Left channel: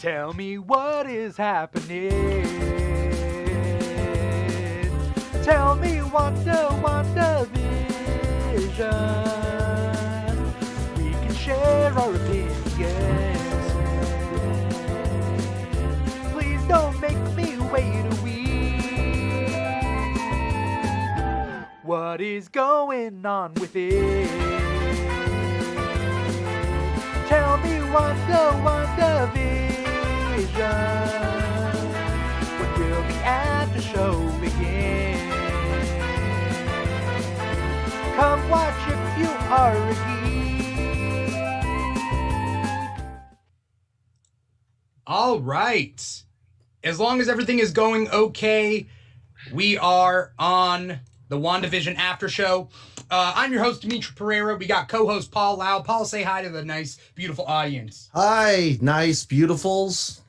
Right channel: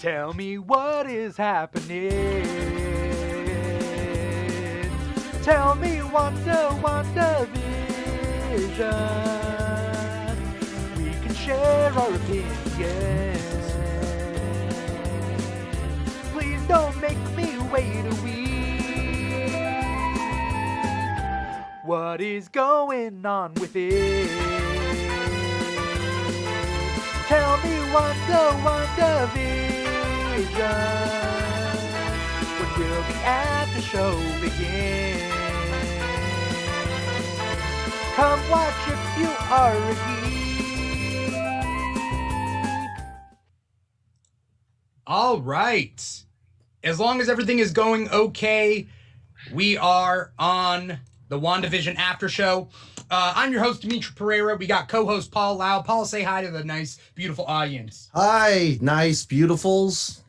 Tell me what is happening. Tell me WandaVision. We can share our opinions. Please don't make me wait a week. What is going on with it? Tell me WandaVision. When will the after show begin? Come watch if you are a geek. All right. As long as everything is going okay, we are on the WandaVision after show. I'm your host, Dimithri Perera. We got co-host Paul Lao. Paul, say hi to the nice, beautiful audience. Hi, nice, beautifuls.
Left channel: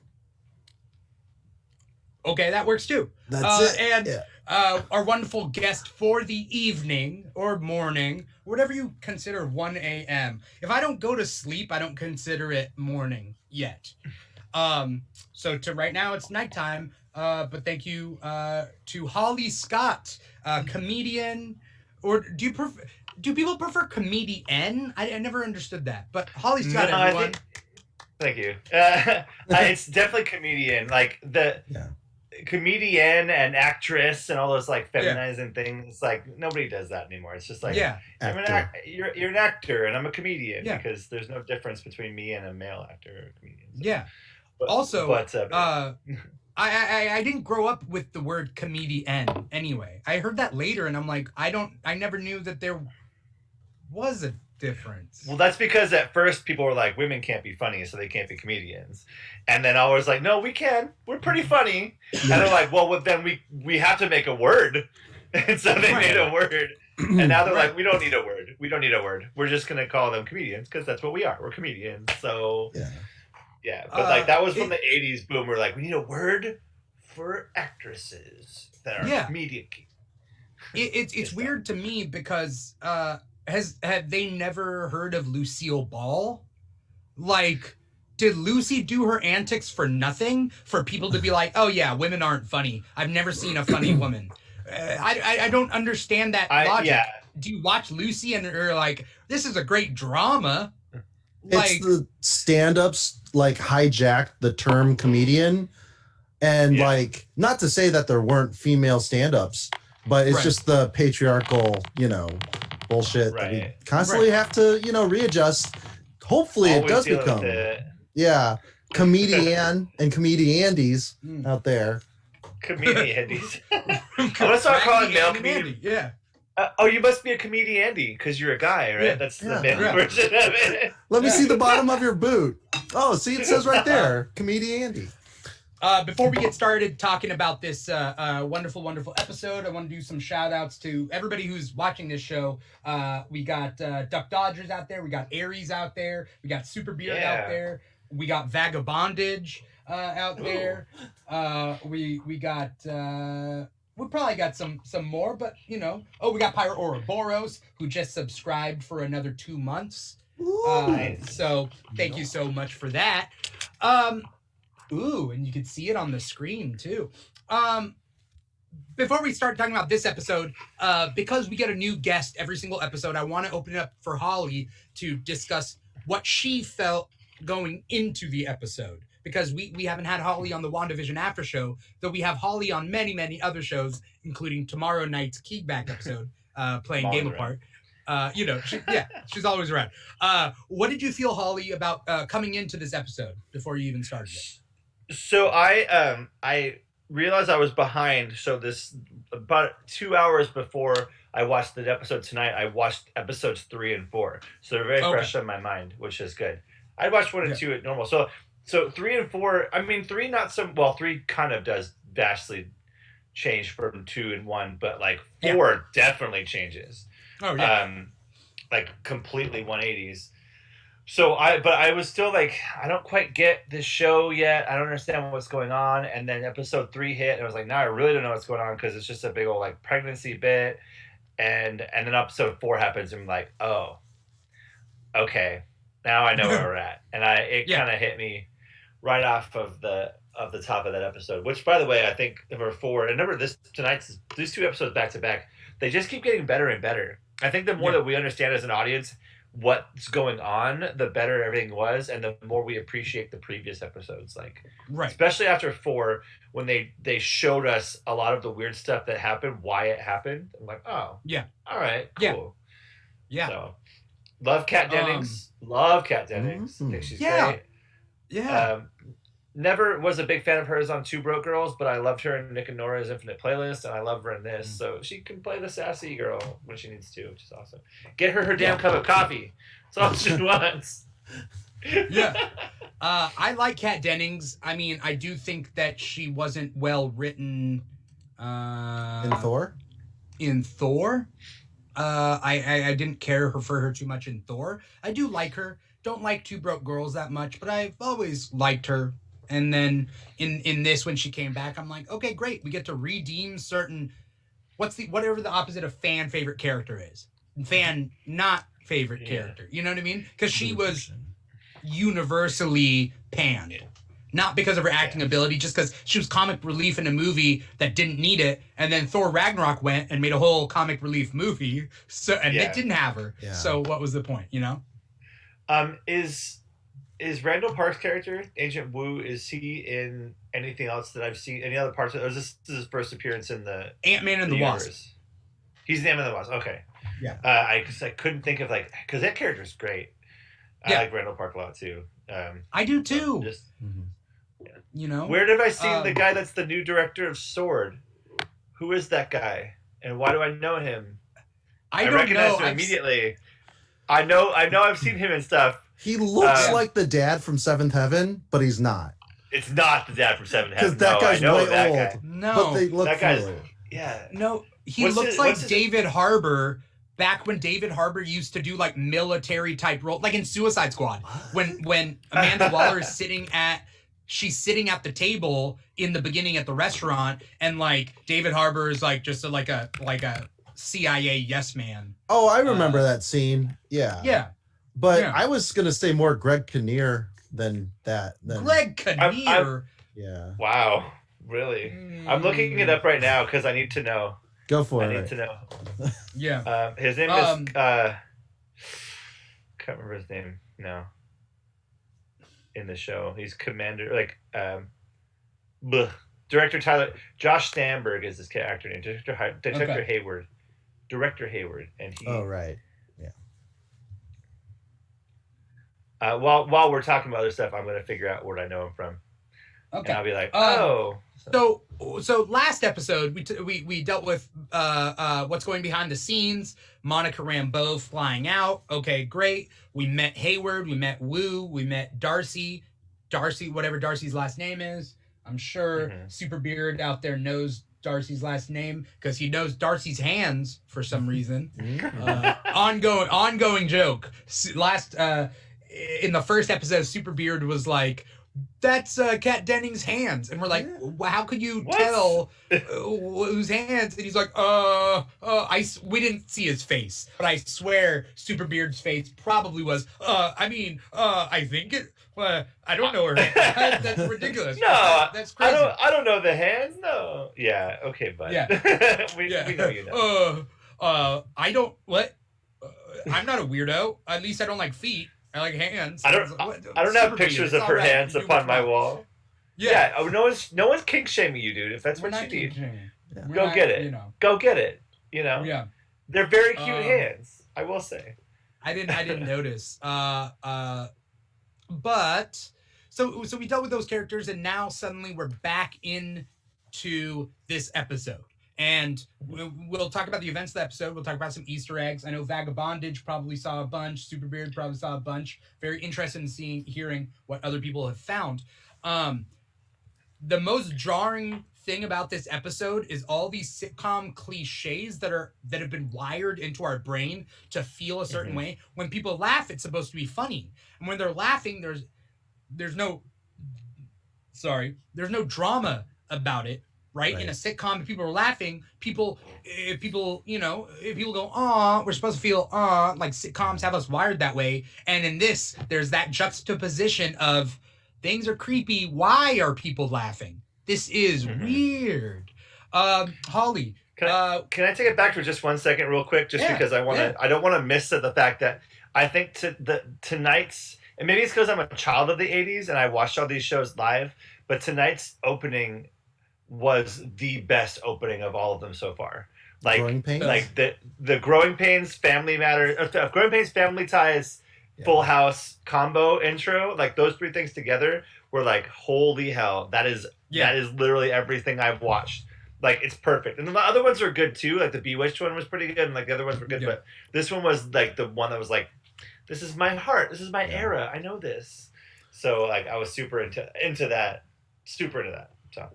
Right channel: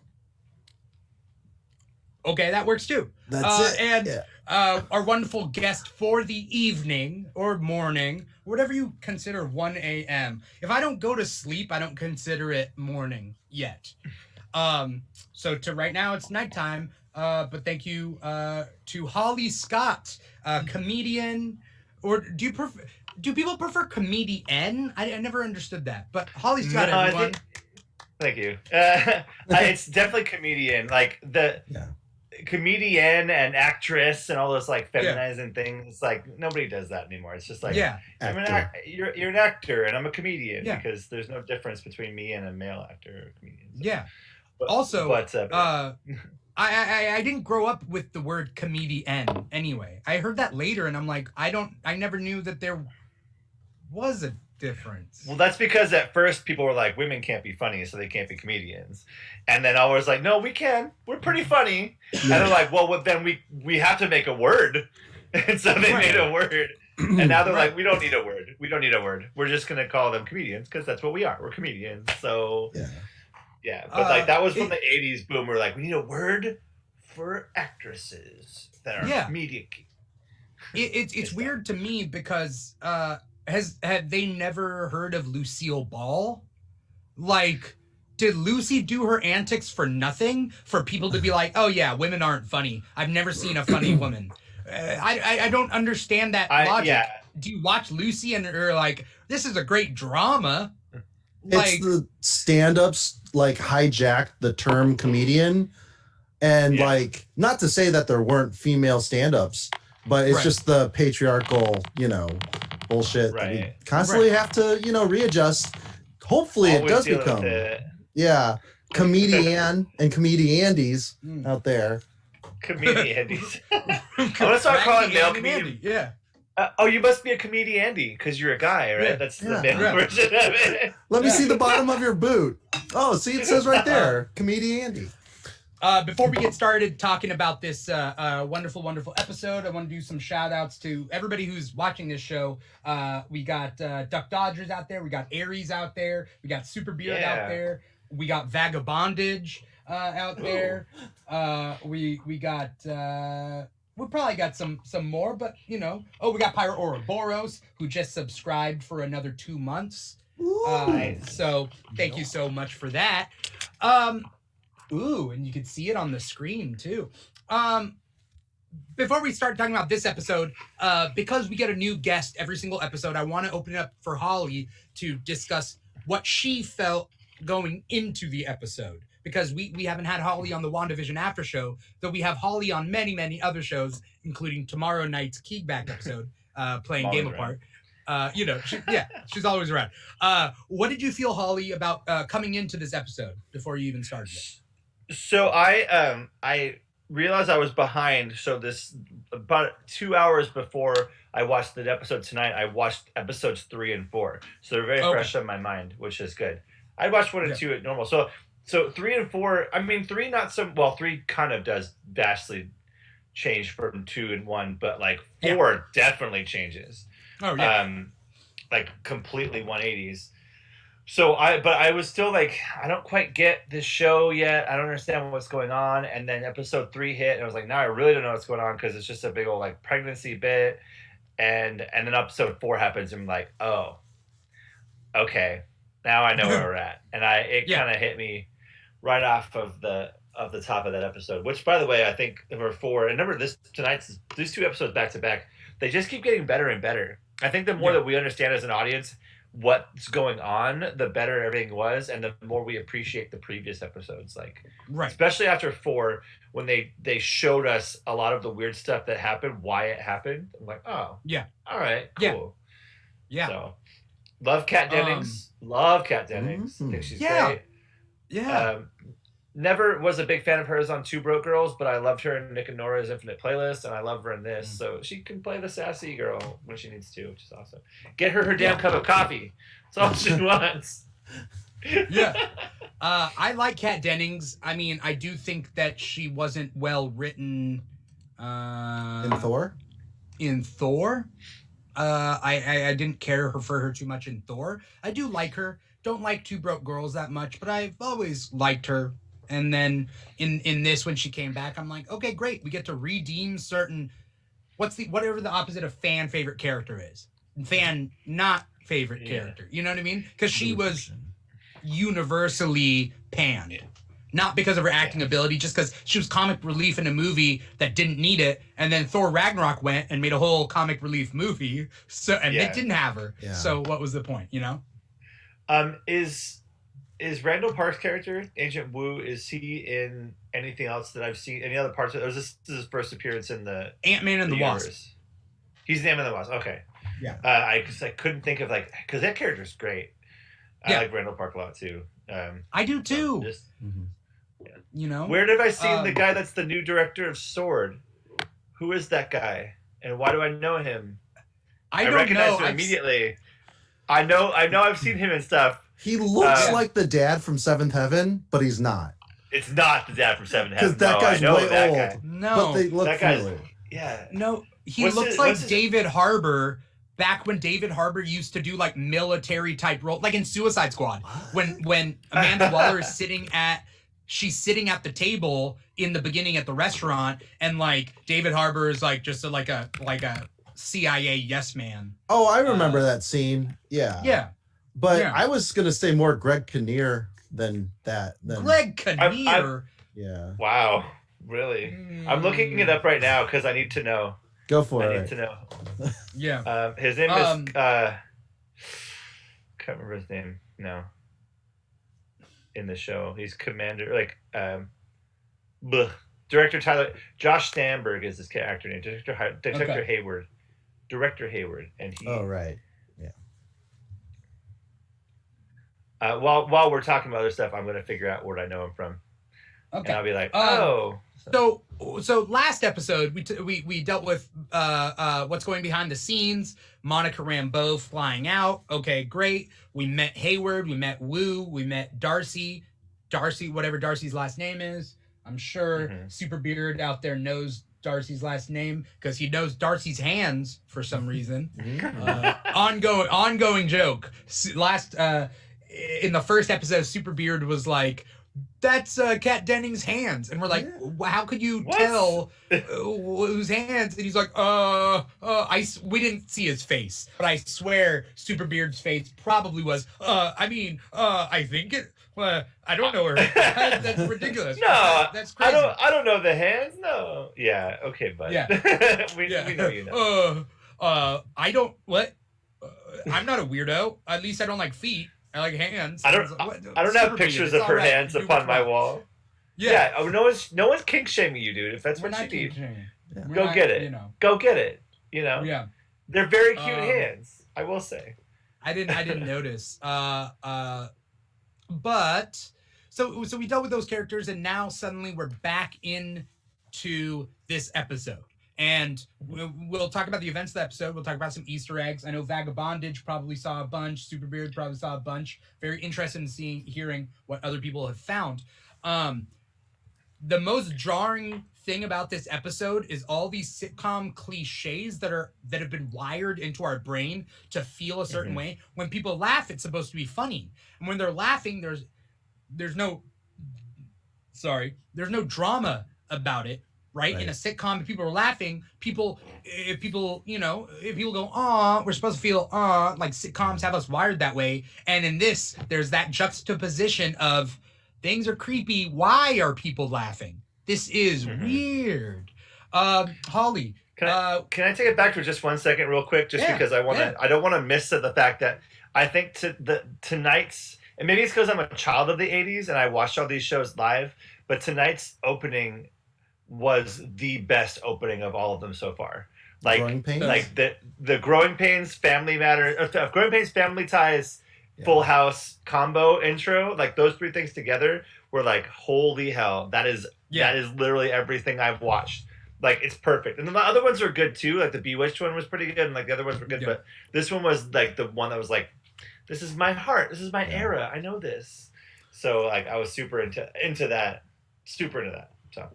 Okay, that works too. That's it. And yeah. Our wonderful guest for the evening or morning, whatever you consider 1 a.m. If I don't go to sleep, I don't consider it morning yet. So to right now, it's nighttime. But thank you to Holly Scott, comedian. Or do people prefer comedian? I never understood that. But Holly Scott, no, everyone. Thank you. It's definitely comedian. Like the comedian and actress and all those like feminizing things. Like nobody does that anymore. It's just like you're an actor and I'm a comedian because there's no difference between me and a male actor or comedian. So. Yeah. I didn't grow up with the word comedian anyway. I heard that later and I'm like, I never knew that there was a difference. Well, that's because at first people were like, women can't be funny, so they can't be comedians. And then I was like, no, we can. We're pretty funny. And they're like, well, then we have to make a word. And so they made a word. And now they're like, we don't need a word. We don't need a word. We're just going to call them comedians because that's what we are. We're comedians. So... Yeah, but like that was from the 80s boom. We're like, we need a word for actresses that are comedic. It's weird to me because have they never heard of Lucille Ball? Like, did Lucy do her antics for nothing? For people to be like, oh yeah, women aren't funny. I've never seen a funny woman. I don't understand that logic. Yeah. Do you watch Lucy and you're like, this is a great drama? It's the stand-ups like hijacked the term comedian, and like not to say that there weren't female stand-ups, but it's just the patriarchal, bullshit that we constantly have to, readjust. Hopefully it does become comedian and comediandies out there. Comediandies. I'm gonna start calling male comedian. Yeah. Oh, you must be a comedian because you're a guy, right? That's the male version of it. Let me see the bottom of your boot. Oh, see, it says right there, comedian. Before we get started talking about this wonderful, wonderful episode, I want to do some shout outs to everybody who's watching this show. We got Duck Dodgers out there. We got Aries out there. We got Super Beard out there. We got Vagabondage out there. We got... we probably got some more, but we got Pyro Ouroboros, who just subscribed for another 2 months. So thank you so much for that. And you can see it on the screen too. Before we start talking about this episode, because we get a new guest every single episode, I want to open it up for Holly to discuss what she felt going into the episode. Because we haven't had Holly on the WandaVision after show, though we have Holly on many, many other shows, including tomorrow night's Kickback episode, playing Game Apart. She's always around. What did you feel, Holly, about coming into this episode before you even started it? So I realized I was behind. So this about 2 hours before I watched the episode tonight, I watched episodes 3 and 4. So they're very fresh on my mind, which is good. I watched 1 and 2 at normal. So 3 and 4, I mean 3 not so well. 3 kind of does vastly change from 2 and 1, but like 4 definitely changes. Oh yeah. Like completely 180s. So I was still like, I don't quite get this show yet. I don't understand what's going on. And then episode 3 hit, and I was like, now I really don't know what's going on because it's just a big old like pregnancy bit. And then episode 4 happens, and I'm like, oh, okay, now I know where we're at. And it kind of hit me right off of the top of that episode. Which, by the way, I think number 4 and remember these 2 episodes back to back, they just keep getting better and better. I think the more that we understand as an audience what's going on, the better everything was, and the more we appreciate the previous episodes. Like, especially after 4, when they showed us a lot of the weird stuff that happened, why it happened. I'm like, oh, yeah, all right, cool, yeah. So, love Kat Dennings. Love Kat Dennings. I think she's great. Yeah. Never was a big fan of hers on Two Broke Girls, but I loved her in Nick and Nora's Infinite Playlist, and I love her in this. So she can play the sassy girl when she needs to, which is awesome. Get her damn cup of coffee. That's all she wants. I like Kat Dennings. I mean, I do think that she wasn't well written. In Thor? In Thor? I didn't care for her too much in Thor. I do like her. Don't like Two Broke Girls that much, but I've always liked her. And then in this, when she came back, I'm like, okay, great. We get to redeem certain, whatever the opposite of fan favorite character is. Fan not favorite character. You know what I mean? Because she was universally panned. Not because of her acting ability, just because she was comic relief in a movie that didn't need it. And then Thor Ragnarok went and made a whole comic relief movie. And they didn't have her. Yeah. So what was the point, you know? Is Randall Park's character, Agent Wu, is he in anything else that I've seen? Any other parts of it? Or is this his first appearance in the Ant-Man and the Wasp? He's the Ant-Man and the Wasp. Okay. Yeah. I couldn't think of because that character's great. I like Randall Park a lot too. I do too. You know, where have I seen the guy that's the new director of Sword? Who is that guy, and why do I know him? I recognize him immediately. I know. I've seen him and stuff. He looks like the dad from Seventh Heaven, but he's not. It's not the dad from Seventh Heaven. Because that guy's way old. Guy. No, but they look familiar. No, he looks like David Harbour. Back when David Harbour used to do like military type role, like in Suicide Squad, when Amanda Waller is sitting at the table in the beginning at the restaurant, and like David Harbour is like just like a CIA yes man. Oh, I remember that scene. Yeah. Yeah. But I was gonna say more Greg Kinnear than that. Greg Kinnear. Yeah. Wow. Really? I'm looking it up right now because I need to know. Go for it. I need to know. Yeah. His name is can't remember his name. No. In the show, he's Commander Director Tyler Josh Stamberg is his character name. Director Hayward. Director Hayward, and he. Oh right. While we're talking about other stuff, I'm going to figure out where I know him from. Okay. And I'll be like, oh. So last episode we dealt with what's going behind the scenes. Monica Rambeau flying out. Okay, great. We met Hayward. We met Wu. We met Darcy, whatever Darcy's last name is. I'm sure Super Beard out there knows Darcy's last name because he knows Darcy's hands for some reason. Ongoing joke. In the first episode, Super Beard was like, "That's Kat Dennings' hands," and we're like, "How could you tell whose hands?" And he's like, we didn't see his face, but I swear Super Beard's face probably was. I think it. I don't know her. That's ridiculous. No, that's crazy. I don't know the hands. No. Yeah. Okay, bud. Yeah. we know you know. I don't. What? I'm not a weirdo. At least I don't like feet. I like hands. I don't have pictures of her hands upon my wall. Yeah. Oh, no one's kink shaming you, dude. If that's what you need, go get it. Go get it. You know. Yeah. They're very cute hands. I will say. I didn't notice. But so we dealt with those characters, and now suddenly we're back into this episode. And we'll talk about the events of the episode. We'll talk about some Easter eggs. I know Vagabondage probably saw a bunch. Superbeard probably saw a bunch. Very interested in hearing what other people have found. The most jarring thing about this episode is all these sitcom cliches that have been wired into our brain to feel a certain way. When people laugh, it's supposed to be funny. And when they're laughing, there's no drama about it. Right? In a sitcom, if people are laughing, if people go, "Aw," we're supposed to feel, "Aw," like sitcoms have us wired that way. And in this, there's that juxtaposition of things are creepy. Why are people laughing? This is weird. Holly, can I take it back for just 1 second, real quick, just because I don't want to miss the fact that I think tonight's, and maybe it's because I'm a child of the '80s and I watched all these shows live, but tonight's opening was the best opening of all of them so far. Like, Growing Pains? like the Growing Pains, Family Matters, Growing Pains, Family Ties, Full House combo intro, like those three things together were like, holy hell, that is literally everything I've watched. Like, it's perfect. And the other ones are good too. Like the Bewitched one was pretty good, and like the other ones were good, but this one was like the one that was like, this is my heart, this is my era, I know this. So like I was super into that. So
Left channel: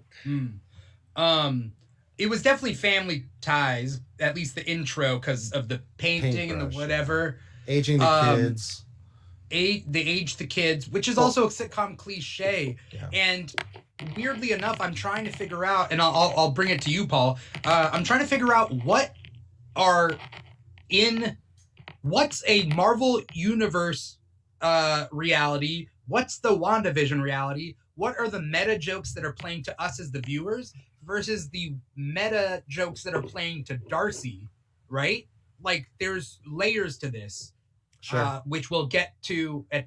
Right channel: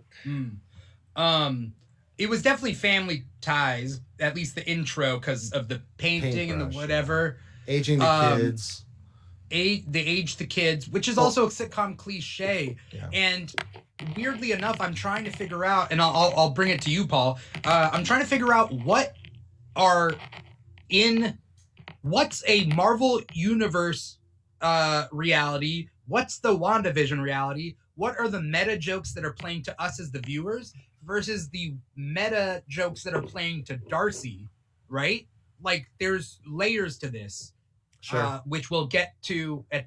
it was definitely Family Ties, at least the intro, because of the painting and the whatever. Aging the kids. They age the kids, which is also a sitcom cliche. Yeah. And weirdly enough, I'm trying to figure out, and I'll bring it to you, Paul. I'm trying to figure out what's a Marvel Universe reality, what's the WandaVision reality, what are the meta jokes that are playing to us as the viewers versus the meta jokes that are playing to Darcy, right? Like, there's layers to this, which we'll get to at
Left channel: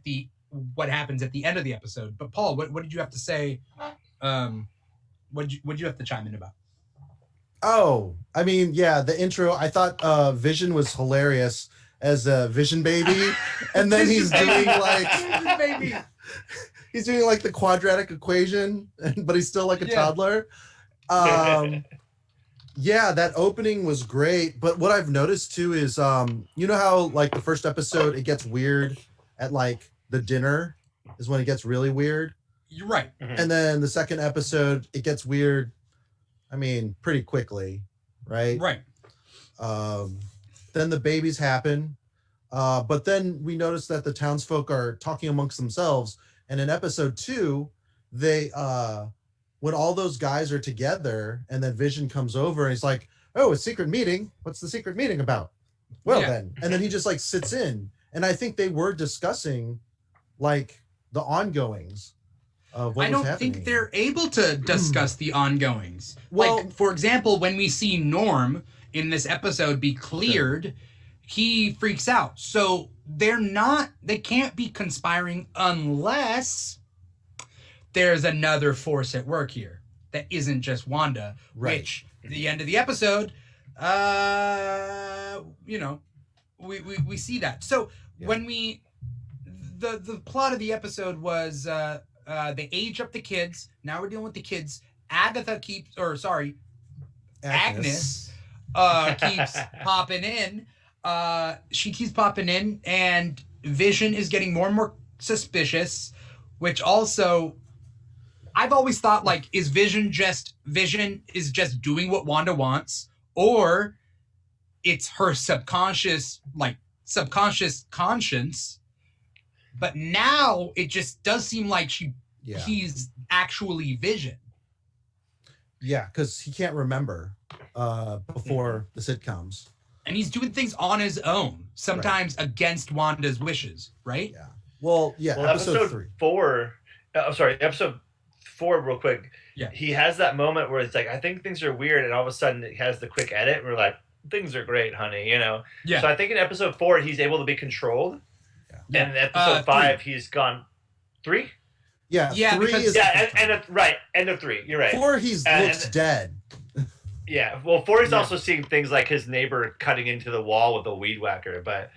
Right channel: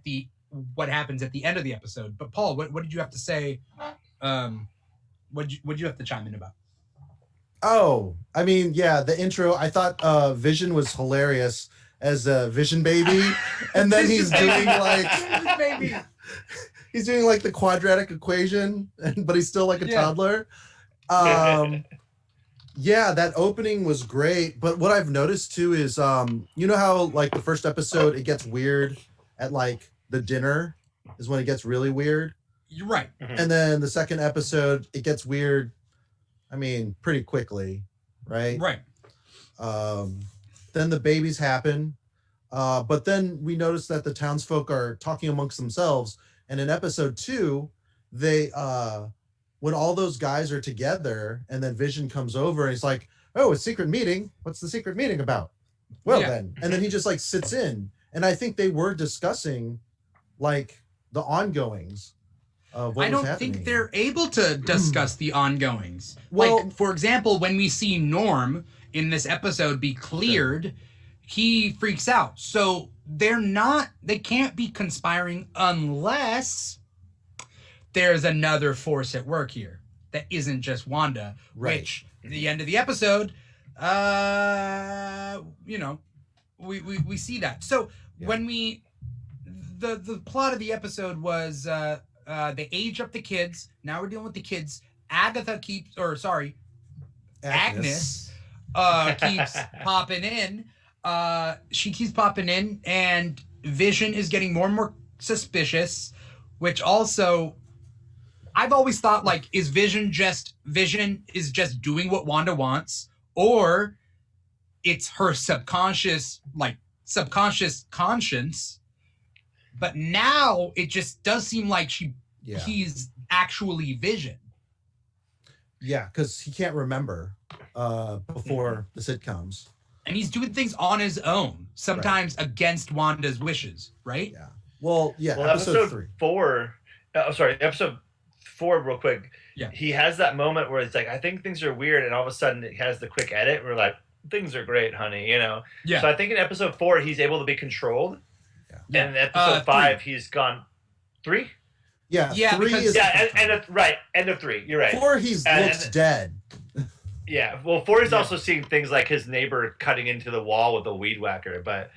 what happens at the end of the episode. But Paul, what did you have to say? What did you have to chime in about? Oh, I mean, yeah, the intro. I thought Vision was hilarious as a Vision baby, and then he's doing like he's doing like the quadratic equation, but he's still like a toddler. Yeah, that opening was great. But what I've noticed too is, you know how like the first episode it gets weird at like the dinner is when it gets really weird. You're right. And then the second episode it gets weird. I mean, pretty quickly, right? Right. Then the babies happen, but then we notice that the townsfolk are talking amongst themselves. And in episode 2, they when all those guys are together, and then Vision comes over and he's like, "Oh, a secret meeting. What's the secret meeting about?" Well, then, and then he just like sits in, and I think they were discussing like the ongoings of what I don't think they're able to discuss the ongoings. Well, like, for example, when we see Norm in this episode be cleared, he freaks out. So they can't be conspiring unless there's another force at work here that isn't just Wanda, which at the end of the episode, we see that. So when the plot of the episode was they age up the kids. Now we're dealing with the kids. Agnes keeps popping in. She keeps popping in, and Vision is getting more and more suspicious, which also I've always thought, like, is Vision just doing what Wanda wants, or it's her subconscious conscience. But now it just does seem like he's actually Vision. Yeah, because he can't remember before the sitcoms. And he's doing things on his own, sometimes against Wanda's wishes, right? Yeah. Well, episode 3. 4. Episode 4, real quick. Yeah. He has that moment where it's like, I think things are weird, and all of a sudden it has the quick edit, and we're like, things are great, honey, you know? Yeah. So I think in episode 4, he's able to be controlled. Yeah. And in episode 5, 3. He's gone 3? Yeah. Yeah. 3 is end of 3. You're right. 4, looks dead. Yeah. Well, 4 is also seeing things like his neighbor cutting into the wall with a weed whacker, but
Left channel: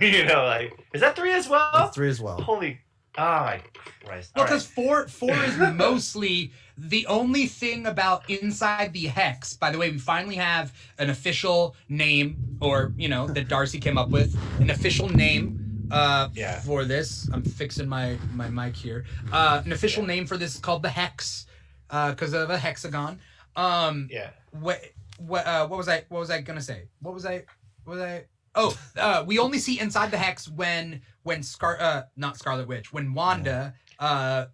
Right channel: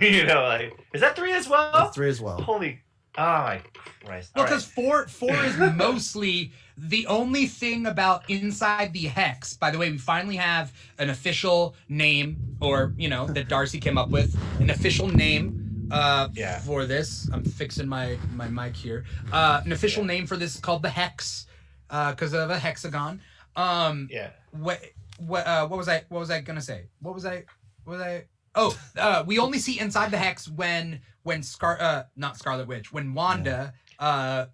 you know, like, is that 3 as well? That's 3 as well. Holy, oh my Christ! Well, because 4 is mostly the only thing about inside the hex. By the way, we finally have an official name, or that Darcy came up with an official name. For this, I'm fixing my mic here. An official name for this is called the hex, because of a hexagon. What was I gonna say? We only see inside the hex when not Scarlet Witch, when Wanda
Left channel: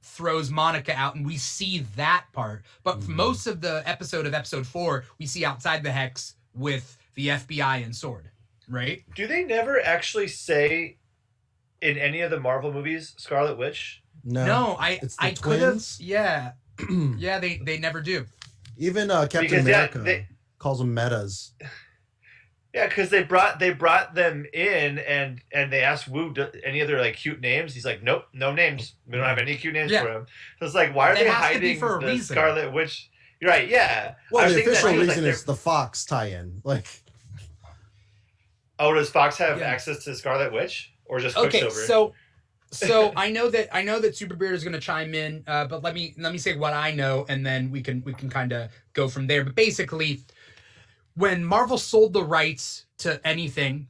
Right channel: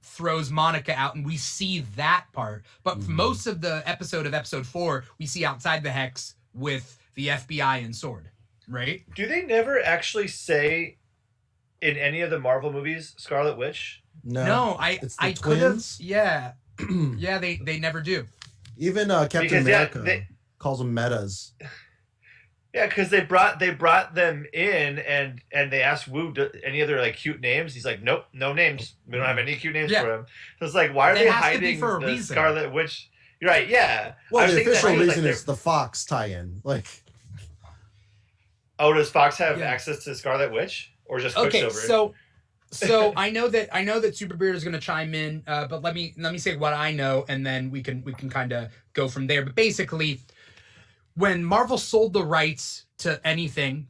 throws Monica out, and we see that part. But for most of the episode 4, we see outside the hex with the FBI and Sword, right? Do they never actually say in any of the Marvel movies Scarlet Witch? No, it's the I could have. twins. Yeah, yeah. They never do. Even Captain Because, America calls them metas. Yeah, because they brought them in and they asked Wu any other like cute names. He's like, nope, no names. We don't have any cute names for him. So it's like, why are they hiding for a the reason. Scarlet Witch? You're right. Yeah. Well, the official that reason like is the Fox tie-in. Like, oh, does Fox have access to Scarlet Witch or just Quicksilver? Okay, so I know that Super Beard is going to chime in, but let me say what I know, and then we can kind of go from there. But basically, when Marvel sold the rights to everything,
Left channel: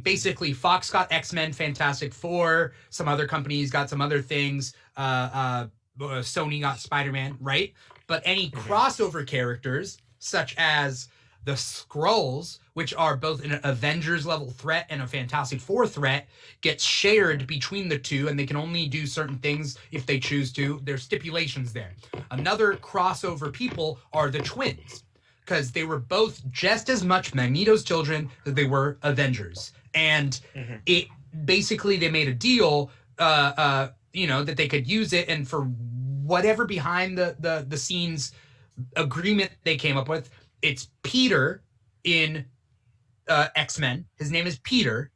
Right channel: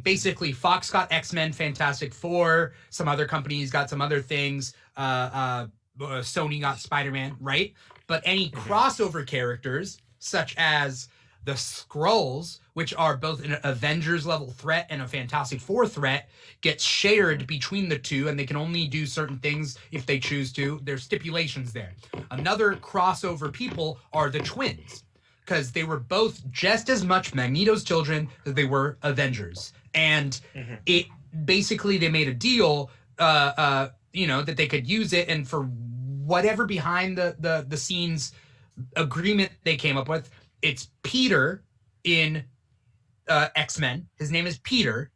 basically Fox got X-Men, Fantastic Four, some other companies got some other things, Sony got Spider-Man, right? But any crossover characters, such as the Skrulls, which are both an Avengers level threat and a Fantastic Four threat, gets shared between the two, and they can only do certain things if they choose to. There's stipulations there. Another crossover people are the twins, because they were both just as much Magneto's children as they were Avengers. And it basically, they made a deal, that they could use it, and for whatever behind the scenes agreement they came up with, it's Peter in X-Men. His name is Peter.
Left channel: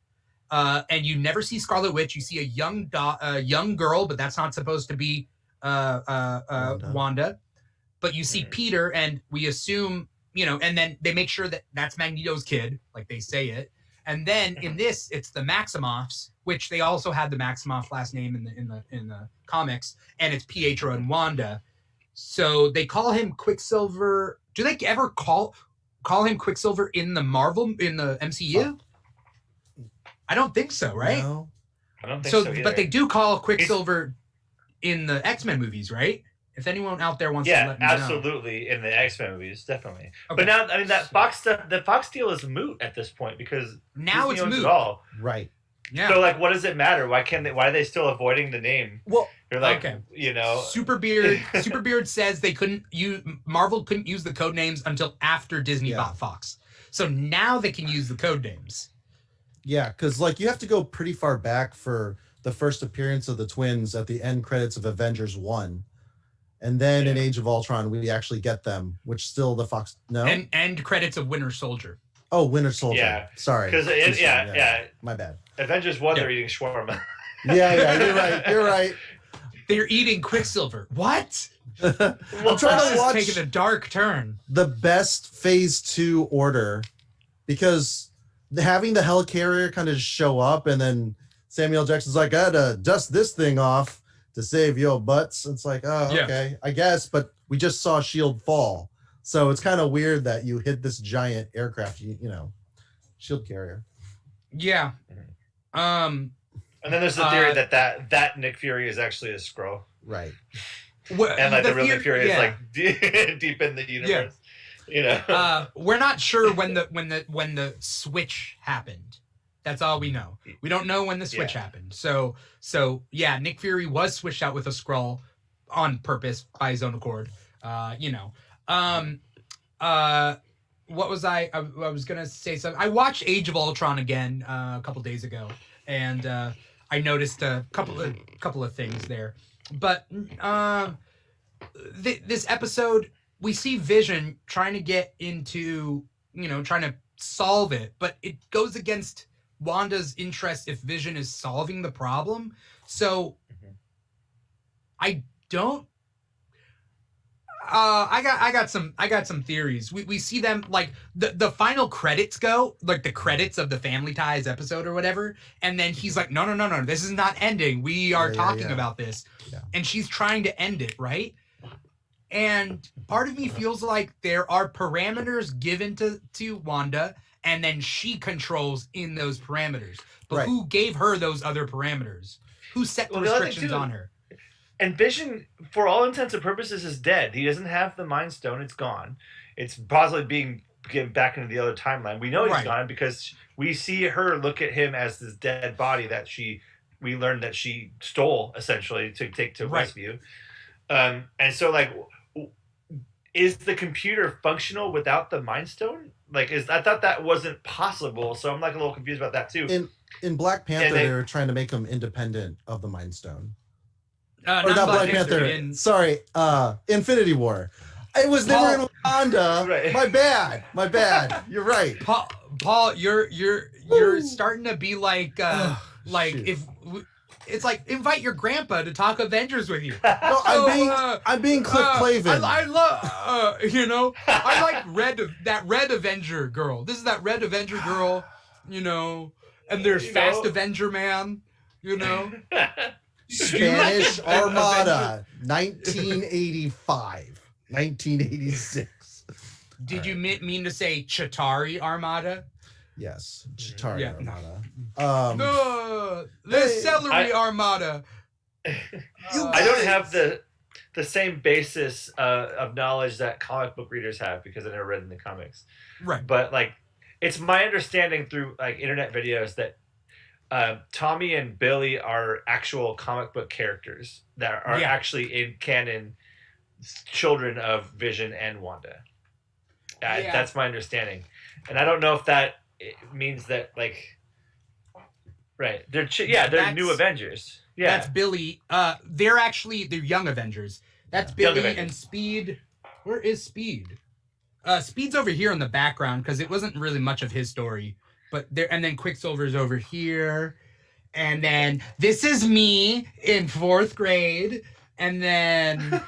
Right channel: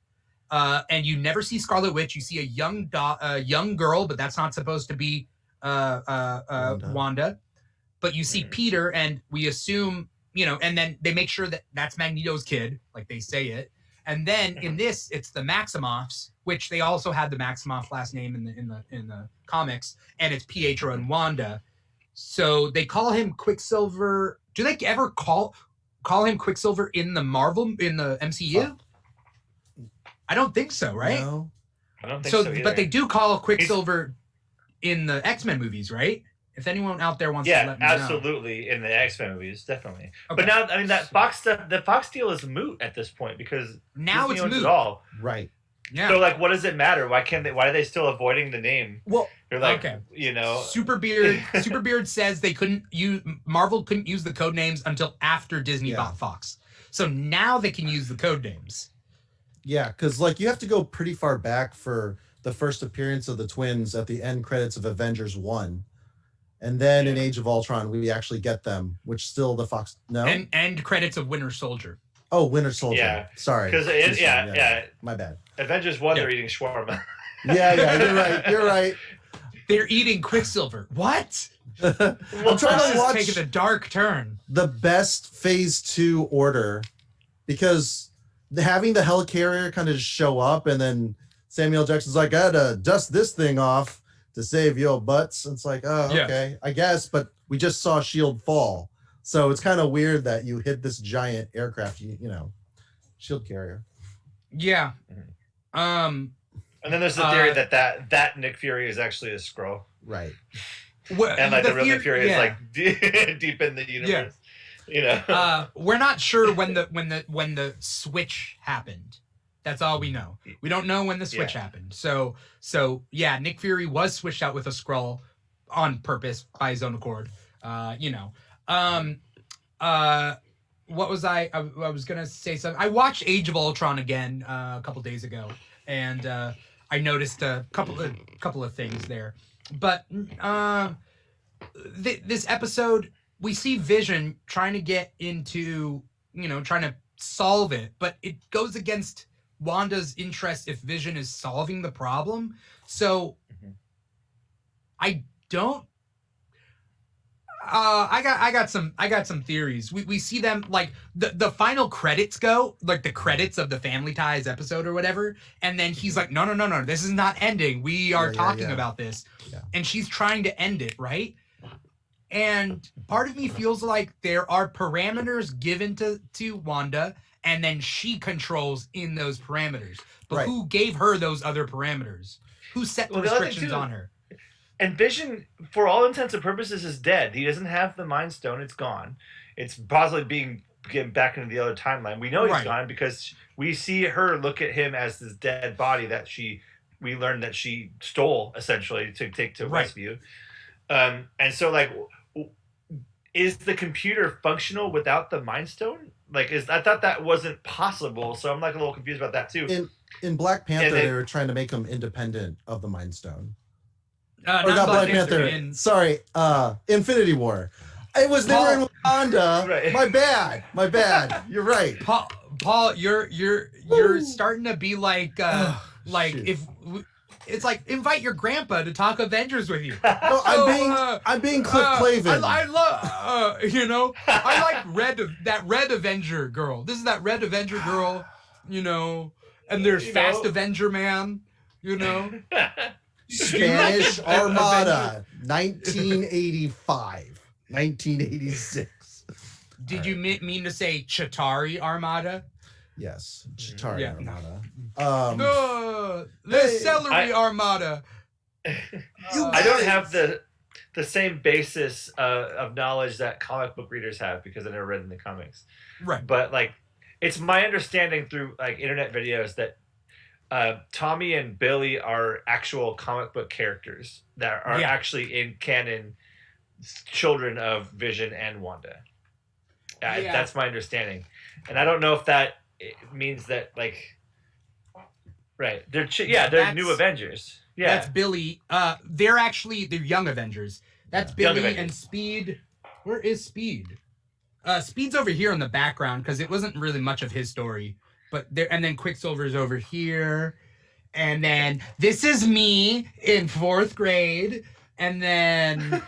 And you never see Scarlet Witch. You see a young girl, but that's not supposed to be Wanda. But you see Peter, and we assume, and then they make sure that that's Magneto's kid, like they say it. And then in this, it's the Maximoffs, which they also had the Maximoff last name in the comics, and it's Pietro and Wanda. So they call him Quicksilver. Do they ever call him Quicksilver in the MCU? I don't think so, right? No. I don't think so either. But they do call Quicksilver in the X-Men movies, right? If anyone out there wants to let me know. Absolutely, in the X-Men movies, definitely. Okay. But now, I mean, that Fox stuff, the Fox deal is moot at this point because now Disney it's owns moot. it all. right. Yeah. So, like, what does it matter? Why are they still avoiding the name? Well, They're like, okay. Super Superbeard says Marvel couldn't use the code names until after Disney bought Fox. So now they can use the code names. Yeah, because like you have to go pretty far back for the first appearance of the twins at the end credits of Avengers 1. And then in Age of Ultron, we actually get them, which still the Fox... No? And end credits of Winter Soldier. Oh, Winter Soldier. Yeah. Sorry. Because, My bad. Avengers 1, they're eating shawarma. You're right. They're eating Quicksilver. What? I'm trying to This is watch taking a dark turn. the best Phase 2 order, because having the helicarrier kind of just show up, and then Samuel Jackson's like, I gotta dust this thing off to save your butts. It's like, oh, okay, I guess, but we just saw S.H.I.E.L.D. fall. So it's kind of weird that you hit this giant aircraft, shield carrier. Yeah. And then there's the theory that Nick Fury is actually a Skrull. Right. And like the real Nick Fury is like deep in the universe. We're not sure when the switch happened. That's all we know. We don't know when the switch happened. So Nick Fury was switched out with a Skrull on purpose by his own accord. What was I was gonna say something. I watched Age of Ultron again a couple days ago, and I noticed a couple of things there. But this episode, we see Vision trying to get into, trying to solve it, but it goes against Wanda's interest if Vision is solving the problem. So I don't. I got some theories. We see them like the final credits go, like the credits of the Family Ties episode or whatever, and then he's like, no, this is not ending. We are talking about this, and she's trying to end it, right? And part of me feels like there are parameters given to Wanda, and then she controls in those parameters. But who gave her those other parameters? Who set the restrictions on her? And Vision, for all intents and purposes, is dead. He doesn't have the Mind Stone. It's gone. It's possibly being given back into the other timeline. We know he's gone because we see her look at him as this dead body that we learned that she stole, essentially, to take to Westview. And so, like, is the computer functional without the Mind Stone? Like, I thought that wasn't possible, so I'm like a little confused about that too. In Black Panther, they were trying to make him independent of the Mind Stone. Or not Black Panther. Sorry, Infinity War. It was never in Wakanda. Right. My bad. You're right. Paul, you're starting to be like Shoot. if it's like invite your grandpa to talk Avengers with you. No, I'm being Cliff Clavin. I love you know, I like that red Avenger girl. This is that red Avenger girl, you know, and there's Fast Avenger Man, you know. Spanish Armada, 1985, 1986. Did you mean to say Chitauri Armada? Yes, Chitauri Yeah. Armada. The Celery Armada. I don't have the same basis of knowledge that comic book readers have because I never read in the comics. Right. But like, it's my understanding through like internet videos that Tommy and Billy are actual comic book characters that are actually in canon, children of Vision and Wanda. That's my understanding, and I don't know if that means that like, right? They're new Avengers. Yeah, that's Billy. They're young Avengers. That's Billy and Speed. Where is Speed? Speed's over here in the background because it wasn't really much of his story. But there, and then Quicksilver's over here, and then this is me in 4th grade, and then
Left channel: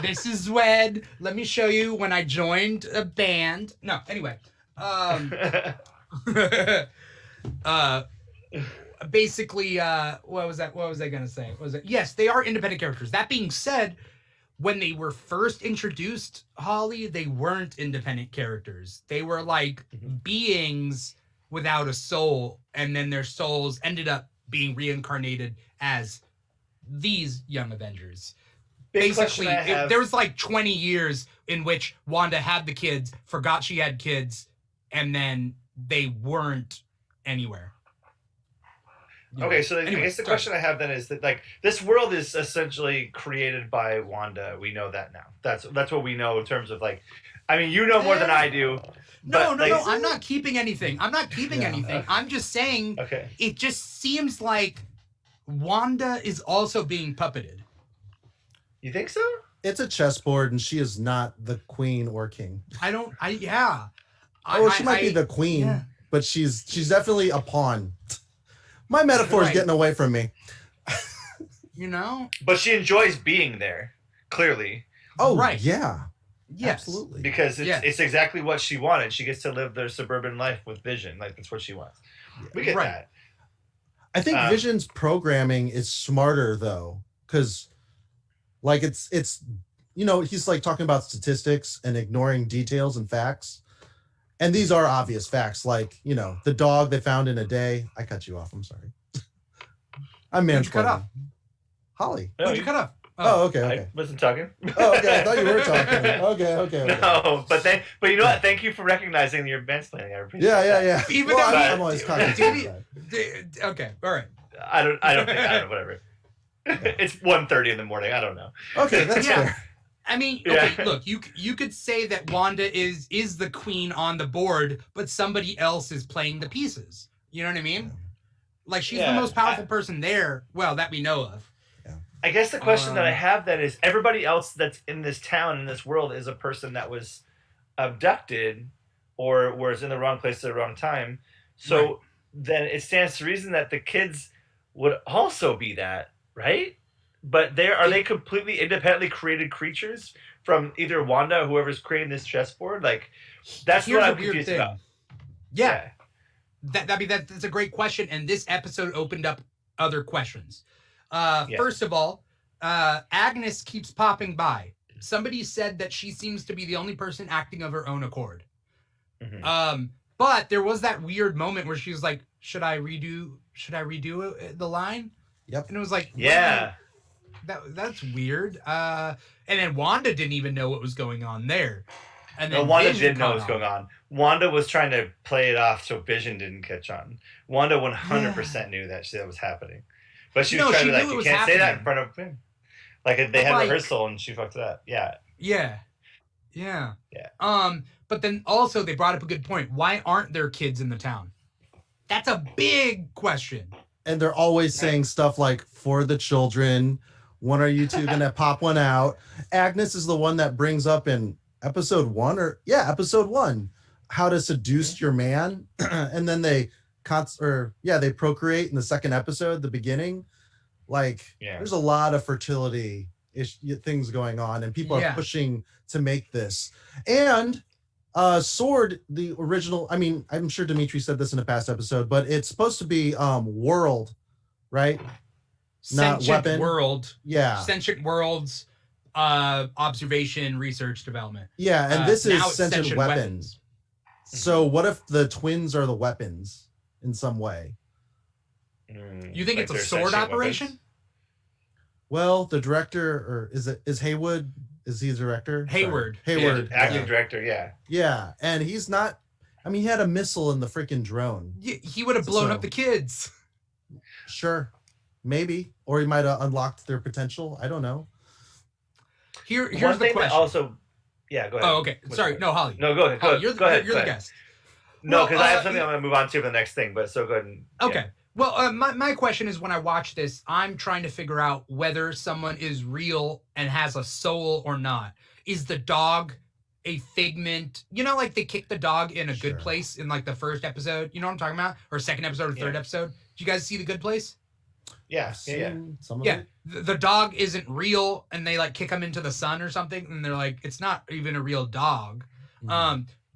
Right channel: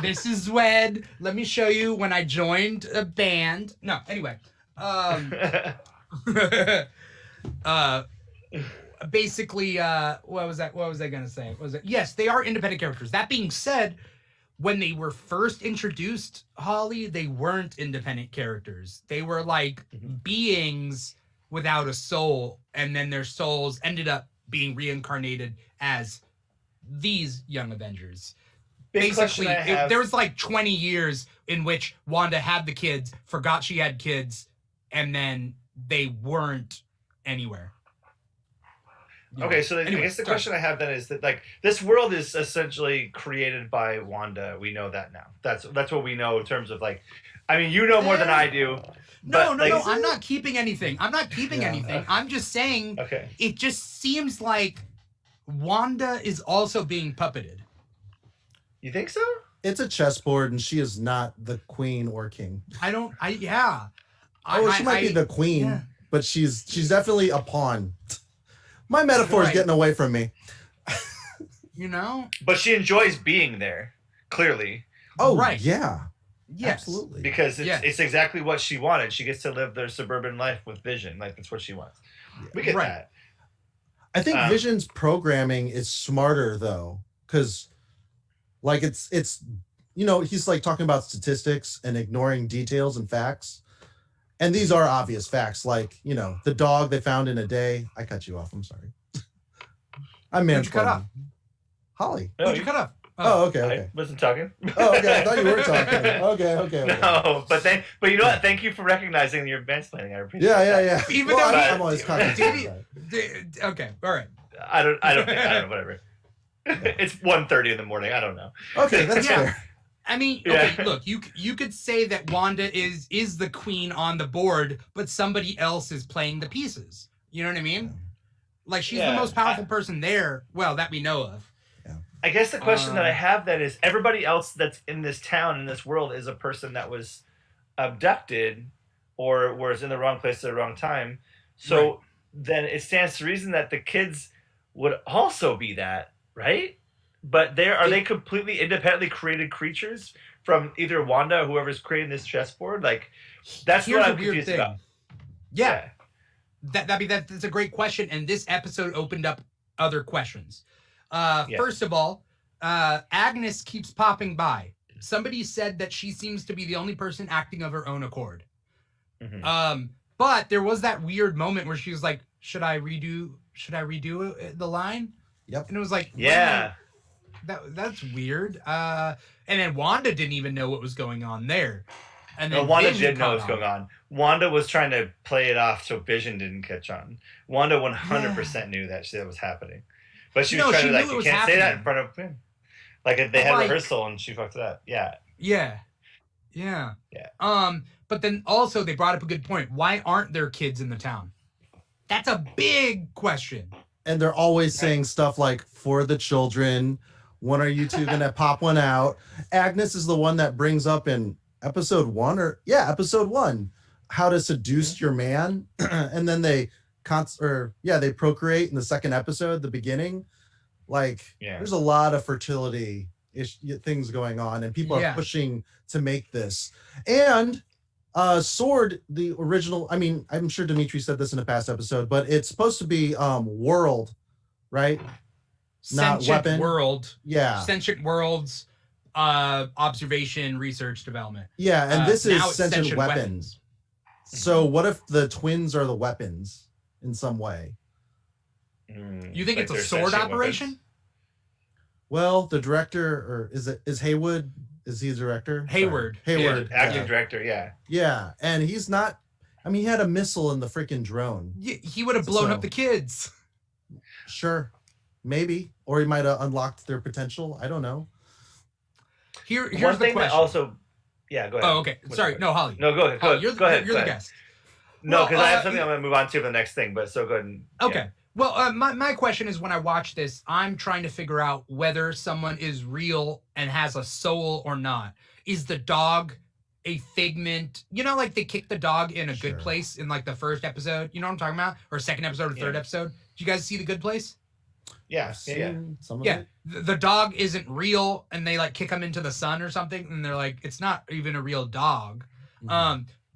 this is Zwed. Let me show you when I joined a band. No, anyway, basically, what was I gonna say? Yes, they are independent characters. That being said, when they were first introduced, Holly, they weren't independent characters. They were like beings without a soul, and then their souls ended up being reincarnated as these young Avengers. Basically, there was like 20 years in which Wanda had the kids, forgot she had kids, and then they weren't anywhere. Okay, so anyway, I guess the question I have then is that like this world is essentially created by Wanda. We know that now. That's what we know in terms of like, I mean, you know more than I do. No, I'm not keeping anything. I'm just saying it just seems like Wanda is also being puppeted. You think so? It's a chessboard, and she is not the queen or king. She might be the queen, but she's definitely a pawn. My metaphor is getting away from me. You know? But she enjoys being there, clearly. Oh, right. Yeah. Yes. Absolutely. Because it's exactly what she wanted. She gets to live their suburban life with Vision. Like, that's what she wants. We get that. I think Vision's programming is smarter, though, because, like, it's you know, he's, like, talking about statistics and ignoring details and facts. And these are obvious facts, like, you know, the dog they found in a day. I cut you off. I'm sorry. I'm mansplaining. Holly. No, Who'd you cut off? Oh, okay. I wasn't talking. Oh, okay. I thought you were talking. Okay. No, but you know what? Thank you for recognizing your mansplaining. I appreciate that. Yeah. Even though I'm always talking. Okay, all right. I don't think, whatever. It's 1:30 in the morning. I don't know. Okay, that's fair. I mean, okay, look, you could say that Wanda is the queen on the board, but somebody else is playing the pieces. You know what I mean? Like, she's the most powerful person there, well, that we know of. I guess the question that I have then is everybody else that's in this town, in this world, is a person that was abducted or was in the wrong place at the wrong time. So then it stands to reason that the kids would also be that, right? But are they completely independently created creatures from either Wanda or whoever's creating this chessboard? Like, that's what I'm confused about. Yeah. That's a great question, and this episode opened up other questions. First of all, Agnes keeps popping by. Somebody said that she seems to be the only person acting of her own accord. Mm-hmm. But there was that weird moment where she was like, should I redo the line? Yep. And it was like, yeah. That's weird. And then Wanda didn't even know what was going on there. And then Wanda did know what was going on. Wanda was trying to play it off so Vision didn't catch on. Wanda 100% knew that was happening. But she was trying to, like, you can't say that in front of him. Like, they had rehearsal and she fucked it up. Yeah. But then also they brought up a good point. Why aren't there kids in the town? That's a big question. And they're always saying stuff like, for the children, When are you two gonna pop one out? Agnes is the one that brings up in episode 1 episode 1, how to seduce your man, and then they they procreate in the second episode, the beginning. Like, there's a lot of fertility things going on, and people are pushing to make this. And Sword, the original, I mean, I'm sure Dimithri said this in a past episode, but it's supposed to be world, right? Not Sentient weapon. world. Yeah. Sentient worlds, observation, research, development. Yeah, and this is now it's sentient weapons. So what if the twins are the weapons in some way? You think it's a sword operation? Weapons? Well, the director, or is Haywood? Is he the director? Hayward. Hayward. Acting director, yeah. Yeah, and he's not, I mean, he had a missile in the freaking drone. He would have blown up the kids. Sure. Maybe. Or he might have unlocked their potential. I don't know. Here's One the thing question. that also, yeah, go ahead. Oh, okay. Sorry. No, Holly. No, go ahead. Holly, you're go ahead. the guest. No, because I have something I'm going to move on to the next thing, but so go ahead. And, okay. Well, my question is, when I watch this, I'm trying to figure out whether someone is real and has a soul or not. Is the dog a figment? You know, like they kick the dog in a good place in like the first episode. You know what I'm talking about? Or second episode or third episode. Did you guys see the Good Place? Yeah. The dog isn't real, and they like kick him into the sun or something, and they're like, it's not even a real dog.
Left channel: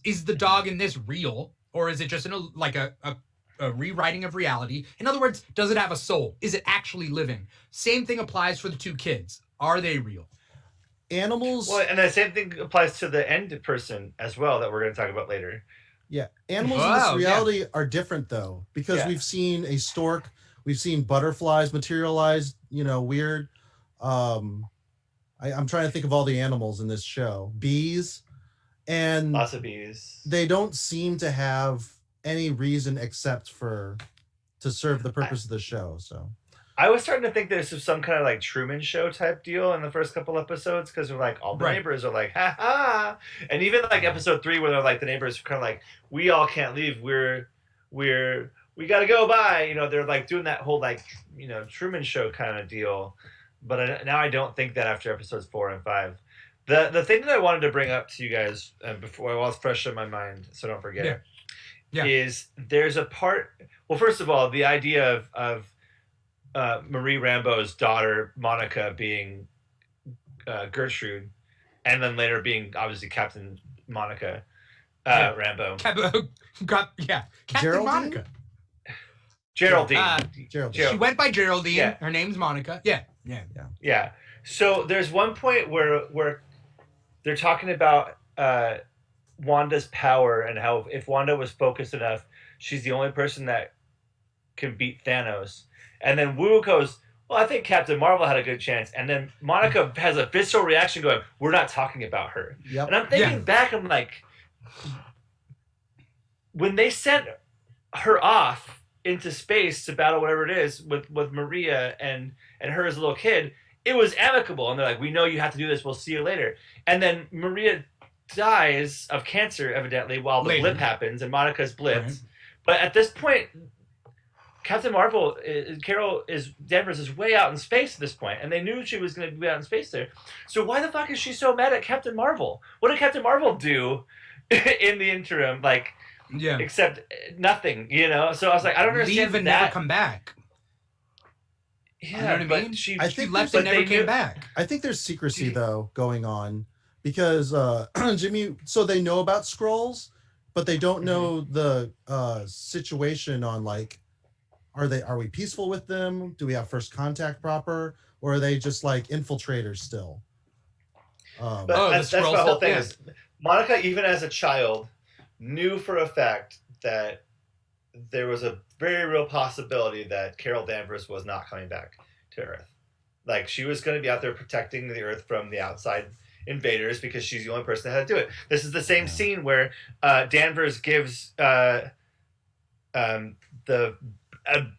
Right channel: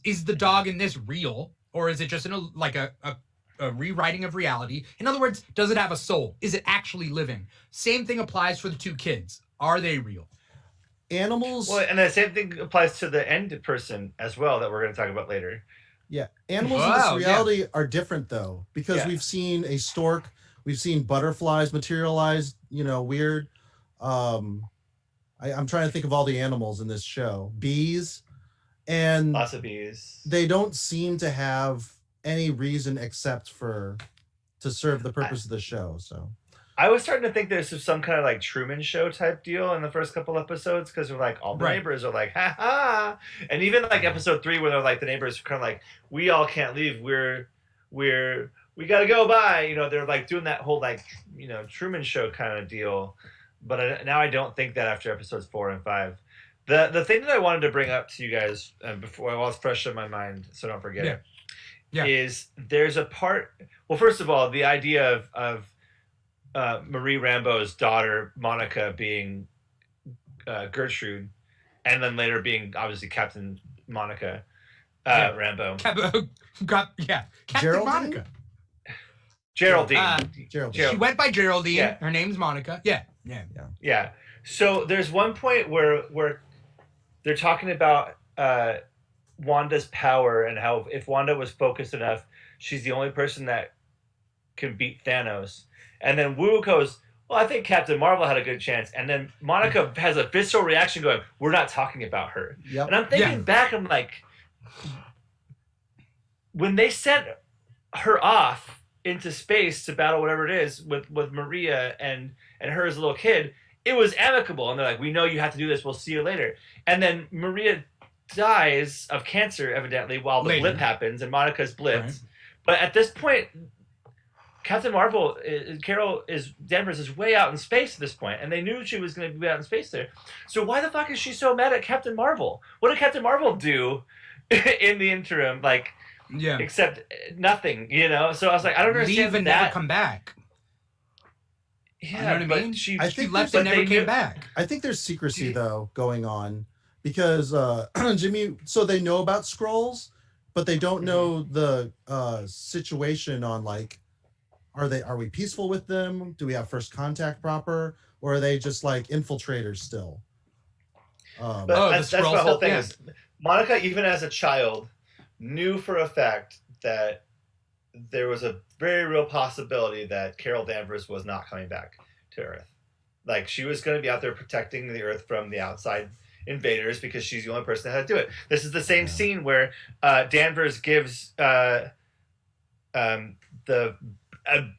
Is the dog in this real, or is it just a rewriting of reality? In other words, does it have a soul? Is it actually living? Same thing applies for the two kids. Are they real? Animals. Well, and the same thing applies to the end person as well that we're going to talk about later. Yeah. Animals in this reality are different, though, because we've seen a stork, we've seen butterflies materialize, weird. I'm trying to think of all the animals in this show. Bees. And lots of bees. They don't seem to have any reason except to serve the purpose of the show. So I was starting to think there's some kind of like Truman Show type deal in the first couple episodes, because they're like all the neighbors are like ha ha, and even like episode 3 where they're like the neighbors are kind of like, we all can't leave, we gotta go, bye. They're like doing that whole like Truman Show kind of deal. But now I don't think that after episodes 4 and 5. The thing that I wanted to bring up to you guys before, while it's fresh in my mind, so don't forget it. Yeah. Is there's a part. Well, first of all, the idea of Marie Rambeau's daughter Monica being Gertrude, and then later being obviously Captain Monica Rambeau. Captain Monica. Geraldine. She went by Geraldine. Yeah. Her name's Monica. Yeah. So there's one point where they're talking about Wanda's power and how if Wanda was focused enough, she's the only person that can beat Thanos. And then Wu goes, well, I think Captain Marvel had a good chance. And then Monica has a visceral reaction going, we're not talking about her. Yep. And I'm thinking back, I'm like, when they sent her off into space to battle whatever it is with Maria and her as a little kid, it was amicable. And they're like, we know you have to do this. We'll see you later. And then Maria dies of cancer, evidently, while the blip happens, and Monica's blipped. Right. But at this point, Captain Marvel, Carol Danvers is way out in space at this point, and they knew she was going to be out in space there. So why the fuck is she so mad at Captain Marvel? What did Captain Marvel do in the interim? Except nothing, So I was like, I don't understand. Leave and never come back. Yeah, you know what I mean? She left and never came back. I think there's secrecy though going on because Jimmy. So they know about Skrulls, but they don't know the situation on are we peaceful with them? Do we have first contact proper, or are they just like infiltrators still? But that's the whole thing. Is Monica, even as a child, knew for a fact that there was a very real possibility that Carol Danvers was not coming back to Earth. Like, she was going to be out there protecting the Earth from the outside invaders because she's the only person that had to do it. This is the same scene where Danvers gives a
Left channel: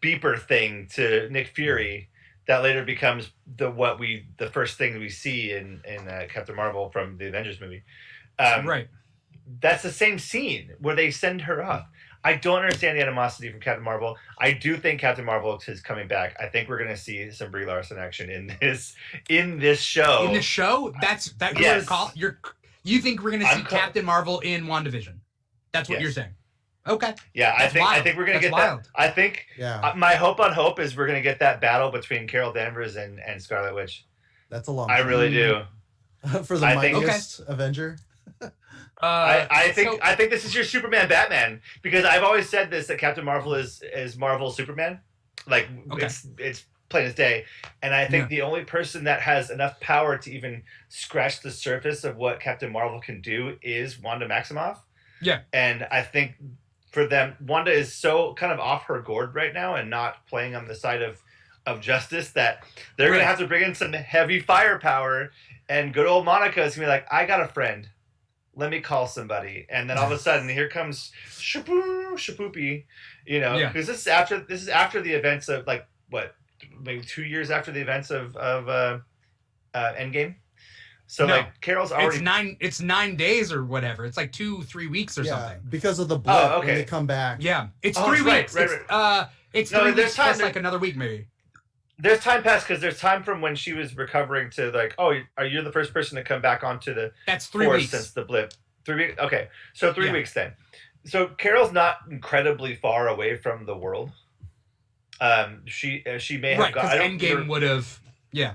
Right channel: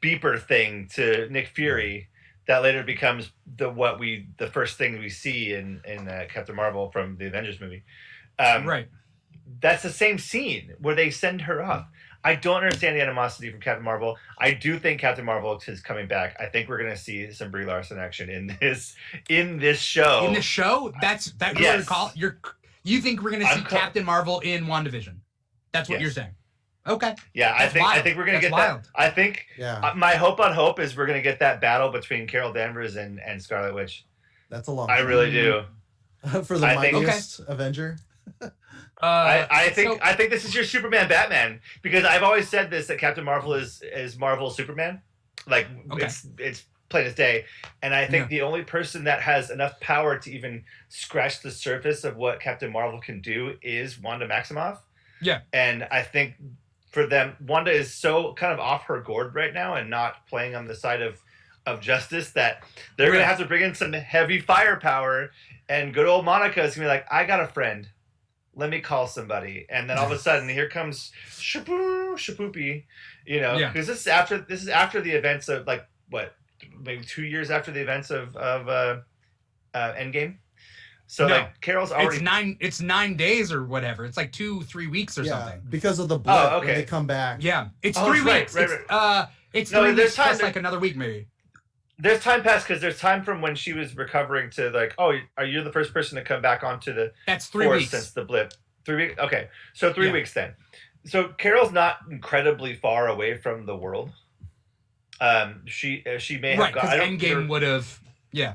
beeper thing to Nick Fury that later becomes the first thing we see in Captain Marvel from the Avengers movie. Right. that's the same scene where they send her off. I don't understand the animosity from Captain Marvel. I do think Captain Marvel is coming back. I think we're gonna see some Brie Larson action in this show. In the show, Yes. You think we're gonna see Captain Marvel in WandaVision? That's what you're saying. Okay. Yeah, I think we're gonna get wild. that. I think my hope on hope is we're gonna get that battle between Carol Danvers and Scarlet Witch. That's a long. I really do. For the mightiest Avenger. I think this is your Superman Batman, because I've always said this, that Captain Marvel is Marvel's Superman. Like it's plain as day. And I think the only person that has enough power to even scratch the surface of what Captain Marvel can do is Wanda Maximoff. Yeah. And I think for them, Wanda is so kind of off her gourd right now and not playing on the side of justice that they're going to have to bring in some heavy firepower, and good old Monica is going to be like, I got a friend. Let me call somebody. And then all of a sudden, here comes Shapoopy, you know, because this is after the events of, like, what, maybe 2 years after the events of Endgame. So like Carol's already it's 9 days or whatever. It's like 2-3 weeks or something. Because of the blip when they come back. Yeah. It's 3 weeks. Right. It's 3 weeks plus like another week maybe. There's time passed because there's time from when she was recovering to like, oh, are you the first person to come back onto the force since the blip? 3 weeks. Okay, so 3 weeks then. So Carol's not incredibly far away from the world. She may have because Endgame would have. Yeah,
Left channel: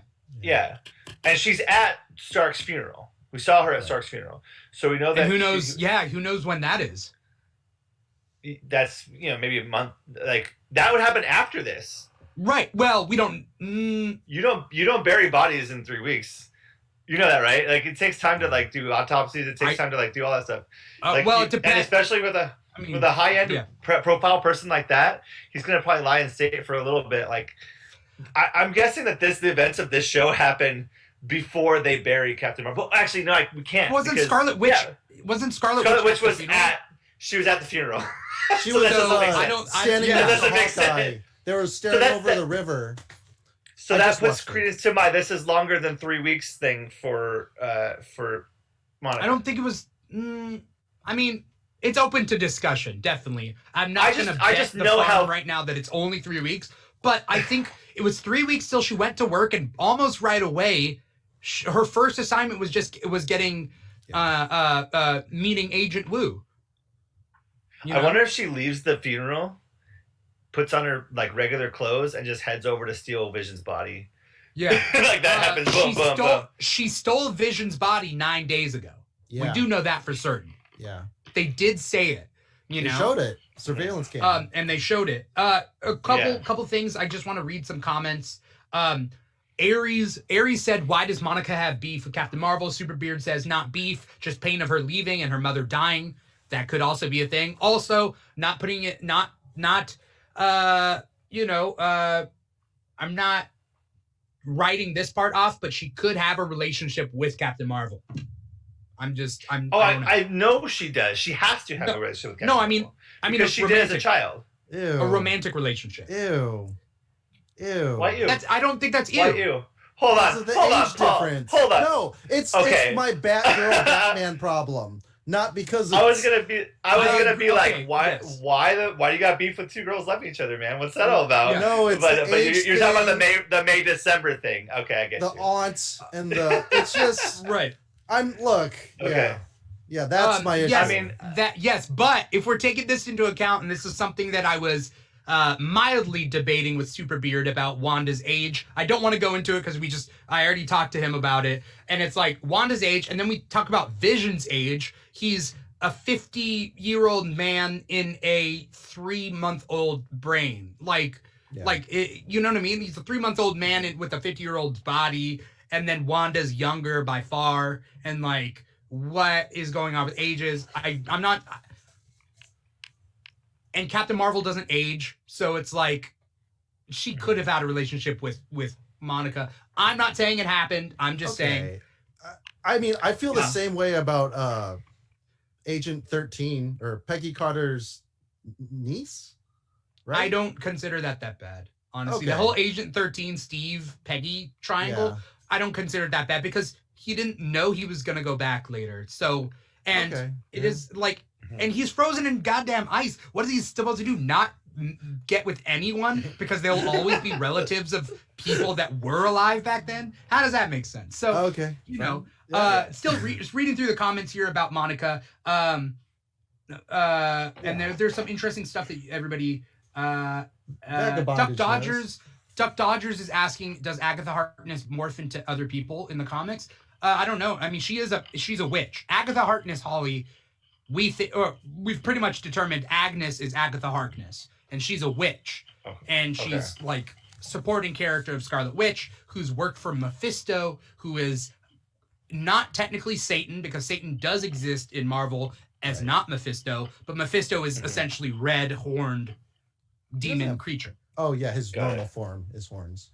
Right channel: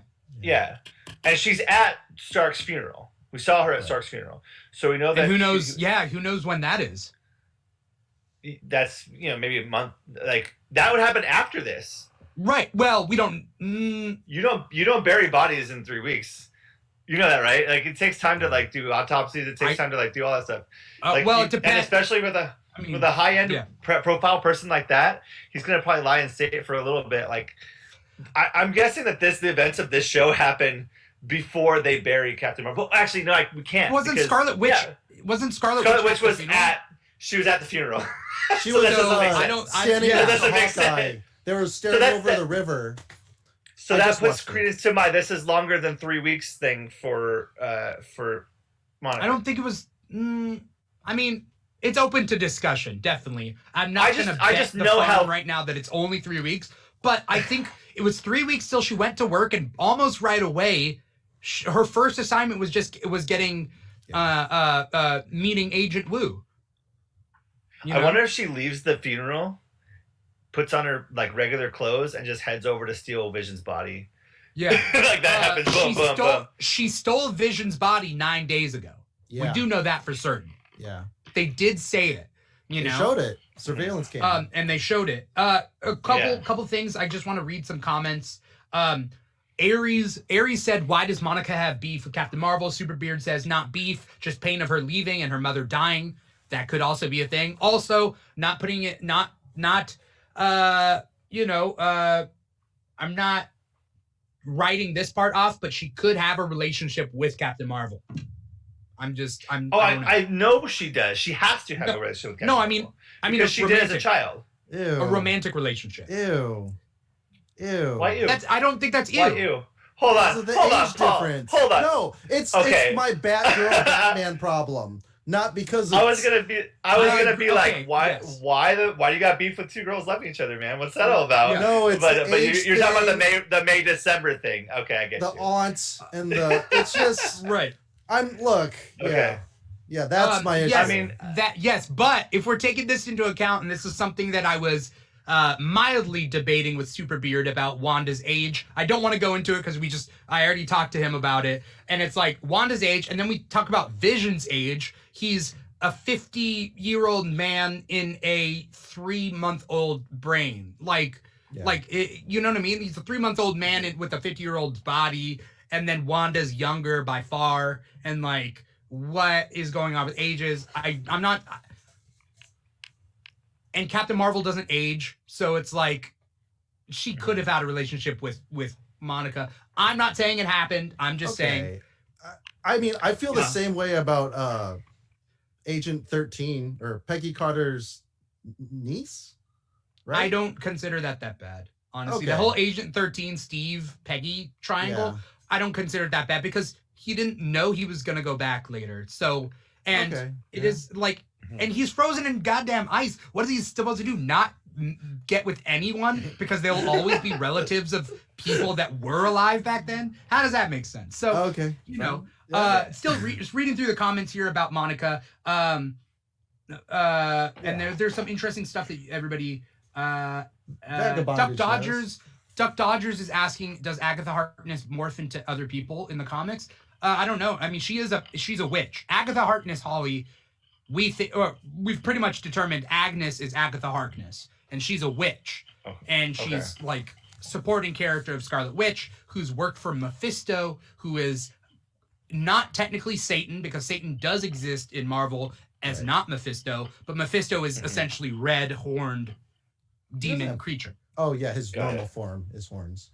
and she's at Stark's funeral. We saw her at Stark's funeral, so we know that. And who knows? Who knows when that is? That's maybe a month. Like that would happen after this. Right. Well, we don't. You don't bury bodies in 3 weeks. You know that, right? Like it takes time to like do autopsies. It takes time to like do all that stuff. It depends. And especially with a high end profile person like that, he's gonna probably lie in state for a little bit. Like I'm guessing that the events of this show happen before they bury Captain Marvel. Well, actually, no, we can't. Scarlet Witch? Wasn't Scarlet Witch was she was at the funeral. She was standing next to Hawkeye. They were staring over the river. So that puts credence to my "this is longer than 3 weeks" thing for Monica. I don't think it was. I mean, it's open to discussion. Definitely, I'm not going to bet the farm right now that it's only 3 weeks. But I think it was 3 weeks till she went to work, and almost right away, her first assignment was getting meeting Agent Wu. I wonder if she leaves the funeral, puts on her like regular clothes, and just heads over to steal Vision's body. Yeah, like that happens. Boom, boom. She stole Vision's body 9 days ago. Yeah. We do know that for certain. Yeah, they did say it. They showed it. Surveillance camera. And they showed it. A couple things. I just want to read some comments. Aries said, "Why does Monica have beef with Captain Marvel?" Superbeard says, "Not beef, just pain of her leaving and her mother dying. That could also be a thing. Also, not putting it, I'm not writing this part off, but she could have a relationship with Captain Marvel. I know she does. She has to have a relationship with Captain Marvel. I mean, because she did as a child. Ew. A romantic relationship. Ew. Why ew? I don't think that's ew. Why ew? Hold on, difference. Hold on. No, it's my Batgirl Batman problem. Not because I was gonna be like, why do you got beef with two girls loving each other, man? What's that all about? Yeah. No, it's but you're talking about the May December thing. Okay, I get the aunts and it's just right. Yeah, that's my issue. Yes, I mean but if we're taking this into account, and this is something that I was mildly debating with Superbeard about Wanda's age. I don't want to go into it because I already talked to him about it, and it's like Wanda's age, and then we talk about Vision's age. He's a 50-year-old man in a 3-month-old brain. You know what I mean? He's a 3-month-old man with a 50-year-old's body, and then Wanda's younger by far, and like, what is going on with ages? I'm not. And Captain Marvel doesn't age, so it's like she could have had a relationship with Monica. I'm not saying it happened. I'm just saying. I mean, I feel the same way about Agent 13 or Peggy Carter's niece. Right? I don't consider that bad. Honestly, the whole Agent 13 Steve Peggy triangle, I don't consider it that bad because he didn't know he was gonna go back later. So, And it is like, and he's frozen in goddamn ice. What is he supposed to do? Not get with anyone because they'll always be relatives of people that were alive back then? How does that make sense? So, you know, still just reading through the comments here about Monica. And there's some interesting stuff that everybody, Duck Dodgers is asking, does Agatha Harkness morph into other people in the comics? I don't know. I mean, she's a witch. Agatha Harkness, Holly, we've pretty much determined Agnes is Agatha Harkness, and she's a witch, and she's like supporting character of Scarlet Witch, who's worked for Mephisto, who is not technically Satan, because Satan does exist in Marvel as not Mephisto, but Mephisto is essentially red horned demon creature. Oh yeah, his normal form is horns.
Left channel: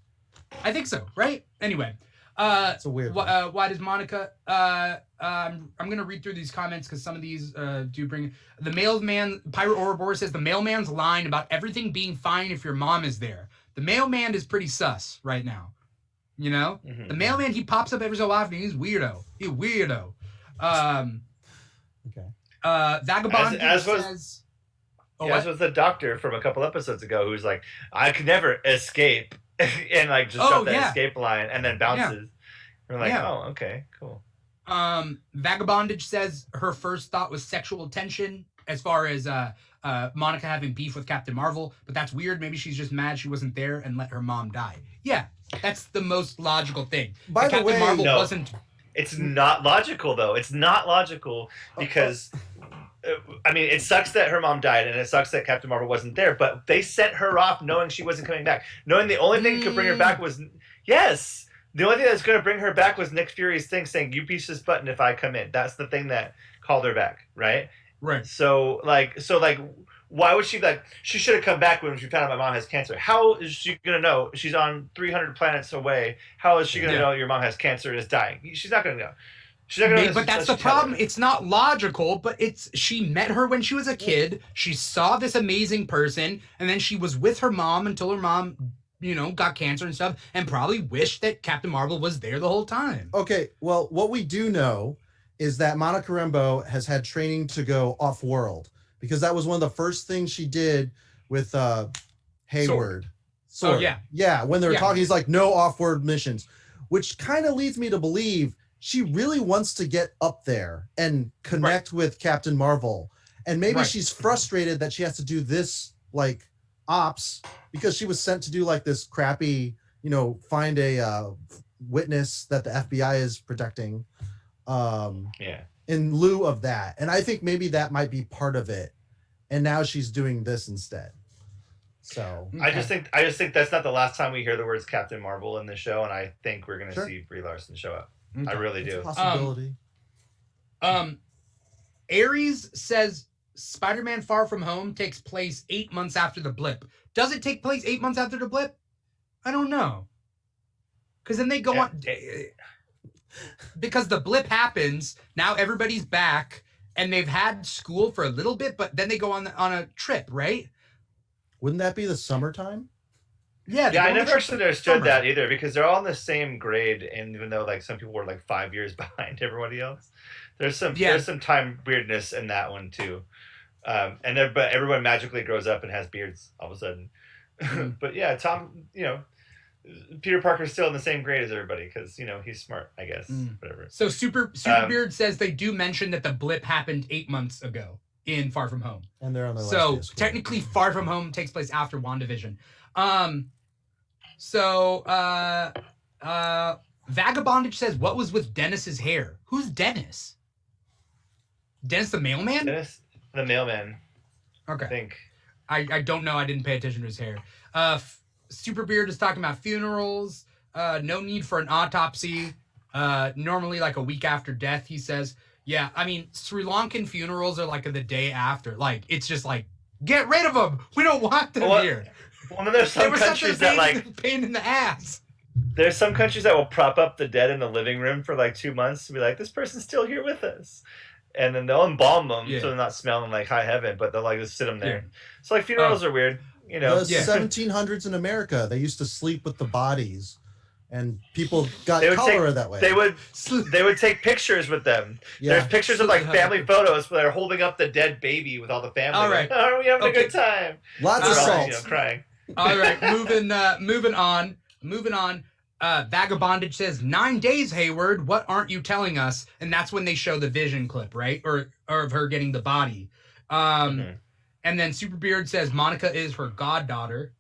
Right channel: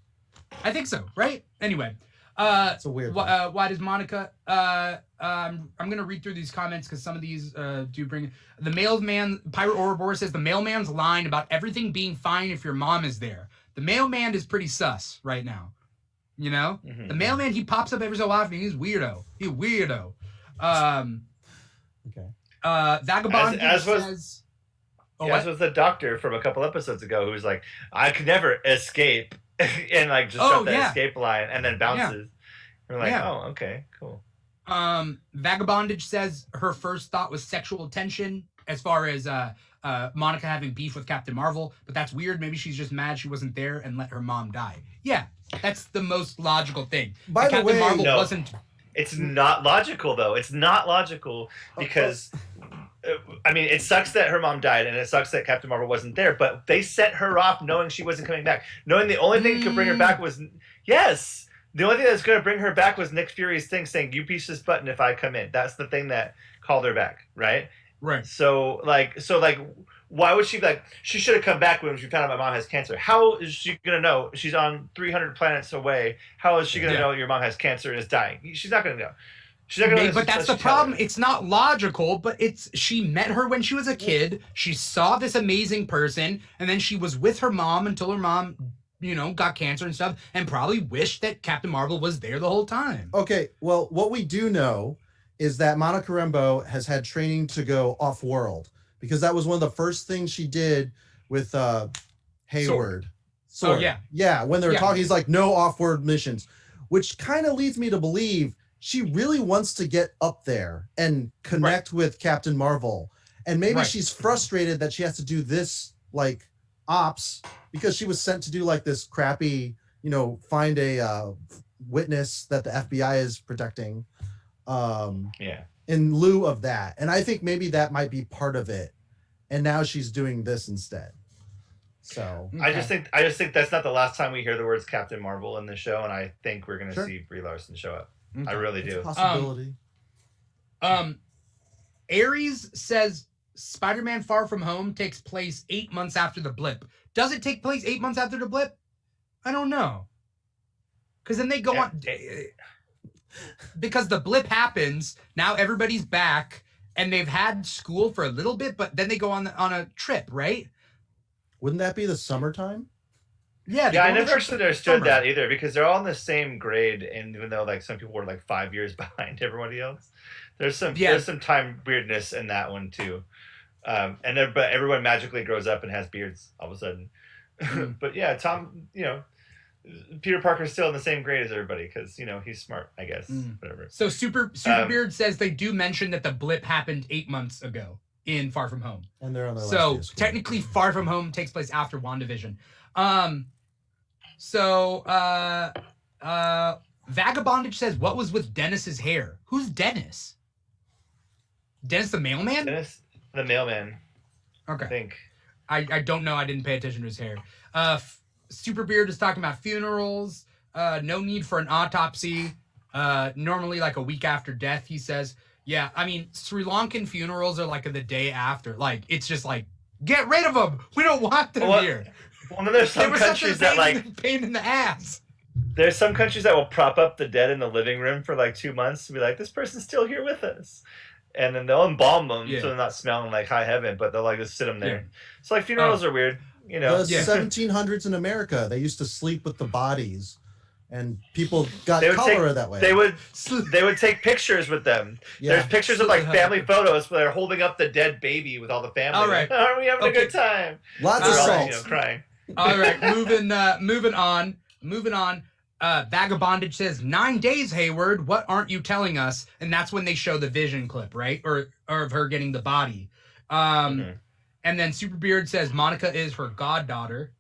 I think so, right? Anyway. It's a weird why does Monica I'm gonna read through these comments because some of these do bring the mailman. Pirate Ouroboros says the mailman's line about everything being fine if your mom is there. The mailman is pretty sus right now, you know. The mailman, he pops up every so often. He's weirdo. Vagabond as was the doctor from a couple episodes ago, who's like, I could never escape. And like just drop that escape line and then bounces. We're like, oh, okay, cool. Vagabondage says her first thought was sexual tension as far as Monica having beef with Captain Marvel, but that's weird. Maybe she's just mad she wasn't there and let her mom die. Yeah, that's the most logical thing. By the way, Marvel wasn't. It's not logical though. It's not logical because. I mean, it sucks that her mom died, and it sucks that Captain Marvel wasn't there, but they sent her off knowing she wasn't coming back. Knowing the only thing that could bring her back was... Yes! The only thing that's going to bring her back was Nick Fury's thing saying, you push this button if I come in. That's the thing that called her back, right? Right. So, why would she be like... She should have come back when she found out my mom has cancer. How is she going to know? She's on 300 planets away. How is she going to know your mom has cancer and is dying? She's not going to know. But that's the problem. It's not logical, but she met her when she was a kid. She saw this amazing person, and then she was with her mom until her mom, you know, got cancer and stuff, and probably wished that Captain Marvel was there the whole time. Okay, well, what we do know is that Monica Rambeau has had training to go off-world, because that was one of the first things she did with Hayward. Oh, yeah. Yeah, when they were talking, he's like, no off-world missions, which kind of leads me to believe she really wants to get up there and connect with Captain Marvel. And maybe she's frustrated that she has to do this, like, ops, because she was sent to do, like, this crappy, you know, find a witness that the FBI is protecting in lieu of that. And I think maybe that might be part of it. And now she's doing this instead. So I just think that's not the last time we hear the words Captain Marvel in the show, and I think we're going to see Brie Larson show up. Okay. I really do. Possibility. Aries says Spider-Man Far From Home takes place 8 months after the blip. Does it take place 8 months after the blip? I don't know. Because then they go on. Because the blip happens, now everybody's back, and they've had school for a little bit, but then they go on a trip, right? Wouldn't that be the summertime? Yeah, I never understood that either, because they're all in the same grade, and even though like some people were like 5 years behind everybody else, there's some time weirdness in that one too. But everyone magically grows up and has beards all of a sudden. But yeah, Tom, you know, Peter Parker's still in the same grade as everybody because you know he's smart, I guess. Whatever. So Superbeard says they do mention that the blip happened 8 months ago in Far From Home, and they're on their so technically Far From Home takes place after WandaVision. Vagabondage says, what was with Dennis's hair? Who's Dennis? Dennis the mailman? Dennis the mailman. Okay. I think. I don't know. I didn't pay attention to his hair. Superbeard is talking about funerals. No need for an autopsy. Normally like a week after death, he says. Yeah, I mean, Sri Lankan funerals are like the day after. Like, it's just like, get rid of them. We don't want them here. Well, then there's some countries that like pain in the ass. There's some countries that will prop up the dead in the living room for like 2 months to be like, this person's still here with us, and then they'll embalm them so they're not smelling like high heaven, but they'll like just sit them there. Yeah. So like funerals are weird, you know. The 1700s in America, they used to sleep with the bodies, and people got They would cholera that way. They would take pictures with them. Yeah. There's pictures of like family photos where they're holding up the dead baby with all the family. All right. Like, oh, are we having a good time? Lots of They're all, salt. you know, crying. All right, moving on. Vagabondage says 9 days, Hayward. What aren't you telling us? And that's when they show the vision clip, right? Or of her getting the body. And then Superbeard says Monica is her goddaughter.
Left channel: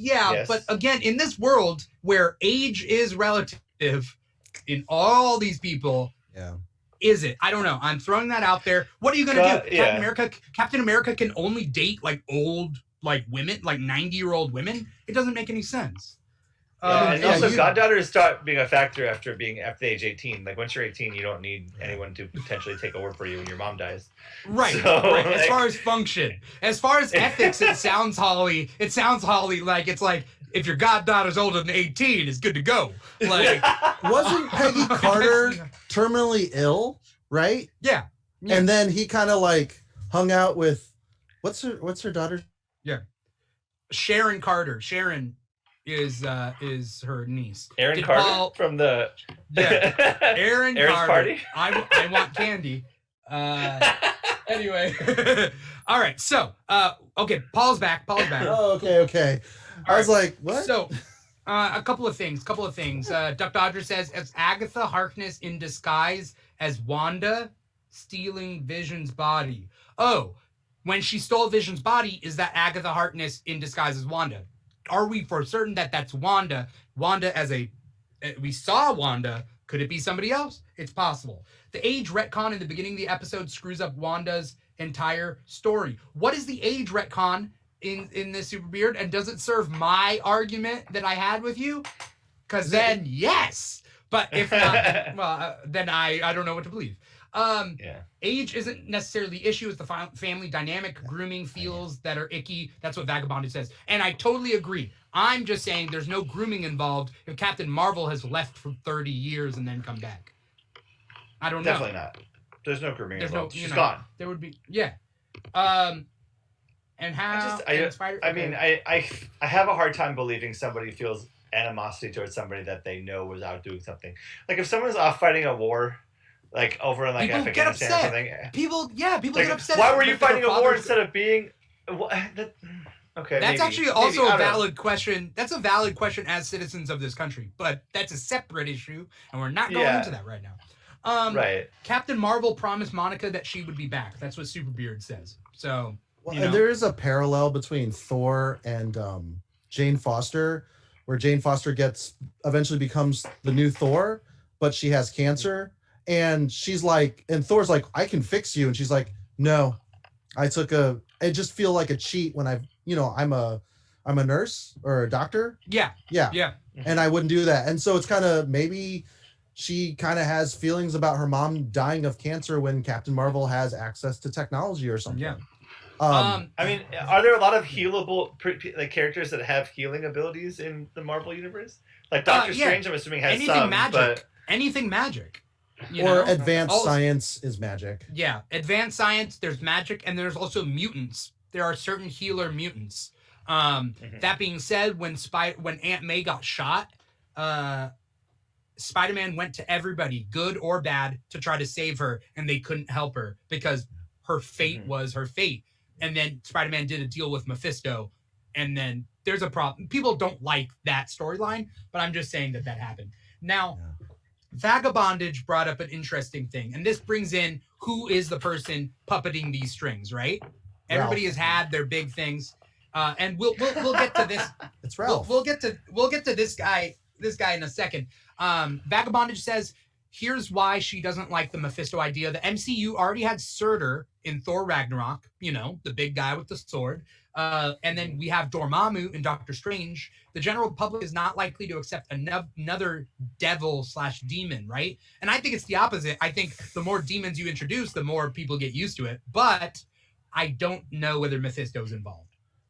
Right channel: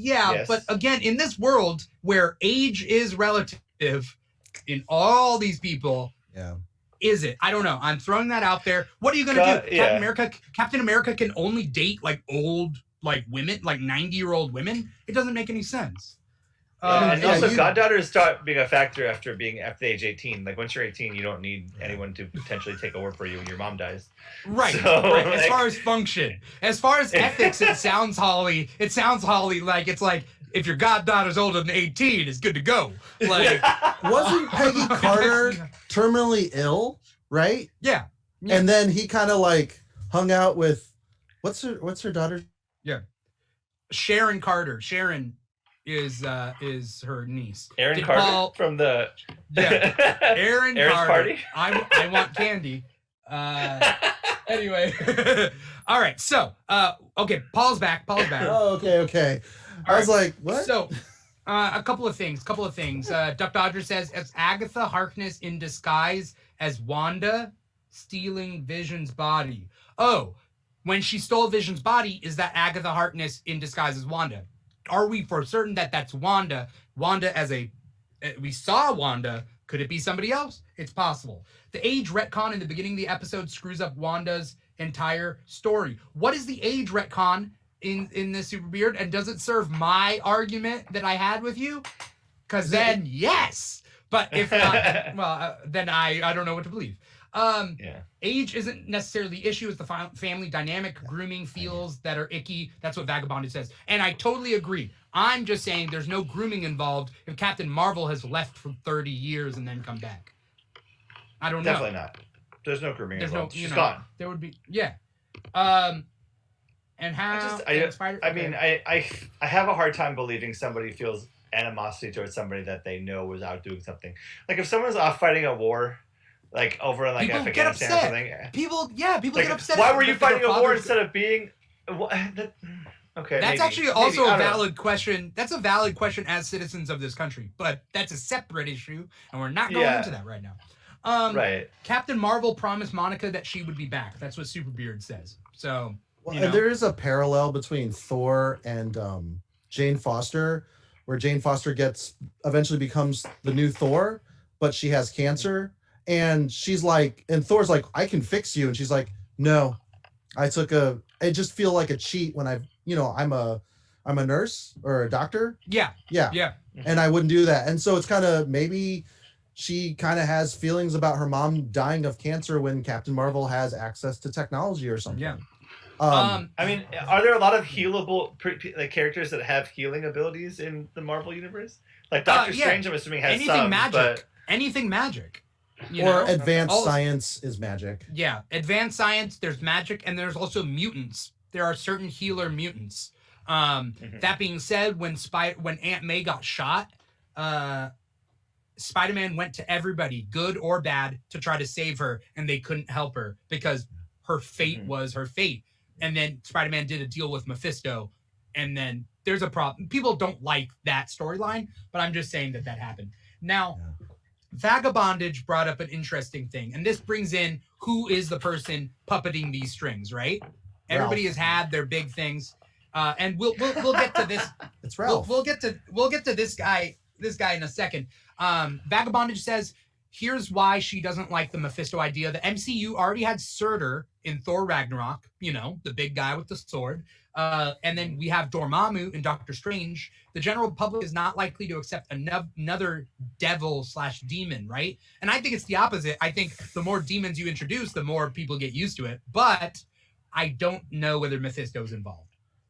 Yeah, Yes. but again, in this world where age is relative, in all these people, is it? I don't know. I'm throwing that out there. What are you gonna do? Yeah. Captain America can only date like old like women, like 90-year-old women. It doesn't make any sense. And also, goddaughters start being a factor after the age 18. Like once you're 18, you don't need anyone to potentially take over for you when your mom dies. Right. So, right. like, as far as function, as far as ethics, it sounds Holly. It sounds Holly like it's like if your goddaughter's older than 18, it's good to go. Like, wasn't Peggy Carter terminally ill, right? Yeah. And then he kind of like hung out with what's her daughter? Yeah. Sharon Carter. Sharon is her niece. Aaron Carter from the Aaron Aaron's Carter. party. I want candy. Anyway. All right. So, okay, Paul's back. Oh, okay. I was like, what? So, a couple of things. Duck Dodger says, "It's Agatha Harkness in disguise as Wanda stealing Vision's body." Oh, when she stole Vision's body, is that Agatha Harkness in disguise as Wanda? Are we for certain that that's Wanda? Wanda we saw Wanda. Could it be somebody else? It's possible. The age retcon in the beginning of the episode screws up Wanda's entire story. What is the age retcon in this Super Beard? And does it serve my argument that I had with you? Because then, yes. But if not, well, then I don't know what to believe. Age isn't necessarily the issue. It's the family dynamic. Grooming feels that are icky. That's what Vagabondage says. And I totally agree. I'm just saying there's no grooming involved if Captain Marvel has left for 30 years and then come back. I don't know. Definitely not. There's no grooming involved. She's know, gone. There would be, yeah. And how... I have a hard time believing somebody feels animosity towards somebody that they know was out doing something. Like if someone's off fighting a war... Like over in like people Afghanistan or something. People like, get upset. Why were you fighting a war instead of being? Okay. That's actually also a valid question. That's a valid question as citizens of this country, but that's a separate issue, and we're not going into that right now. Right. Captain Marvel promised Monica that she would be back. That's what Superbeard says. So there is a parallel between Thor and Jane Foster, where Jane Foster eventually becomes the new Thor, but she has cancer. And she's like, and Thor's like, I can fix you. And she's like, no, I just feel like a cheat when I'm a nurse or a doctor. Yeah. And I wouldn't do that. And so it's kind of, maybe she kind of has feelings about her mom dying of cancer when Captain Marvel has access to technology or something. Yeah. I mean, are there a lot of healable like characters that have healing abilities in the Marvel universe? Like Doctor Strange, I'm assuming has anything magic. Advanced science is magic. Yeah, advanced science, there's magic, and there's also mutants. There are certain healer mutants. That being said, when Aunt May got shot, Spider-Man went to everybody, good or bad, to try to save her, and they couldn't help her because her fate was her fate. And then Spider-Man did a deal with Mephisto, and then there's a problem. People don't like that storyline, but I'm just saying that happened. Now... Vagabondage brought up an interesting thing, and this brings in who is the person puppeting these strings, right? Everybody has had their big things, and we'll get to this. It's Ralph. We'll get to this guy in a second. Vagabondage says, here's why she doesn't like the Mephisto idea. The MCU already had Surtur in Thor Ragnarok, the big guy with the sword. And then we have Dormammu in Doctor Strange. The general public is not likely to accept another devil/demon, right? And I think it's the opposite. I think the more demons you introduce, the more people get used to it. But I don't know whether Mephisto's involved.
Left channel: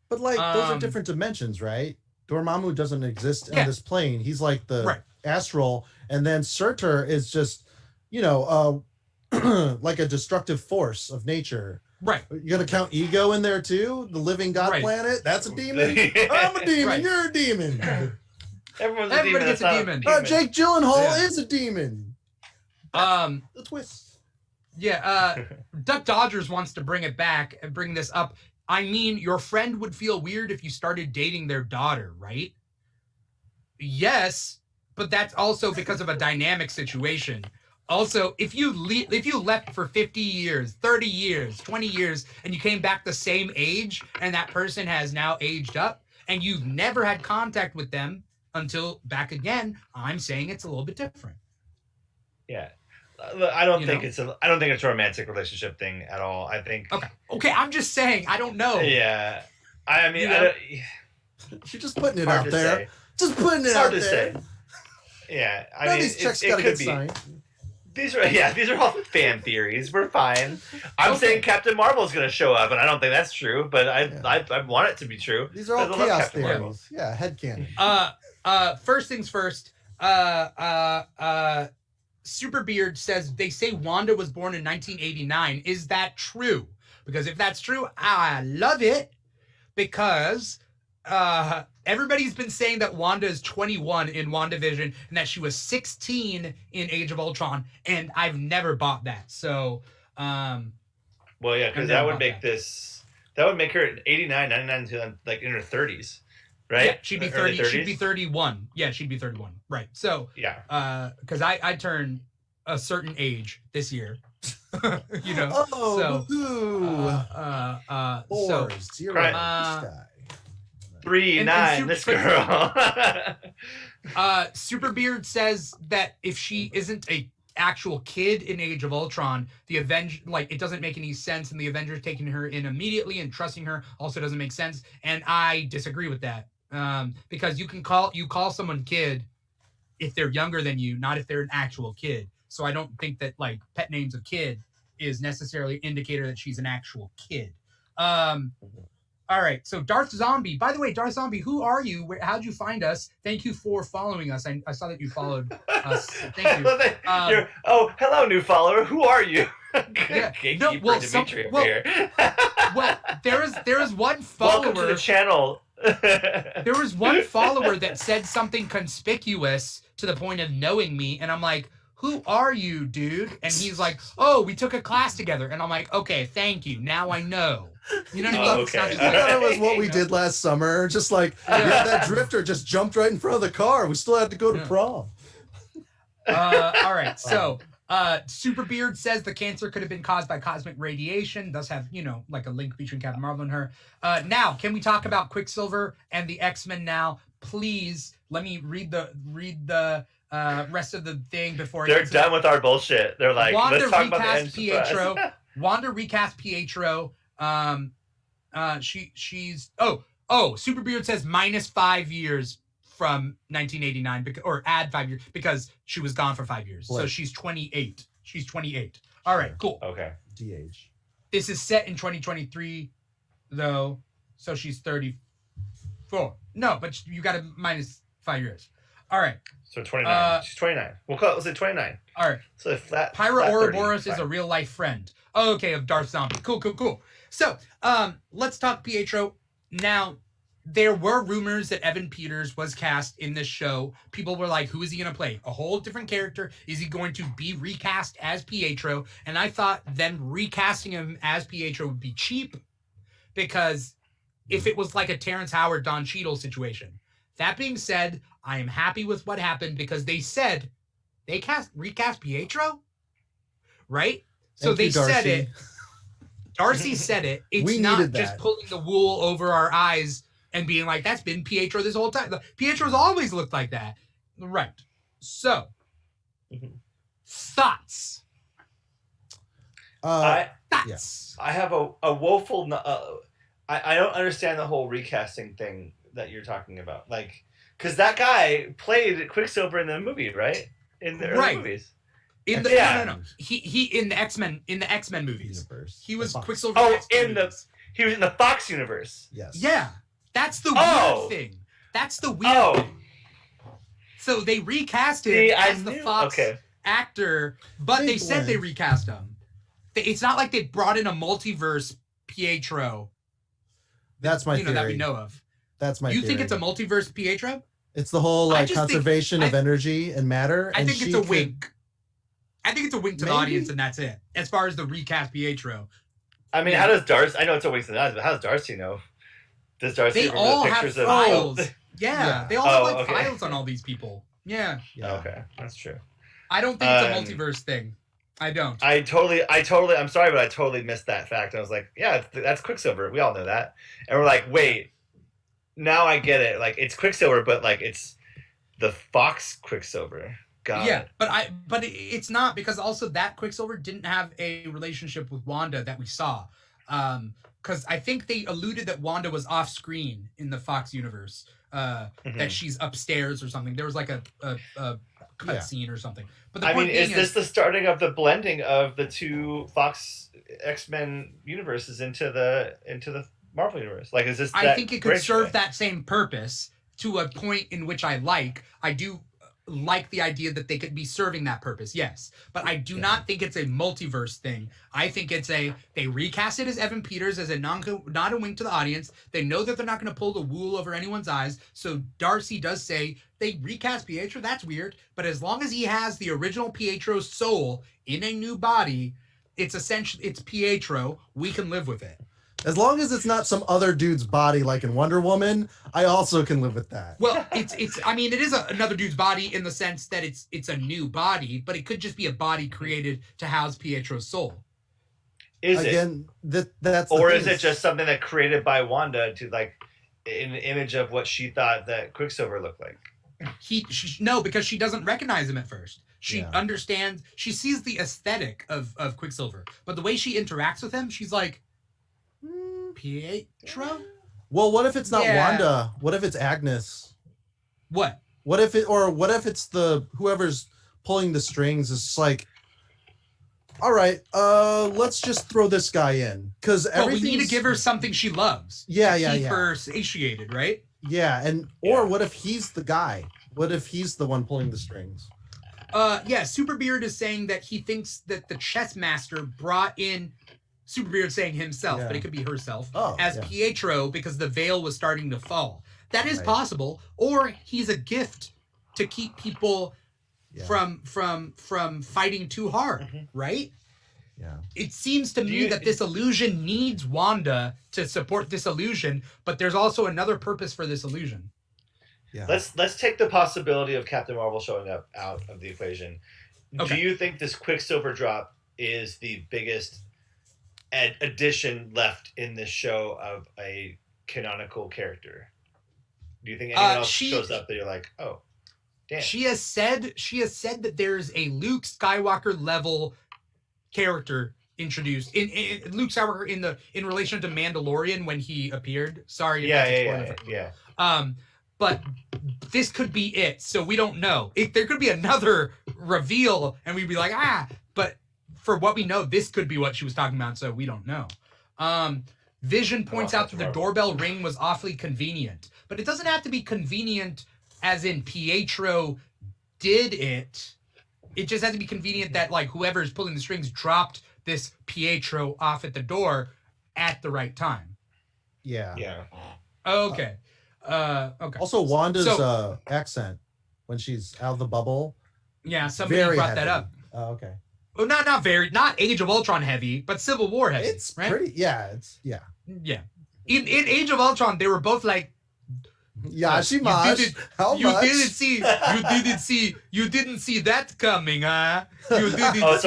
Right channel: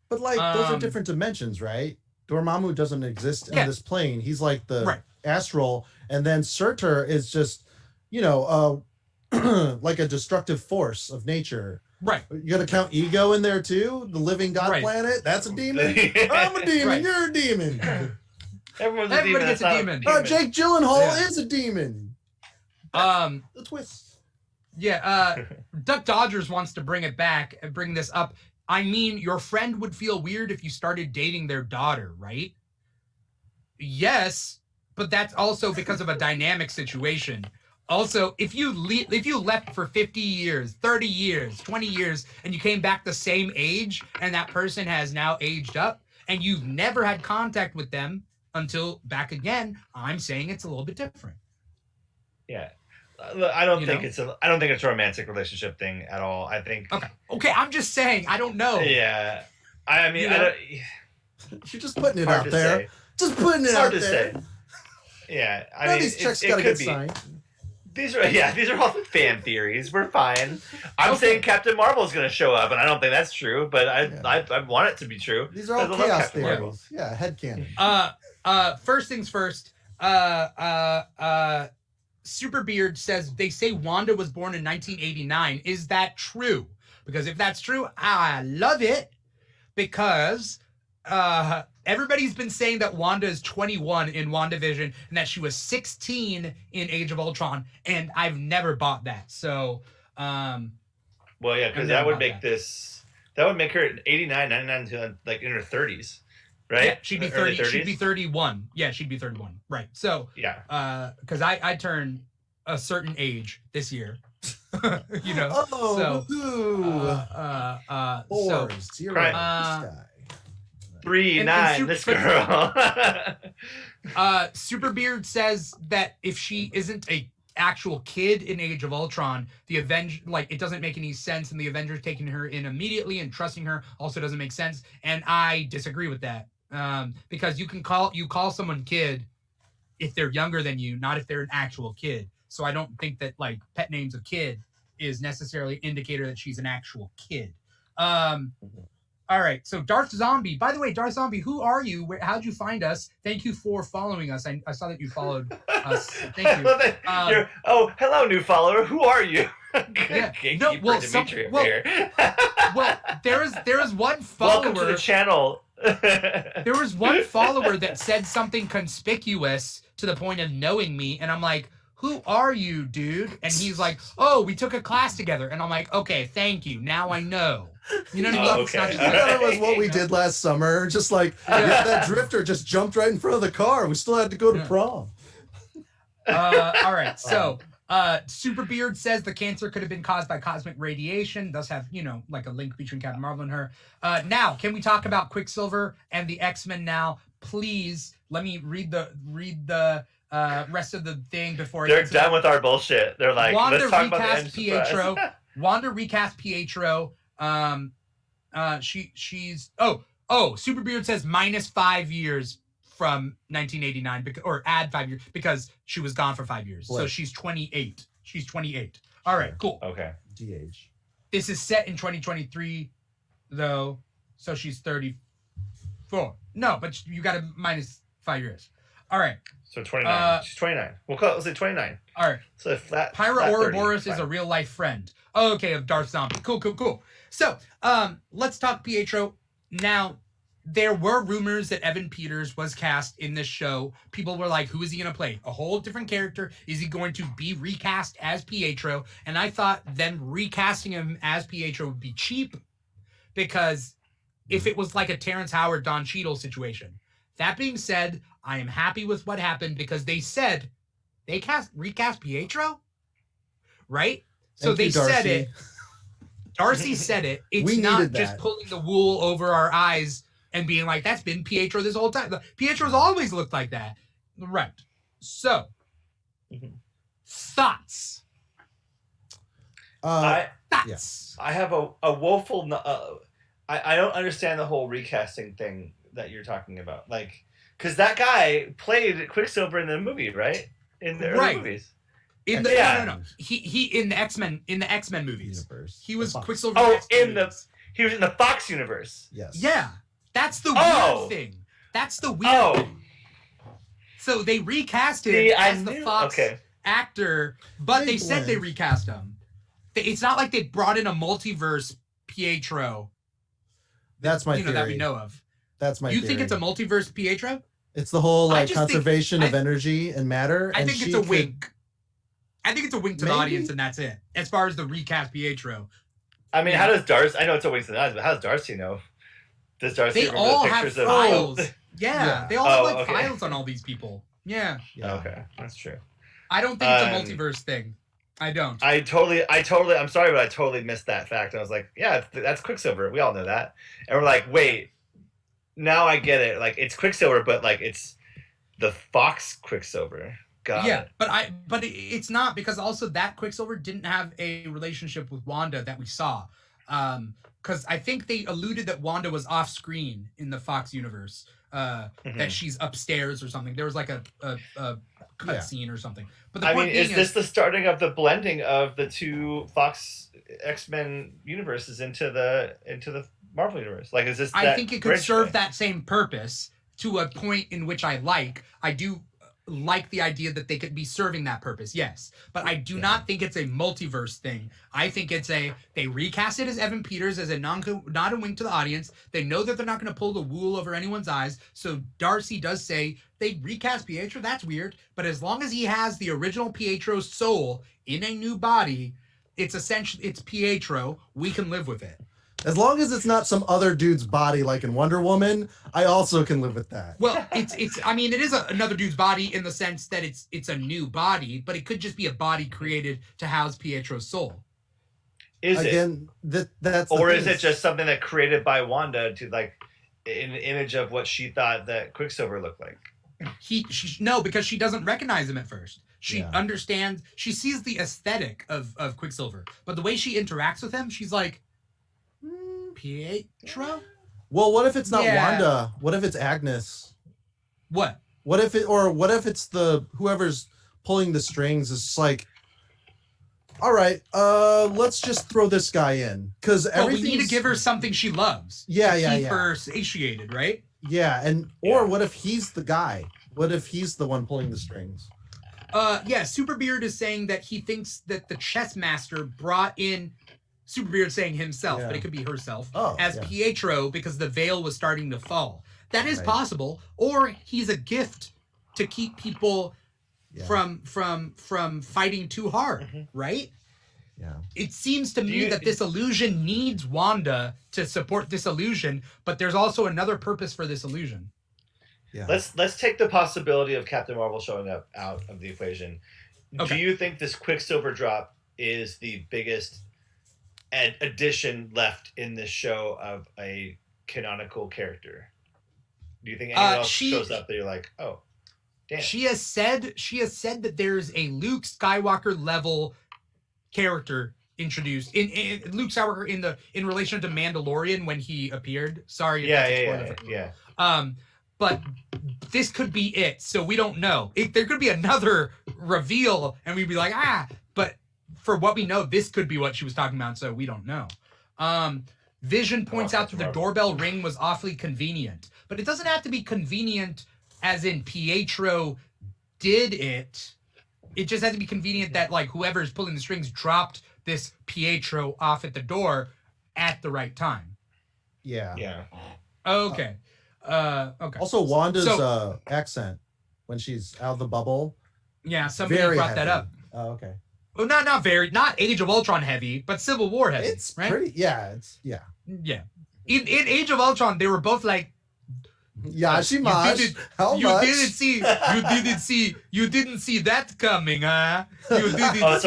But those are different dimensions, right? Dormammu doesn't exist in this plane. He's like the astral, and then Surtur is just, like a destructive force of nature. Right. You got to count Ego in there too? The living God planet? That's a demon? I'm a demon. You're a demon. Everyone's a Everybody demon. gets a That's not demon. Oh, Jake Gyllenhaal Yeah. is a demon. The twist. Yeah, Duck Dodgers wants to bring it back and bring this up. I mean, your friend would feel weird if you started dating their daughter, right? Yes, but that's also because of a dynamic situation. Also, if you left for 50 years, 30 years, 20 years, and you came back the same age, and that person has now aged up, and you've never had contact with them until back again, I'm saying it's a little bit different. Yeah. I don't think it's a romantic relationship thing at all. I think. Okay. I'm just saying. I don't know. Yeah. I mean, I don't. You're just putting it Hard out to there. say. Just putting it Hard out to there. say. Yeah. I None mean, of these checks it gotta could get be. signed. These are all fan theories. We're fine. I'm saying Captain Marvel's going to show up, and I don't think that's true, but I want it to be true. These are all chaos theories. Yeah, headcanon. First things first. Superbeard says they say Wanda was born in 1989. Is that true? Because if that's true, I love it. Because everybody's been saying that Wanda is 21 in WandaVision and that she was 16 in Age of Ultron, and I've never bought that. So, well, yeah, because that would make her 89, 99 to like in her 30s, right? Yeah, she'd be 30. She'd be 31. Yeah, she'd be 31. Right. So, yeah, because I turn a certain age this year. You know. Oh, so 4-0. 3-9. This girl. Superbeard says that if she isn't a actual kid in Age of Ultron, the it doesn't make any sense, and the Avengers taking her in immediately and trusting her also doesn't make sense. And I disagree with that. Because you call someone kid if they're younger than you, not if they're an actual kid. So I don't think that like pet names of kid is necessarily indicator that she's an actual kid. All right, so Darth Zombie. By the way, Darth Zombie, who are you? How'd you find us? Thank you for following us. I saw that you followed us. Thank you. Hello, new follower. Who are you? Yeah. Dimithri here. Well, there is one follower. Welcome to the channel. There was one follower that said something conspicuous to the point of knowing me, and I'm like, who are you, dude? And he's like, oh, we took a class together. And I'm like, okay, thank you. Now I know. You know what I mean? It's not just I thought it was what we did last summer. Just like, that drifter just jumped right in front of the car. We still had to go to prom. All right. So, Superbeard says the cancer could have been caused by cosmic radiation, thus have, like a link between Captain Marvel and her. Now, can we talk about Quicksilver and the X-Men now? Please, let me read the rest of the thing before they're done with our bullshit. They're like, let's talk about the end Pietro. Wanda recast Pietro. She's Superbeard says -5 years from 1989 or add 5 years because she was gone for 5 years. So she's 28. She's 28. All right, cool. Okay. DH. This is set in 2023 though, so she's 34. No, but you got to -5 years. All right. So 29. She's 29. Let's say 29. All right. So flat. Pyra Ouroboros 30. is a real life friend. Okay, of Darth Zombie. Cool. So, let's talk Pietro. Now, there were rumors that Evan Peters was cast in this show. People were like, who is he going to play? A whole different character? Is he going to be recast as Pietro? And I thought them recasting him as Pietro would be cheap because if it was like a Terrence Howard, Don Cheadle situation. That being said, I am happy with what happened because they said they recast Pietro, right? So they said it. Darcy said it. It's not just pulling the wool over our eyes and being like, that's been Pietro this whole time. Pietro's always looked like that. Right. So, thoughts? Thoughts? I have a woeful... I don't understand the whole recasting thing that you're talking about. Like, because that guy played Quicksilver in the movie, right? In the early movies. No. He in the X-Men movies. Universe. He was Quicksilver. He was in the Fox universe. Yes. Yeah. That's the weird thing. That's the weird thing. So they recast him as the Fox actor, but they said they recast him. It's not like they brought in a multiverse Pietro. That's my theory. That we know of. That's my theory. You think it's a multiverse Pietro? It's the whole I like just think- conservation of energy and matter. I and think it's she a could- wink. I think it's a wink to the Maybe. audience, and that's it. As far as the recast Pietro, I mean, Yeah. how does Darcy? I know it's a waste of eyes, but how does Darcy know? Does Darcy they remember all the have pictures of? files. Yeah. They all have Oh, like okay. files on all these people. Yeah, Yeah. Okay, that's true. I don't think it's a multiverse thing. I don't. I totally. I'm sorry, but I totally missed that fact. I was like, yeah, that's Quicksilver. We all know that. And we're like, wait, now I get it. Like, it's Quicksilver, but like it's the Fox Quicksilver. Got Yeah, it. but it's not, because also that Quicksilver didn't have a relationship with Wanda that we saw. Because I think they alluded that Wanda was off screen in the Fox universe. That she's upstairs or something. There was like a cut scene or something. But the I point mean, being is this the starting of the blending of the two Fox X-Men universes into the Marvel universe? Like, is this? I that think it could bridge serve thing? that same purpose to a point in which I do like the idea that they could be serving that purpose, yes. But I do not think it's a multiverse thing. I think it's they recast it as Evan Peters as a not a wink to the audience. They know that they're not going to pull the wool over anyone's eyes. So Darcy does say they recast Pietro. That's weird. But as long as he has the original Pietro's soul in a new body, it's Pietro. We can live with it. As long as it's not some other dude's body like in Wonder Woman, I also can live with that. Well, I mean, it is another dude's body in the sense that it's a new body, but it could just be a body created to house Pietro's soul. Is Again, that's the or thing. is it just something that created by Wanda to like an image of what she thought that Quicksilver looked like? No, because she doesn't recognize him at first. She Yeah. understands, she sees the aesthetic of Quicksilver, but the way she interacts with him, she's like, Pietro? Well, what if it's not Yeah. Wanda? What if it's Agnes? What? What if it's the whoever's pulling the strings is just like, all right, let's just throw this guy in because Well, we everything. need to give her something she loves. Yeah, to yeah, keep yeah. her satiated, right? Yeah, or what if he's the guy? What if he's the one pulling the strings? Yeah, Superbeard is saying that he thinks that the chess master brought in Superbeard saying himself, but it could be herself, as Pietro because the veil was starting to fall. That is possible. Or he's a gift to keep people from fighting too hard, right? Yeah. It seems to me that this illusion needs Wanda to support this illusion, but there's also another purpose for this illusion. Yeah. Let's take the possibility of Captain Marvel showing up out of the equation. Okay. Do you think this Quicksilver drop is the biggest addition left in this show of a canonical character? Do you think anyone else shows up that you're like, oh, damn? She has said that there's a Luke Skywalker level character introduced in Luke Skywalker in relation to Mandalorian when he appeared. Sorry. Yeah. But this could be it, so we don't know. There could be another reveal, and we'd be like, but for what we know, this could be what she was talking about, so we don't know. Vision points out that the doorbell ring was awfully convenient, but it doesn't have to be convenient as in Pietro did it. It just has to be convenient that like whoever's pulling the strings dropped this Pietro off at the door at the right time. Yeah. Yeah. Okay. Okay. Also, Wanda's accent when she's out of the bubble. Yeah, somebody very brought heavy. that up. Oh, okay. Well, not Age of Ultron heavy, but Civil War heavy. It's right? pretty. Yeah. It's yeah. Yeah. In Age of Ultron, they were both like, Yashimash. How much? You didn't see that coming, huh? You didn't. Oh, it's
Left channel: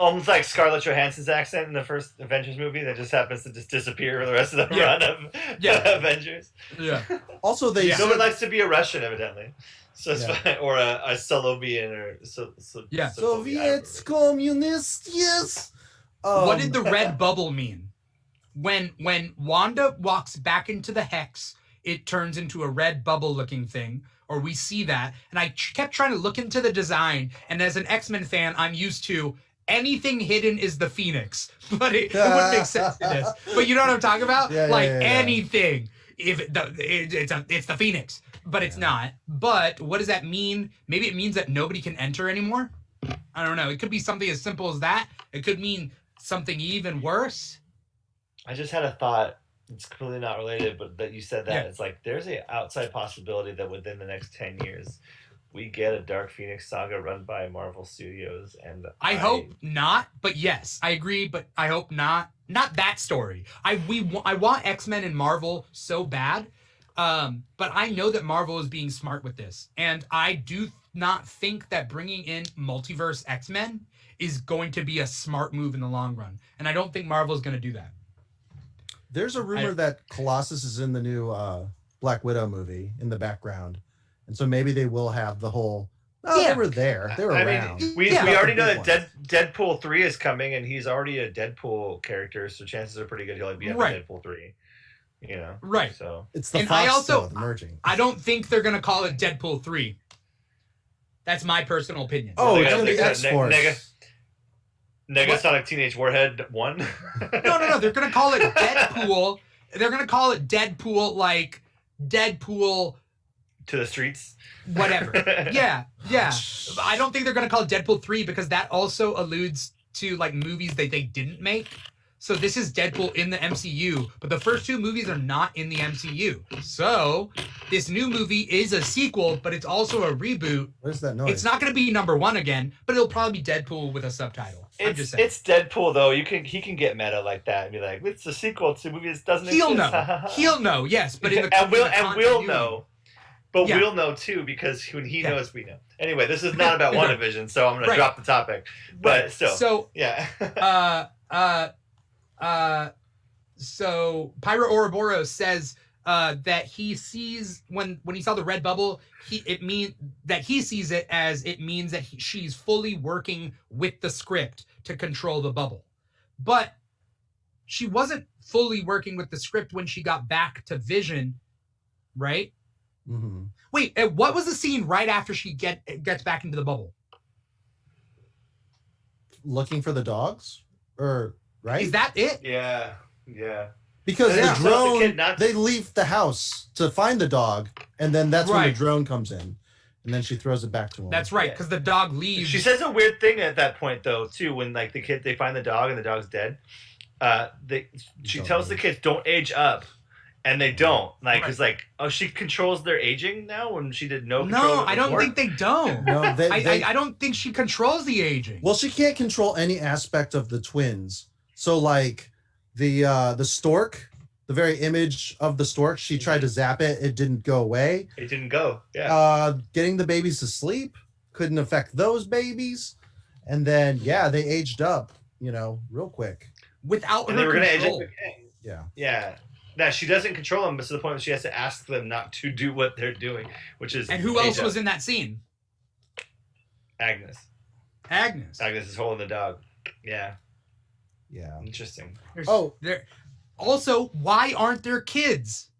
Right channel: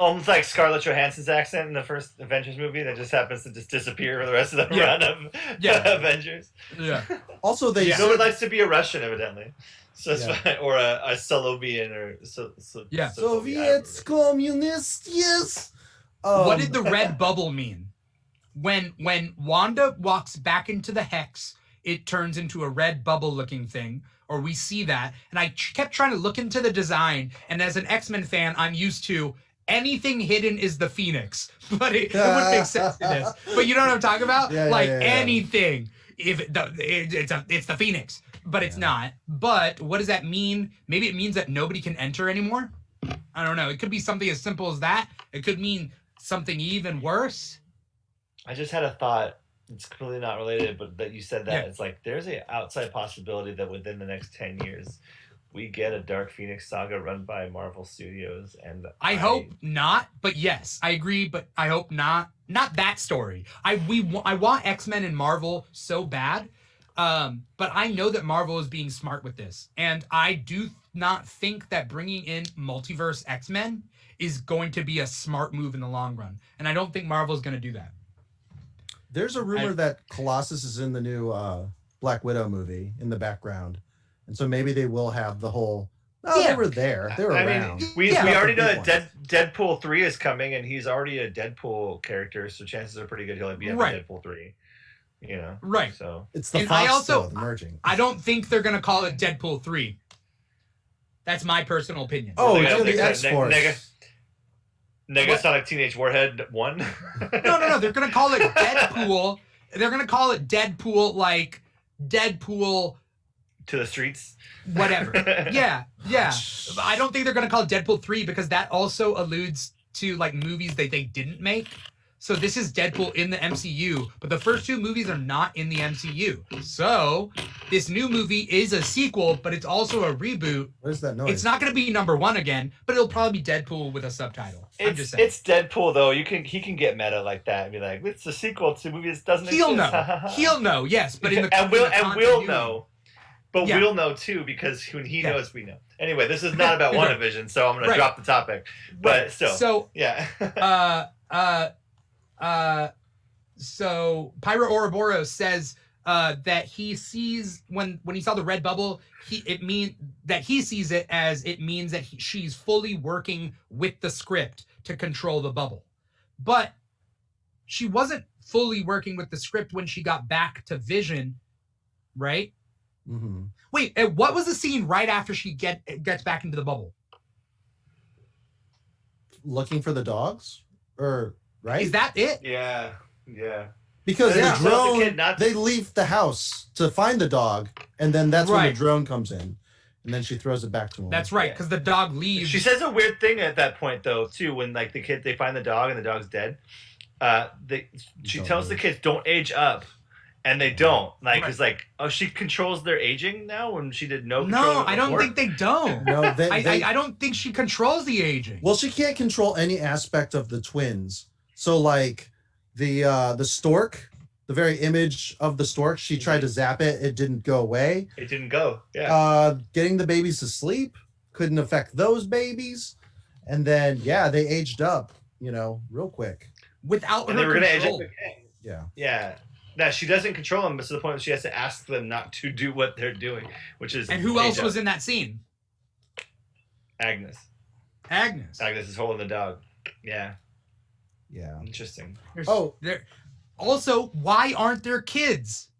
almost like Scarlett Johansson's accent in the first Avengers movie that just happens to just disappear for the rest of the run of Avengers. Yeah. Also, they No one likes to be a Russian, evidently. So it's fine. Or a Solovian or Soviets, communists, yes. What did the red bubble mean? When Wanda walks back into the hex, it turns into a red bubble-looking thing, or we see that. And I kept trying to look into the design, and as an X-Men fan, I'm used to anything hidden is the Phoenix, but it wouldn't make sense to this. But you know what I'm talking about? Anything, it's the Phoenix, but it's not. But what does that mean? Maybe it means that nobody can enter anymore. I don't know. It could be something as simple as that. It could mean something even worse. I just had a thought. it's completely not related, but that you said that, Yeah. it's like there's a outside possibility that within the next 10 years we get a Dark Phoenix saga run by Marvel Studios, and I hope not, but yes, I agree, but I hope not. Not that story. I want X-Men and Marvel so bad, but I know that Marvel is being smart with this, and I do not think that bringing in multiverse X-Men is going to be a smart move in the long run, and I don't think Marvel is going to do that. There's a rumor that Colossus is in the new Black Widow movie in the background. And so maybe they will have the whole. Oh, Yeah. they were there. They were around. mean, we Yeah. already know Big that Deadpool 3 is coming, and he's already a Deadpool character, so chances are pretty good he'll be in Right. Deadpool 3. You know, Right. So It's the And Fox I also- though, the merging. I don't think they're going to call it Deadpool 3. That's my personal opinion. Oh, They're it's gonna gonna be make X-Force. Negasonic Teenage Warhead 1. No. They're going to call it Deadpool. They're going to call it Deadpool, like Deadpool To the streets. whatever. Yeah. I don't think they're going to call it Deadpool 3 because that also alludes to like movies that they didn't make. So this is Deadpool in the MCU, but the first two movies are not in the MCU. So this new movie is a sequel, but it's also a reboot. What is that noise? It's not going to be number 1 again, but it'll probably be Deadpool with a subtitle. I'm just saying. It's Deadpool though. He can get meta like that and be like, it's a sequel to a movie that doesn't He'll exist. know. He'll know, yes, but in the and we'll in the continuity. know. But Yeah. we'll know too because when he Yeah. knows, we know. Anyway, this is not about WandaVision, so I'm gonna Right. drop the topic. But So yeah. So Pyro Ouroboros says that he sees when he saw the red bubble, it means that she's fully working with the script to control the bubble. But she wasn't fully working with the script when she got back to Vision, right? Mm-hmm. Wait, what was the scene right after she gets back into the bubble? Looking for the dogs, or right? Is that it? Yeah. Because Yeah. the So drone, the kid not- they leave the house to find the dog, and then that's when Right. the drone comes in, and then she throws it back to him. That's right, Yeah. because the dog leaves. She says a weird thing at that point though too when like they find the dog and the dog's dead. She Don't tells the age. kids don't age up, and they don't. Like Right. it's like, oh, she controls their aging now when she did no control. No, of it I don't before? think they don't. No, I don't think she controls the aging. Well, she can't control any aspect of the twins. So, like the stork, the very image of the stork, she tried to zap it. It didn't go away. It didn't go. Yeah. Getting the babies to sleep couldn't affect those babies. And then, yeah, they aged up, real quick. Without And they her were going to age control. up again. Yeah. Yeah. Now she doesn't control them, but to the point where she has to ask them not to do what they're doing, which is. And who else was in that scene? Agnes. Agnes. Agnes is holding the dog. Yeah. Yeah. Interesting. Also, why aren't there kids?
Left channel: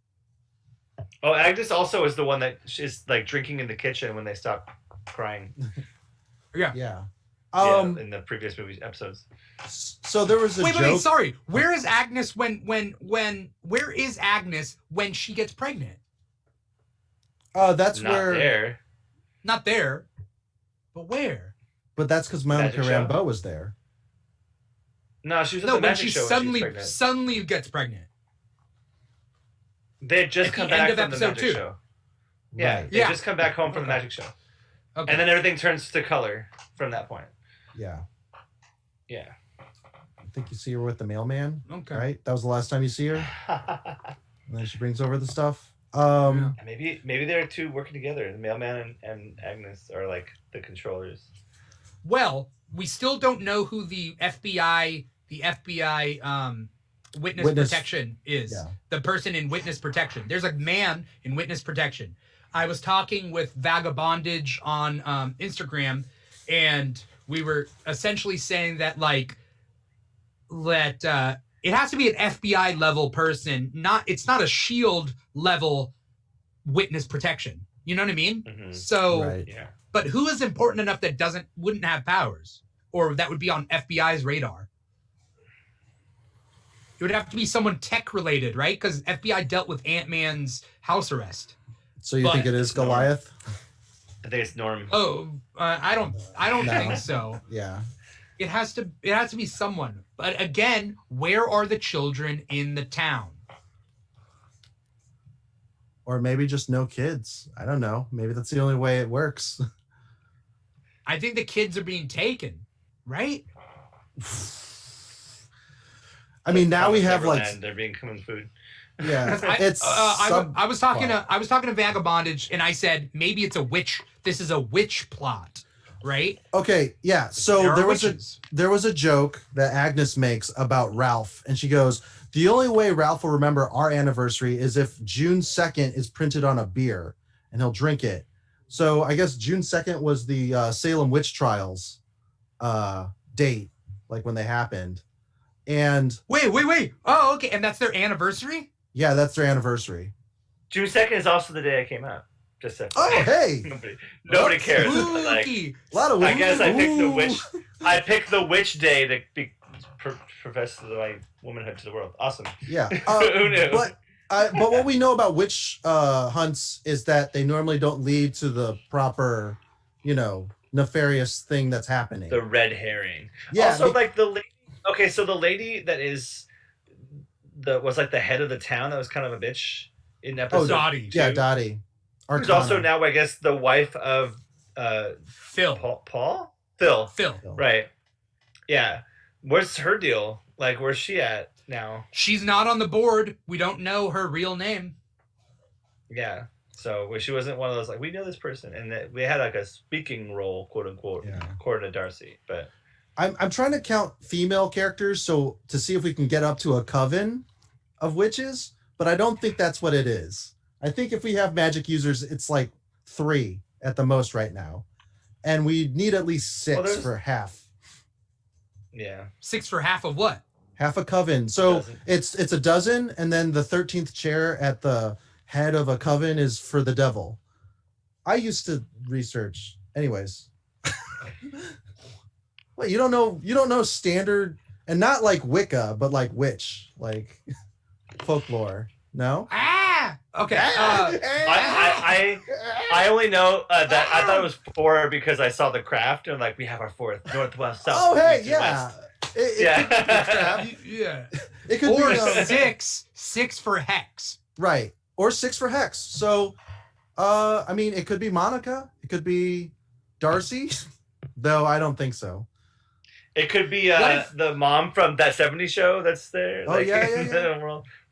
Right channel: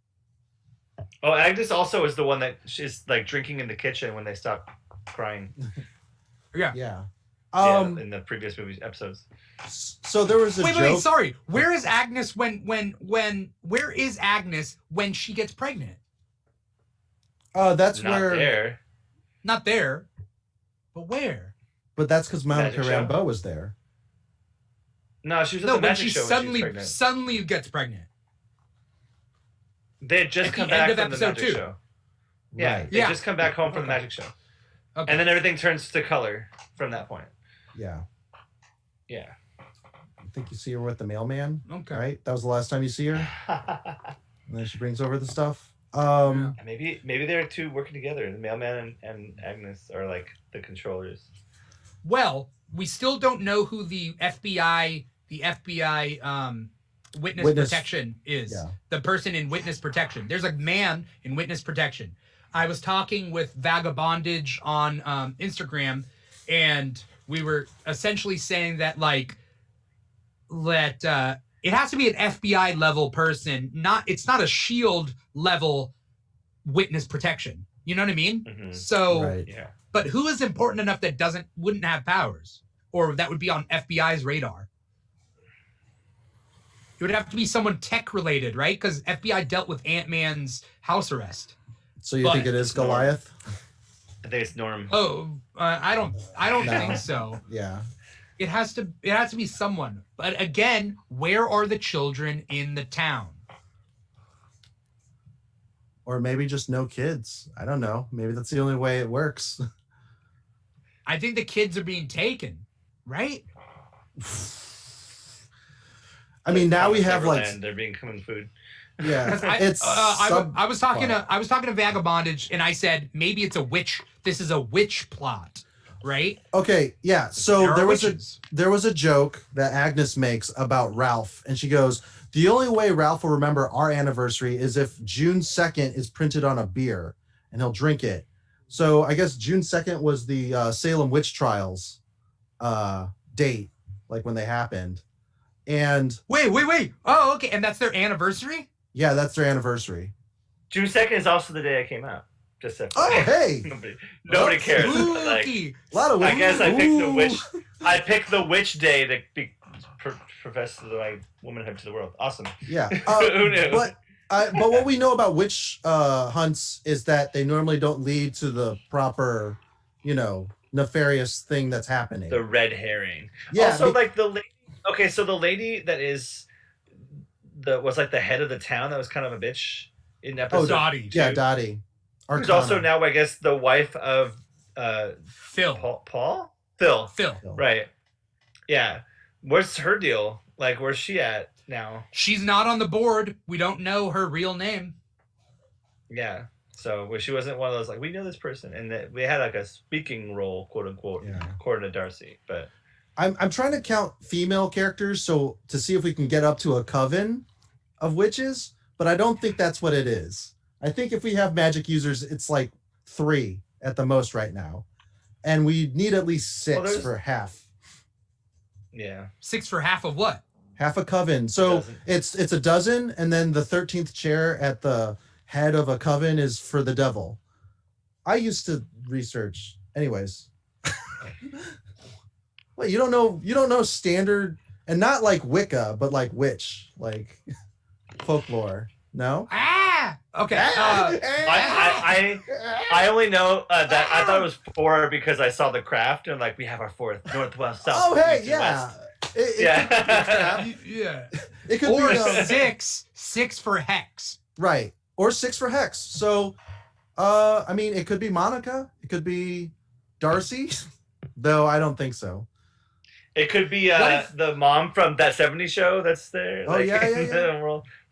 Oh, Agnes also is the one that is like drinking in the kitchen when they stop crying. Yeah. Yeah. In the previous movies episodes. So there was a joke. Wait, sorry. Where is Agnes where is Agnes when she gets pregnant? That's Not where. there. Not there. But where? But that's because Monica Magic show. Rambeau was there. No, she was at No, the when magic she show when suddenly she was pregnant. suddenly gets pregnant. They had just at come the end back of from the episode magic 2. show. Yeah, Right. they Yeah. just come back home from the Okay. magic show. Okay. And then everything turns to color from that point. Yeah. Yeah. I think you see her with the mailman. Okay. Right? That was the last time you see her. And then she brings over the stuff. Maybe they're two working together. The mailman and Agnes are like the controllers. Well, we still don't know who the FBI witness protection is. Yeah. The person in witness protection. There's a man in witness protection. I was talking with Vagabondage on Instagram, and we were essentially saying that it has to be an FBI level person. It's not a SHIELD level witness protection. You know what I mean? Mm-hmm. So, Right. Yeah. but who is important enough that wouldn't have powers, or that would be on FBI's radar? It would have to be someone tech related, right? Because FBI dealt with Ant-Man's house arrest. So you But- think it is Goliath? I think it's Norm. Oh, I don't No. think so. Yeah. It has to be someone. But again, where are the children in the town? Or maybe just no kids. I don't know. Maybe that's the only way it works. I think the kids are being taken, right? I mean, now we have like they're being common food. Yeah, I was talking to Vagabondage, and I said maybe it's a witch. This is a witch plot, right? Okay, yeah. So there was a joke that Agnes makes about Ralph, and she goes, "The only way Ralph will remember our anniversary is if June 2nd is printed on a beer, and he'll drink it." So I guess June 2nd was the Salem witch trials date, like when they happened. And wait. Oh, okay, and that's their anniversary. Yeah, that's their anniversary. June 2nd is also the day I came out. Just so. Oh, hey! Nobody cares. Like, a lot of I guess I picked the witch. I picked the witch day to be profess my womanhood to the world. Awesome. Yeah. Who knew? But what we know about witch hunts is that they normally don't lead to the proper, nefarious thing that's happening. The red herring. Yeah. Also, like the lady. Okay, so the lady that was like the head of the town that was kind of a bitch in episode. Dottie. Yeah, Dottie. Who's also now, I guess, the wife of Phil. Paul? Phil. Right. Yeah. What's her deal? Like, where's she at now? She's not on the board. We don't know her real name. Yeah. So she wasn't one of those, like, we know this person. And we had, like, a speaking role, quote unquote, according to Darcy. But I'm trying to count female characters so to see if we can get up to a coven of witches, but I don't think that's what it is. I think if we have magic users, it's like 3 at the most right now. And we need at least 6 for half. Yeah. 6 for half of what? Half a coven. So it's a dozen, and then the 13th chair at the head of a coven is for the devil. I used to research. Anyways. Wait, you don't know standard, and not like Wicca, but like witch, like folklore. No? Okay. I only know that I thought it was 4 because I saw the craft and like we have our 4th northwest south. Oh hey, east, yeah. Yeah. It could or be 6 for hex. Right. Or 6 for hex. So I mean it could be Monica, it could be Darcy, though I don't think so. It could be the mom from that 70s show that's there. Oh, like, yeah.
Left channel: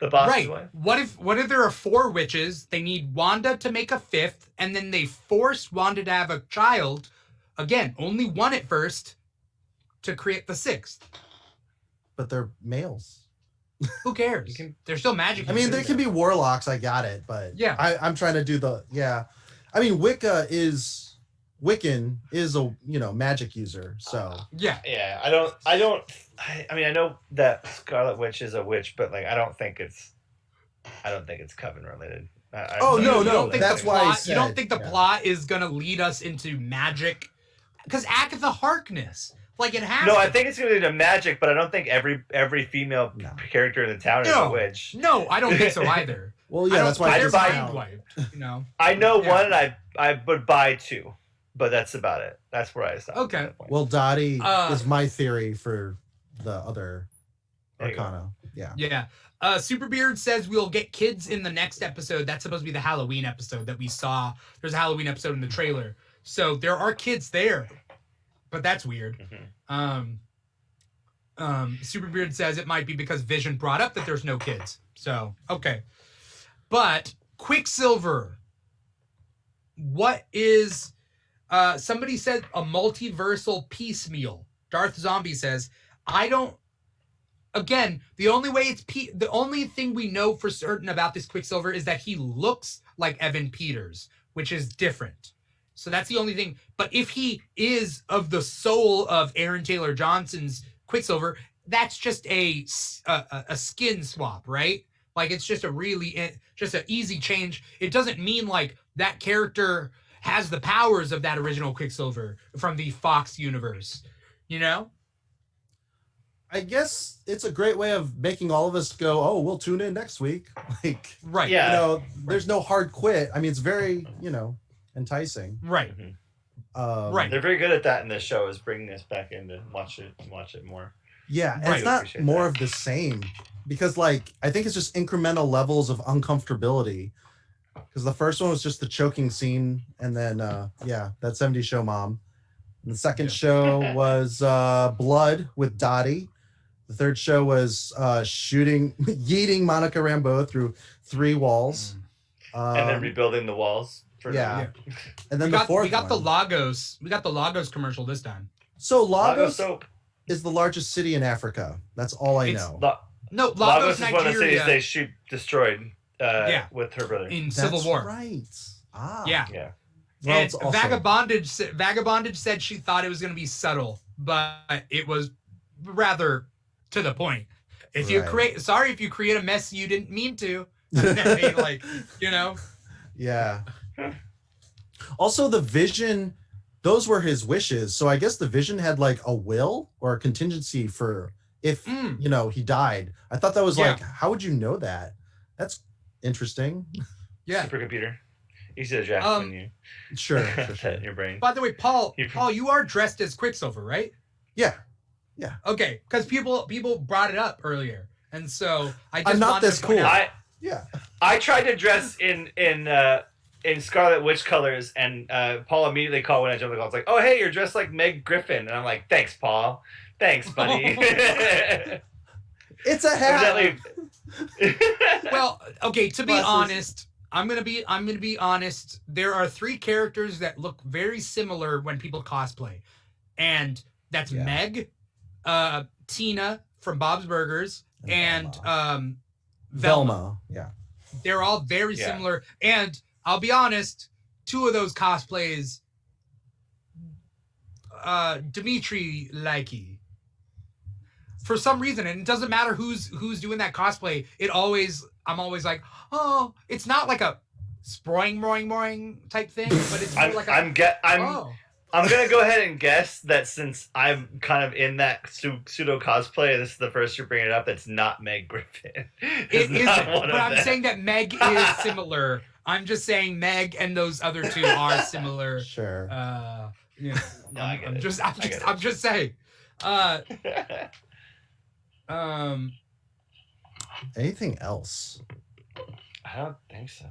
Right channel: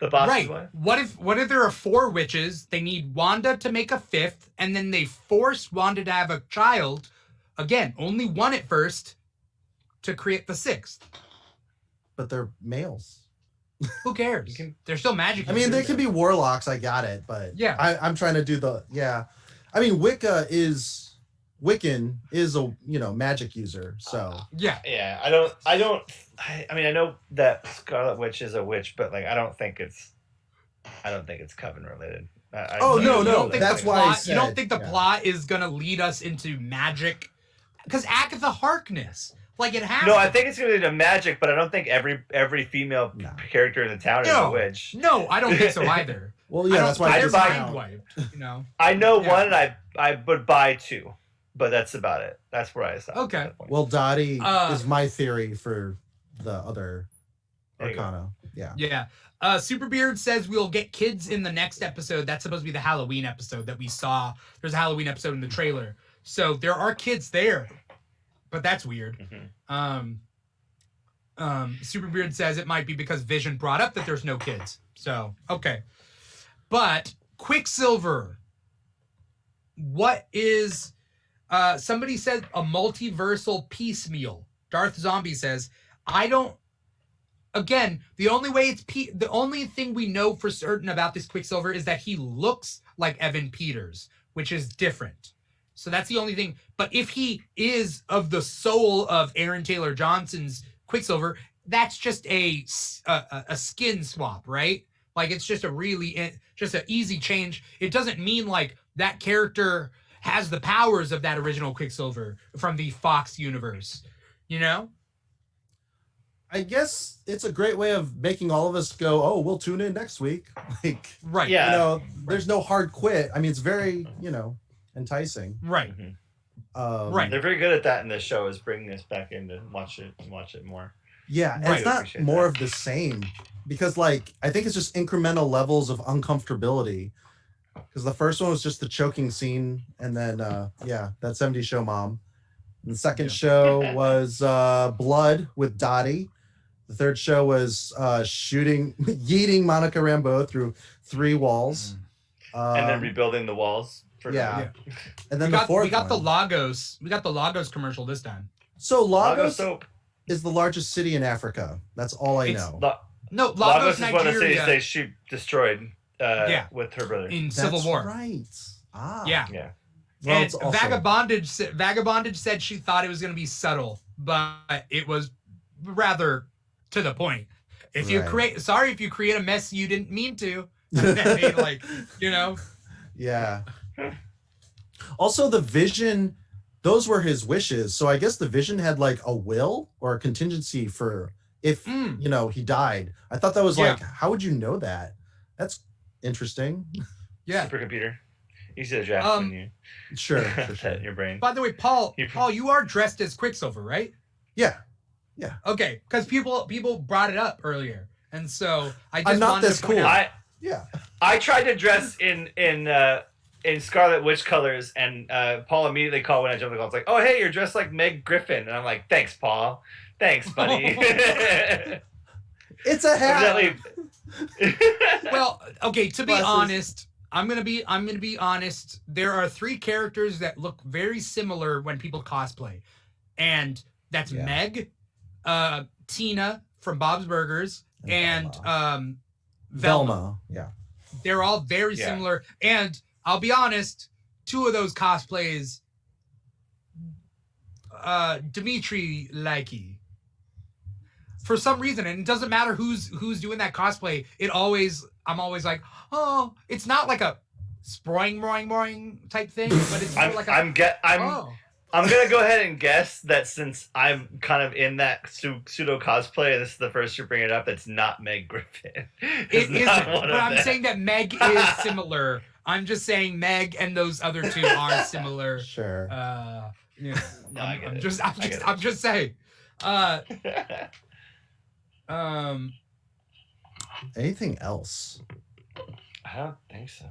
The boss's right. wife. What if there are 4 witches? They need Wanda to make a 5th, and then they force Wanda to have a child. Again, only 1 at first to create the 6th. But they're males. Who cares? They're still magic. I mean, they can be warlocks. I got it, but yeah, I'm trying to do the I mean, Wiccan is a magic user. So yeah. I mean, I know that Scarlet Witch is a witch, but like I don't think it's coven related. No. That's why I said, you don't think the plot is gonna lead us into magic? Because Agatha Harkness, like it has. No, I think it's gonna lead to magic, but I don't think every female character in the town is a witch. No, I don't think so either. Well, yeah, that's why they're mind wiped. I know one, and I would buy 2, but that's about it. That's where I stop. Okay. Well, Dottie is my theory for the other Arcana. Yeah. Yeah. Superbeard says we'll get kids in the next episode. That's supposed to be the Halloween episode that we saw. There's a Halloween episode in the trailer. So there are kids there, but that's weird. Superbeard says it might be because Vision brought up that there's no kids. So, okay. But Quicksilver, what is, somebody said a multiversal piecemeal. Darth Zombie says, again, the only thing we know for certain about this Quicksilver is that he looks like Evan Peters, which is different. So that's the only thing. But if he is of the soul of Aaron Taylor Johnson's Quicksilver, that's just a skin swap, right? Like it's just just an easy change. It doesn't mean like that character has the powers of that original Quicksilver from the Fox universe, I guess it's a great way of making all of us go, oh, we'll tune in next week. Like, right. Yeah. There's no hard quit. I mean, it's very, enticing. Right. Right. They're very good at that in this show, is bringing us back in to watch it more. Yeah. And it's not more of the same because, like, I think it's just incremental levels of uncomfortability. Because the first one was just the choking scene, and then that 70s show mom. And the second show was Blood with Dottie. The third show was yeeting Monica Rambeau through 3 walls. And then rebuilding the walls. And then we got the Lagos commercial this time. So Lagos soap is the largest city in Africa. That's all I know. No, Lagos is Nigeria. one of the cities she destroyed with her brother. In Civil War. Right. Ah. Yeah. Well, and Vagabondage said she thought it was going to be subtle, but it was rather to the point. If you create a mess you didn't mean to, Yeah. Also, the Vision, those were his wishes. So I guess the Vision had like a will or a contingency for if he died. I thought that was like, how would you know that? That's interesting. Yeah. Supercomputer. Easy to draft when you sure. in your brain. By the way, Paul, you are dressed as Quicksilver, right? Yeah. Okay, because people brought it up earlier, and so I just I'm not this cool. I tried to dress in Scarlet Witch colors, and Paul immediately called when I jumped the call. It's like, oh hey, you're dressed like Meg Griffin, and I'm like, thanks, Paul. Thanks, buddy. It's a hat. Well, okay. To be honest, I'm gonna be honest. There are 3 characters that look very similar when people cosplay, and that's Meg, Tina from Bob's Burgers, and Velma. Yeah. They're all very similar, and I'll be honest. 2 of those cosplays, Dimithri likey. For some reason, and it doesn't matter who's doing that cosplay. I'm always like, oh, it's not like a sproing type thing, but it's more like I'm gonna go ahead and guess that since I'm kind of in that pseudo cosplay, this is the first you're bringing it up. That's not Meg Griffin. It isn't, but I'm saying that Meg is similar. I'm just saying Meg and those other 2 are similar. Sure. I'm just saying. Anything else? I don't think so.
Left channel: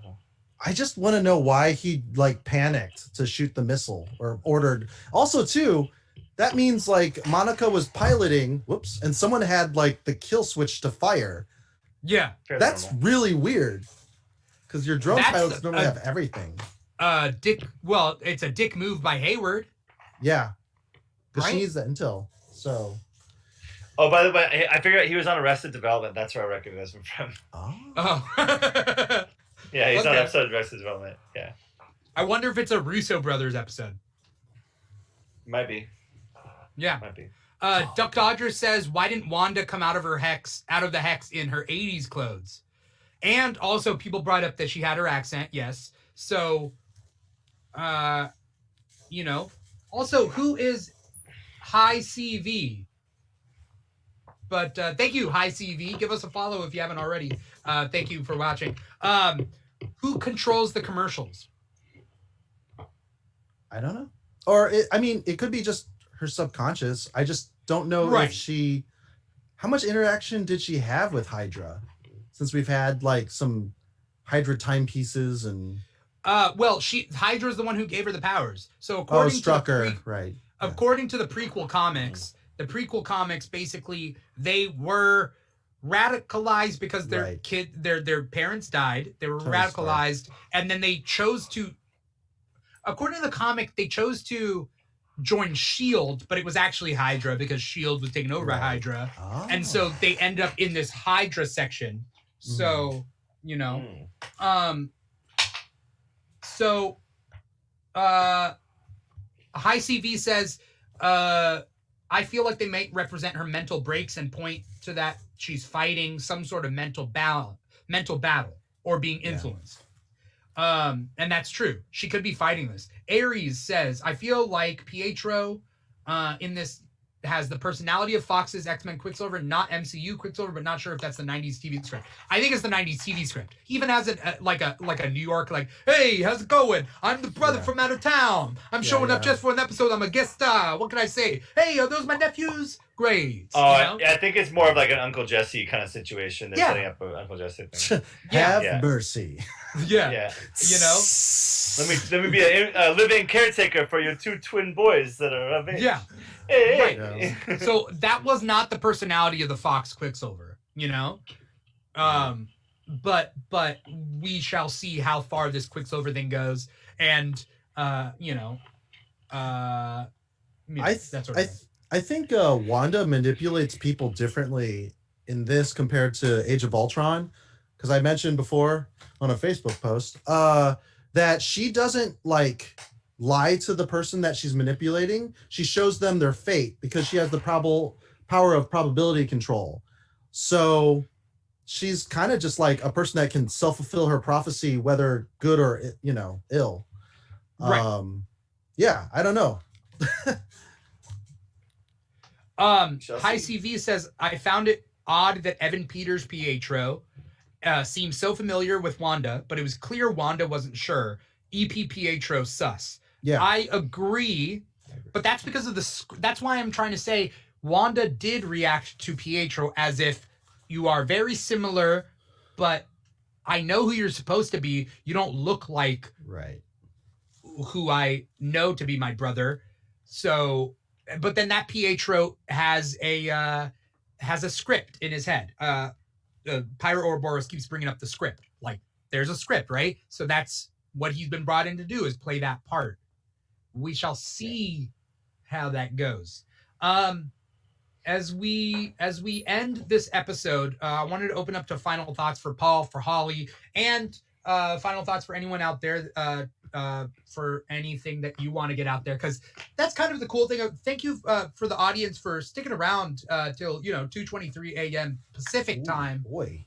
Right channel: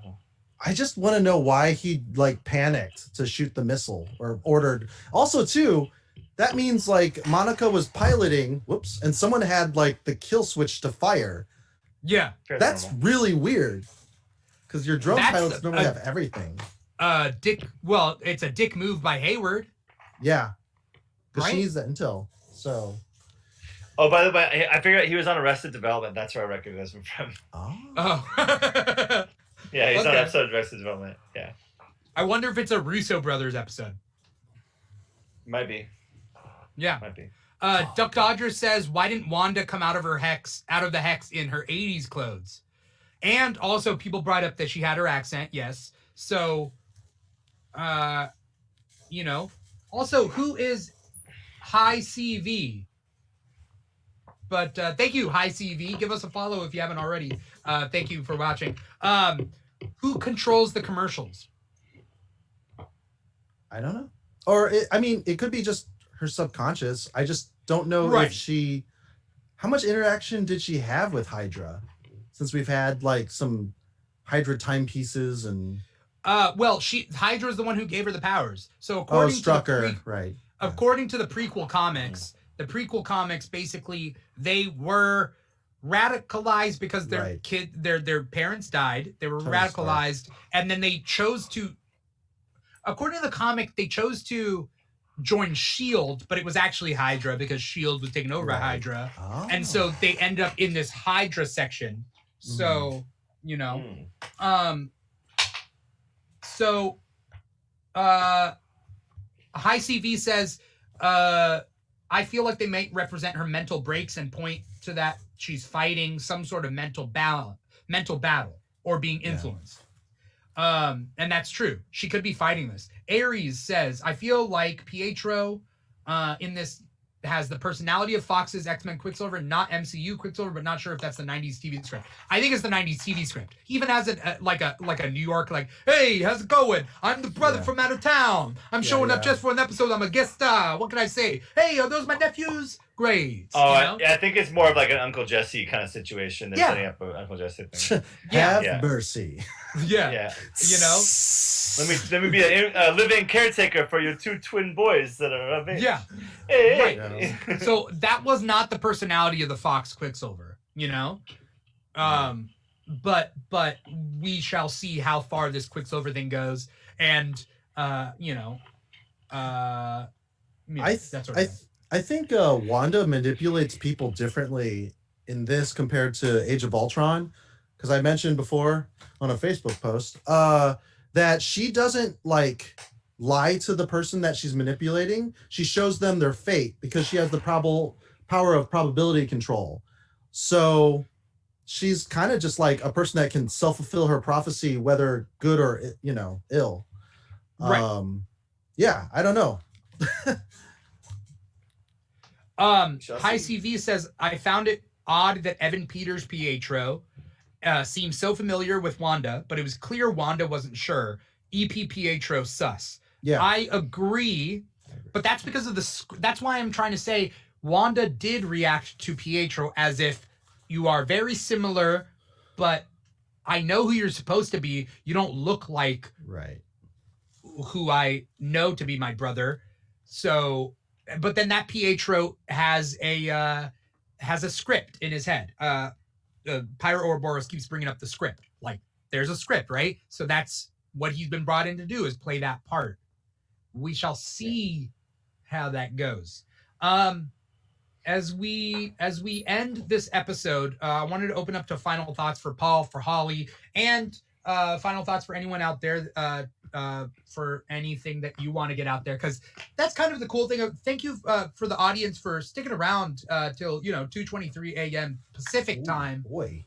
I just want to know why he like panicked to shoot the missile or ordered. Also, too, that means like Monica was piloting, and someone had like the kill switch to fire. Yeah, that's really weird because your drone pilots normally have everything. Well, it's a dick move by Hayward. Yeah, because she needs that intel. So. Oh, by the way, I figured out he was on Arrested Development. That's where I recognize him from. Oh. Yeah, he's on an episode of Arrested Development. Yeah. I wonder if it's a Russo brothers episode. Might be. Yeah. Might be. Duck Dodger says, why didn't Wanda come out of the hex in her 80s clothes? And also people brought up that she had her accent. Yes. So, also who is High CV? But thank you, High CV. Give us a follow if you haven't already. Thank you for watching. Who controls the commercials? I don't know. Or, it could be just her subconscious. I just don't know if she... How much interaction did she have with Hydra? Since we've had, like, some Hydra timepieces and... Hydra's the one who gave her the powers. So according Strucker, right. According to the prequel comics, basically they were radicalized because their parents died. They were radicalized, and then they chose to. According to the comic, they chose to join Shield, but it was actually Hydra because Shield was taken over by Hydra, and so they end up in this Hydra section. So High CV says, I feel like they may represent her mental breaks and point to that she's fighting some sort of mental battle or being influenced. And that's true. She could be fighting this. Aries says, I feel like Pietro in this has the personality of Fox's X-Men Quicksilver, not MCU Quicksilver, but not sure if that's the 90s TV script. I think it's the 90s TV script. He even has like a New York, like, hey, how's it going? I'm the brother from out of town. I'm showing up just for an episode. I'm a guest star. What can I say? Hey, are those my nephews? grades. Oh, you know? I think it's more of like an Uncle Jesse kind of situation than Yeah. setting up an Uncle Jesse thing. Have Yeah. mercy. Yeah. Yeah. You know? Let me be a living caretaker for your 2 twin boys that are of age. Yeah. Hey. Right. So that was not the personality of the Fox Quicksilver, you know? But we shall see how far this Quicksilver thing goes. And, you know, that sort of thing. I think Wanda manipulates people differently in this compared to Age of Ultron, because I mentioned before on a Facebook post that she doesn't like lie to the person that she's manipulating. She shows them their fate because she has the power of probability control. So she's kind of just like a person that can self-fulfill her prophecy, whether good or, you know, ill. Right. Yeah, I don't know. High CV says, I found it odd that Evan Peters' Pietro seemed so familiar with Wanda, but it was clear Wanda wasn't sure. EP Pietro sus. Yeah. I agree, but that's because of that's why I'm trying to say Wanda did react to Pietro as if you are very similar, but I know who you're supposed to be. You don't look like Right. who I know to be my brother. So, but then that Pietro has a script in his head. Pyro Ouroboros keeps bringing up the script. Like, there's a script, right? So that's what he's been brought in to do, is play that part. We shall see how that goes. As we end this episode, I wanted to open up to final thoughts for Paul, for Holly, and final thoughts for anyone out there, for anything that you want to get out there, because that's kind of the cool thing. Thank you for the audience for sticking around till 2:23 a.m. Pacific time. Boy.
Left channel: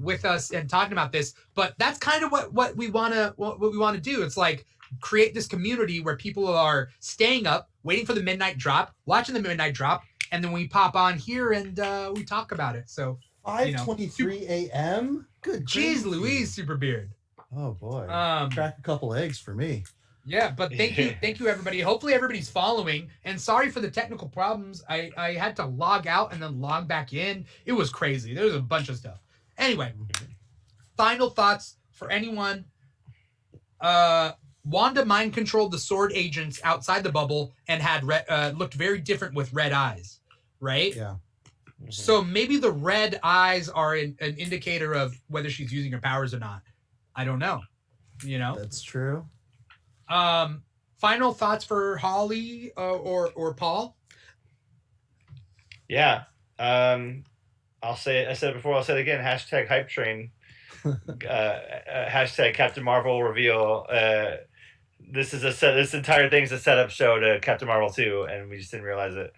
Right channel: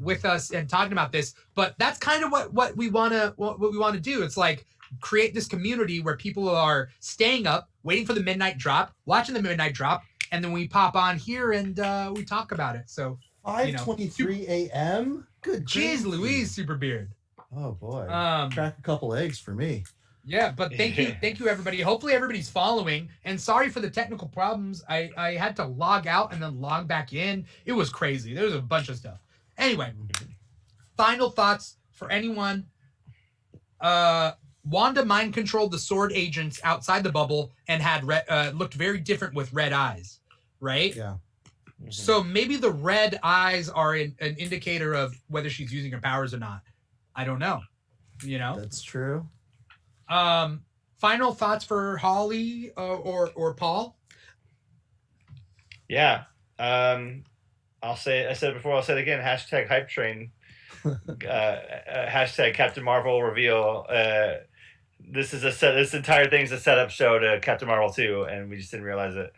With us and talking about this. But that's kind of what we want to do. It's like create this community where people are staying up, waiting for the midnight drop, watching the midnight drop, and then we pop on here and we talk about it. So 5:23 a.m. Good. Jeez Louise, Super Beard. Oh boy. Crack a couple eggs for me. Yeah, but thank you everybody. Hopefully everybody's following. And sorry for the technical problems. I had to log out and then log back in. It was crazy. There was a bunch of stuff. Anyway, final thoughts for anyone. Wanda mind controlled the sword agents outside the bubble and had looked very different with red eyes, right? Yeah. So maybe the red eyes are an indicator of whether she's using her powers or not. I don't know. That's true. Final thoughts for Holly or Paul? Yeah. I said it before, I'll say it again. Hashtag hype train. Hashtag Captain Marvel reveal. This entire thing's a setup show to Captain Marvel 2, and we just didn't realize it.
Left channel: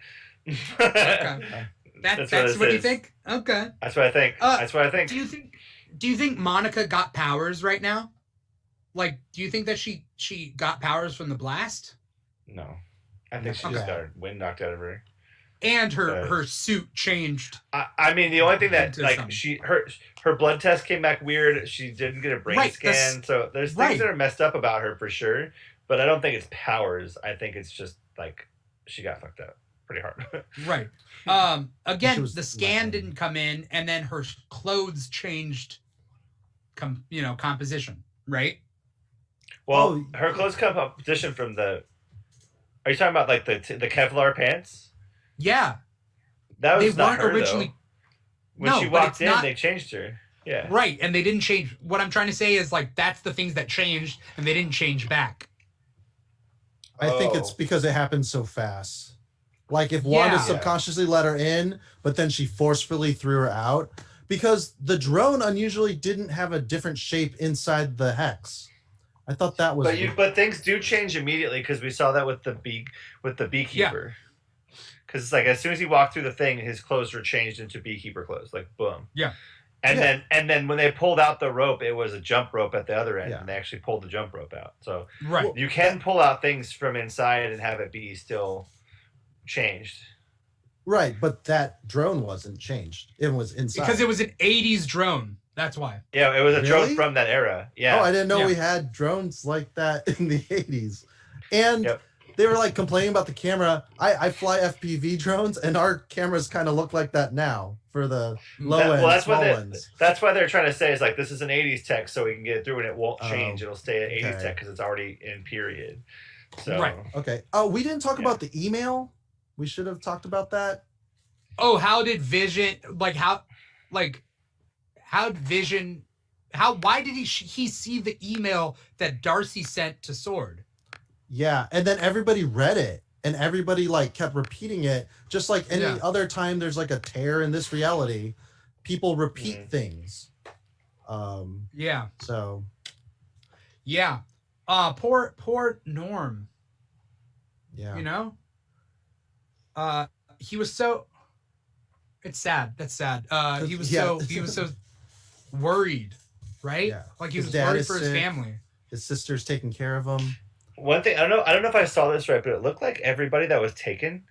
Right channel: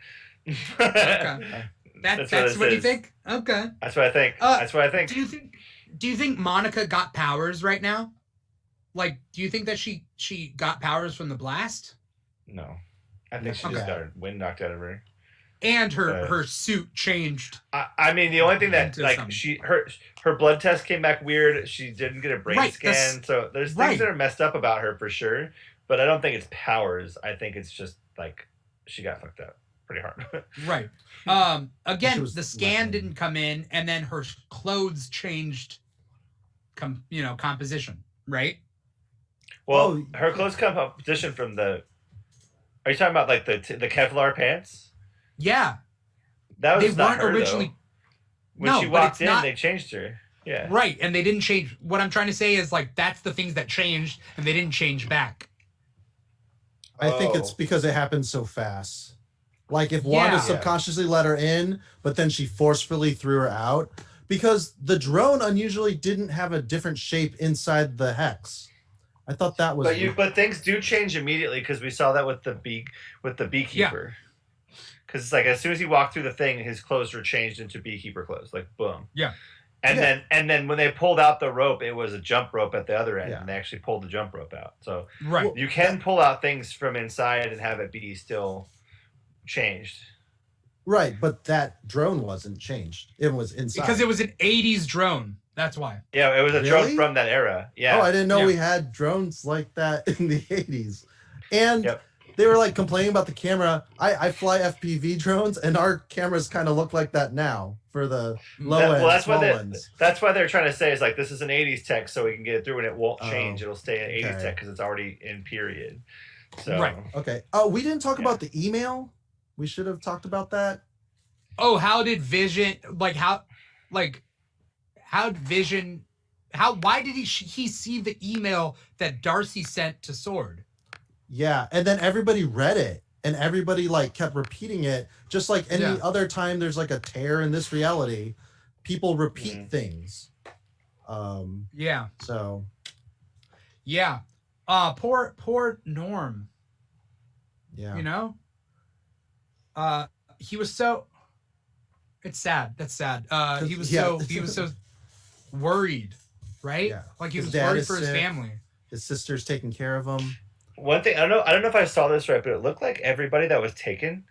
Okay. That's what you think? Okay. That's what I think. That's what I think. Do you think Monica got powers right now? Like, do you think that she got powers from the blast? No. I think she just got her wind knocked out of her. And her suit changed. I mean, the only thing that her blood test came back weird. She didn't get a brain scan, so there's things that are messed up about her for sure. But I don't think it's powers. I think it's just like she got fucked up pretty hard. Right. Again, the scan didn't come in, and then her clothes changed. Composition, right? Well, her clothes composition from the. Are you talking about like the Kevlar pants? Yeah. That was not her, originally. Though. When she walked in, they changed her. Yeah. Right, and they didn't change. What I'm trying to say is like that's the things that changed, and they didn't change back. I think it's because it happened so fast. Like if Wanda subconsciously let her in, but then she forcefully threw her out, because the drone unusually didn't have a different shape inside the hex. I thought that was. But things do change immediately, because we saw that with the beekeeper. Because it's like as soon as he walked through the thing, his clothes were changed into beekeeper clothes. Like boom. Yeah. And then when they pulled out the rope, it was a jump rope at the other end, and they actually pulled the jump rope out. So you can pull out things from inside and have it be still changed. Right, but that drone wasn't changed. It was inside. Because it was an 80s drone. That's why. Yeah, it was a drone from that era. Yeah. Oh, I didn't know we had drones like that in the 80s. And they were like complaining about the camera. I fly FPV drones, and our cameras kind of look like that now for the low end, Well, small ones. that's why they're trying to say is like this is an 80s tech, so we can get it through and it won't change. Oh, It'll stay at 80s okay. tech because it's already in period. So Right. Okay. Oh, we didn't talk about the email. We should have talked about that. Oh, how did Vision why did he see the email that Darcy sent to Sword? Yeah, and then everybody read it, and everybody like kept repeating it, just like any other time there's like a tear in this reality, people repeat things. Yeah. So. Yeah. Poor Norm. Yeah. You know? He was so. It's sad. That's sad. He was so worried, right? Yeah. Like he His was dad worried is for his sick. family. His sister's taking care of him. one thing I don't know if I saw this right, but it looked like everybody that was taken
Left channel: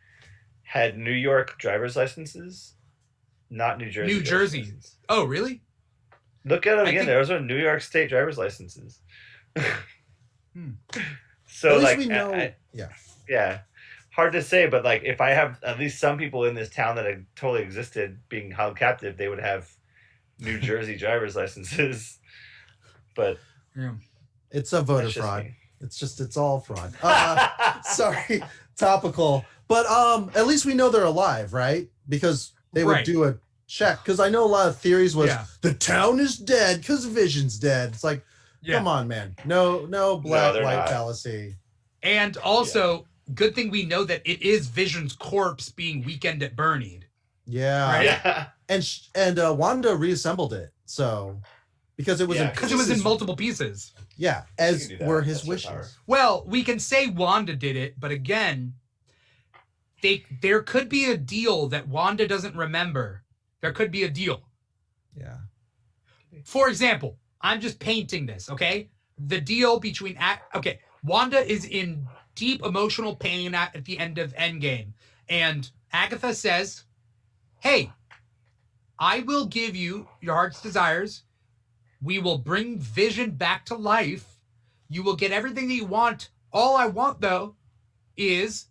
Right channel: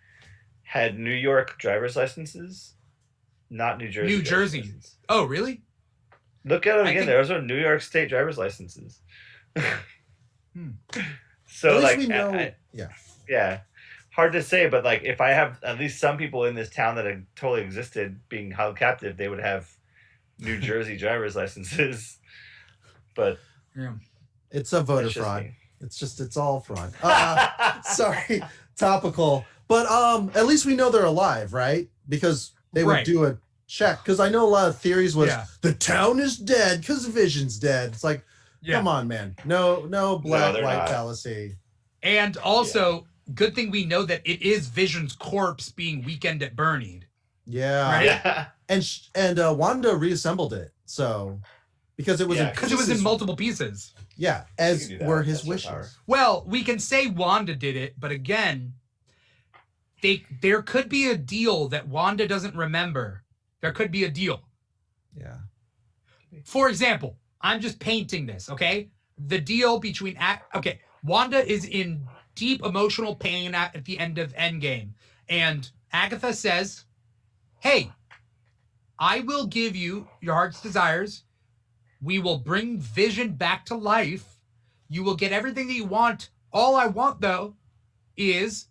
had New York driver's licenses, not New Jersey. New Jersey. Oh, really? Look at them again. Those are New York State driver's licenses. So at least like, we know, yeah, hard to say, but like if I have at least some people in this town that had totally existed being held captive, they would have New Jersey driver's licenses. But it's a voter fraud. It's all fraud. Sorry, topical. But at least we know they're alive, right? Because they would do a check. Because I know a lot of theories was the town is dead because Vision's dead. It's like, come on, man. No black-white fallacy. And also, good thing we know that it is Vision's corpse being Weekend at Bernie'd. Yeah. Right? Yeah. And Wanda reassembled it. So because it was in multiple pieces. Yeah, as were his wishes. Well, we can say Wanda did it, but again, there could be a deal that Wanda doesn't remember. There could be a deal. Yeah. For example, I'm just painting this, okay? The deal between Wanda is in deep emotional pain at the end of Endgame, and Agatha says, "Hey, I will give you your heart's desires. We will bring Vision back to life. You will get everything that you want. All I want, though, is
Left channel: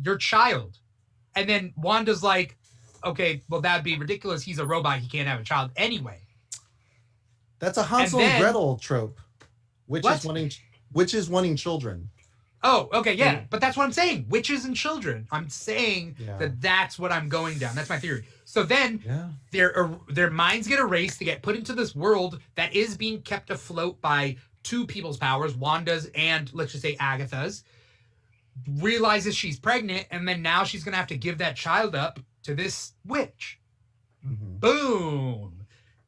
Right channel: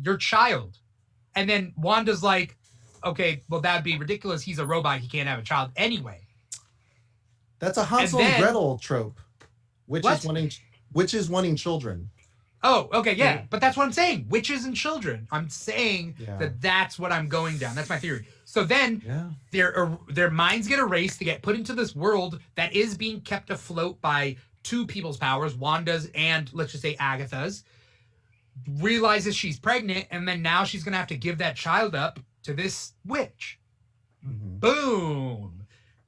your child." And then Wanda's like, okay, well, that'd be ridiculous. He's a robot. He can't have a child anyway. That's a Hansel and Gretel trope. Witches wanting children. Oh, okay, yeah. But that's what I'm saying. Witches and children. I'm saying that's what I'm going down. That's my theory. So then their minds get erased. They get put into this world that is being kept afloat by two people's powers, Wanda's and, let's just say, Agatha's. Realizes she's pregnant, and then now she's going to have to give that child up to this witch. Mm-hmm. Boom.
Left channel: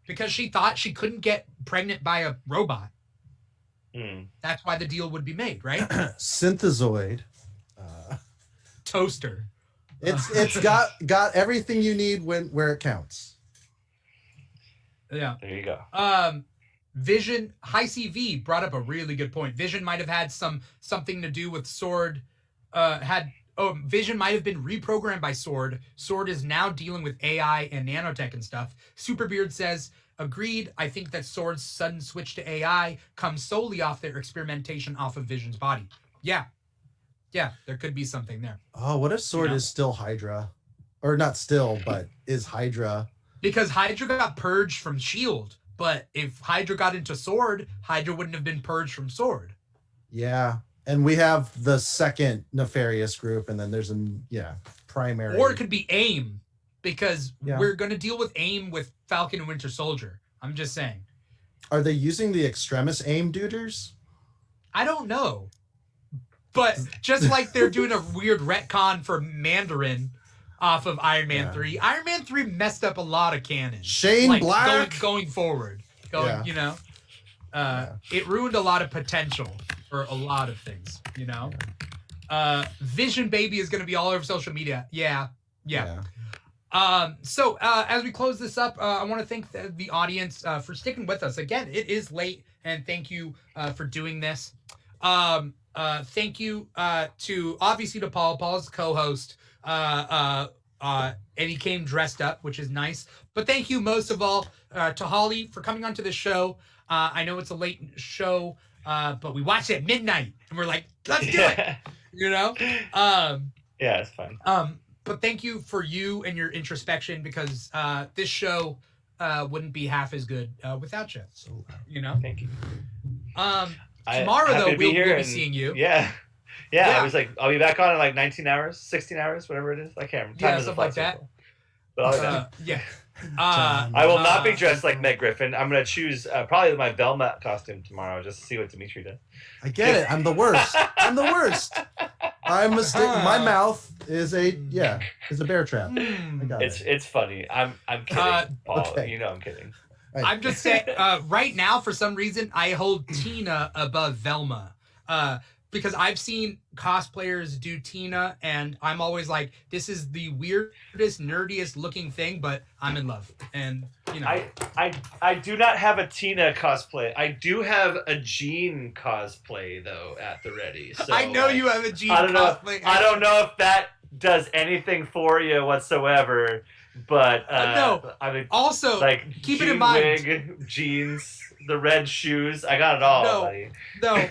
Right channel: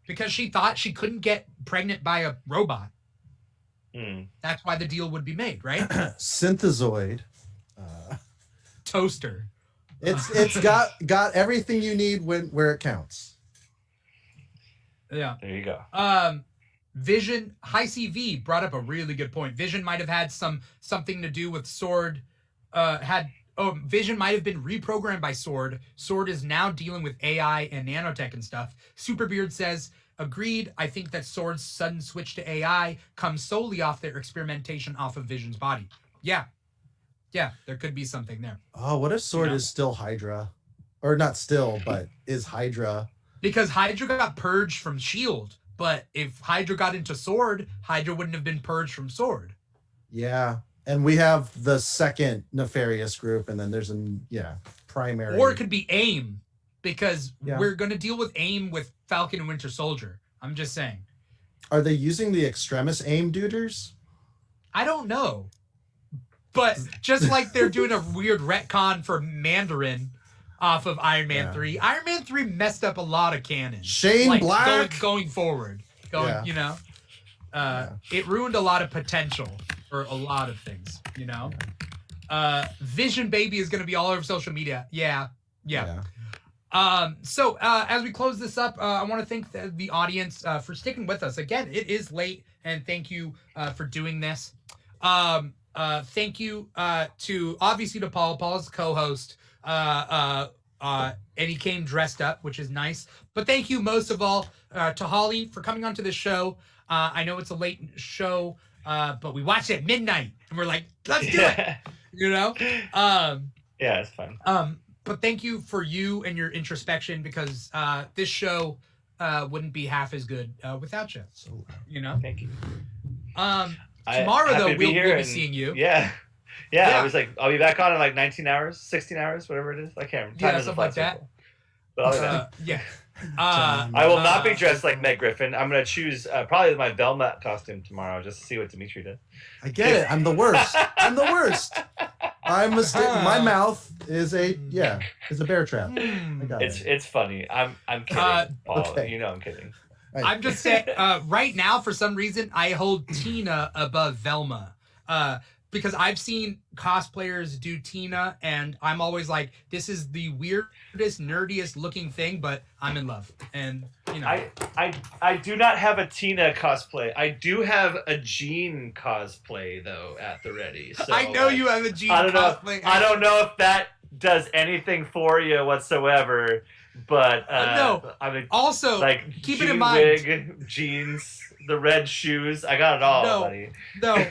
Because she thought she couldn't get pregnant by a robot. That's why the deal would be made, right? Synthezoid. Toaster. It's got everything you need where it counts. Yeah. There you go. Vision, High CV brought up a really good point. Vision might have had something to do with Sword. Vision might have been reprogrammed by Sword. Sword is now dealing with AI and nanotech and stuff. Superbeard says, agreed. I think that Sword's sudden switch to AI comes solely off their experimentation off of Vision's body. Yeah. Yeah, there could be something there. Oh, what if Sword is still Hydra? Or not still, but is Hydra? Because Hydra got purged from S.H.I.E.L.D., but if Hydra got into Sword, Hydra wouldn't have been purged from Sword. Yeah. And we have the second nefarious group, and then there's primary. Or it could be AIM, because we're going to deal with AIM with Falcon and Winter Soldier. I'm just saying. Are they using the Extremis AIM duders? I don't know. But just like they're doing a weird retcon for Mandarin off of Iron Man 3. Iron Man 3 messed up a lot of canon. Shane Black? Going forward. It ruined a lot of potential for a lot of things, you know? Vision Baby is going to be all over social media. Yeah. So as we close this up, I want to thank the audience for sticking with us. Again, it is late, and thank you for doing this. Thank you to Paul. Paul's co-host. And he came dressed up, which is nice. But thank you most of all to Holly for coming onto this show. I know it's a late show, but we watched it at midnight, and we're like, let's do it. You know? Yeah, it's fun. But thank you for you and your introspection, because this show wouldn't be half as good without you. You know? Thank you. Tomorrow, though, we'll be seeing you. Yeah. I was like, I'll be back on in like 19 hours, 16 hours, whatever it is. I can't remember. Yeah, something like that. But I'll be back. Yeah. I will not be dressed like Meg Griffin. I'm going to choose probably my Velma costume tomorrow just to see what Dimithri does. I get it. I'm the worst. I'm my mouth is a bear trap. I got it. It's funny. I'm kidding. Paul, okay. You know I'm kidding. Right. I'm just saying, right now, for some reason, I hold Tina above Velma. Because I've seen cosplayers do Tina, and I'm always like, this is the weirdest, nerdiest looking thing, but I'm in love. And, you know. I do not have a Tina cosplay. I do have a Jean cosplay, though, at the ready. So, I know you have a Jean cosplay. I don't know if that does anything for you whatsoever, but no. I mean, also, like, keep it in mind. Wig, jeans, the red shoes. I got it all, buddy. No.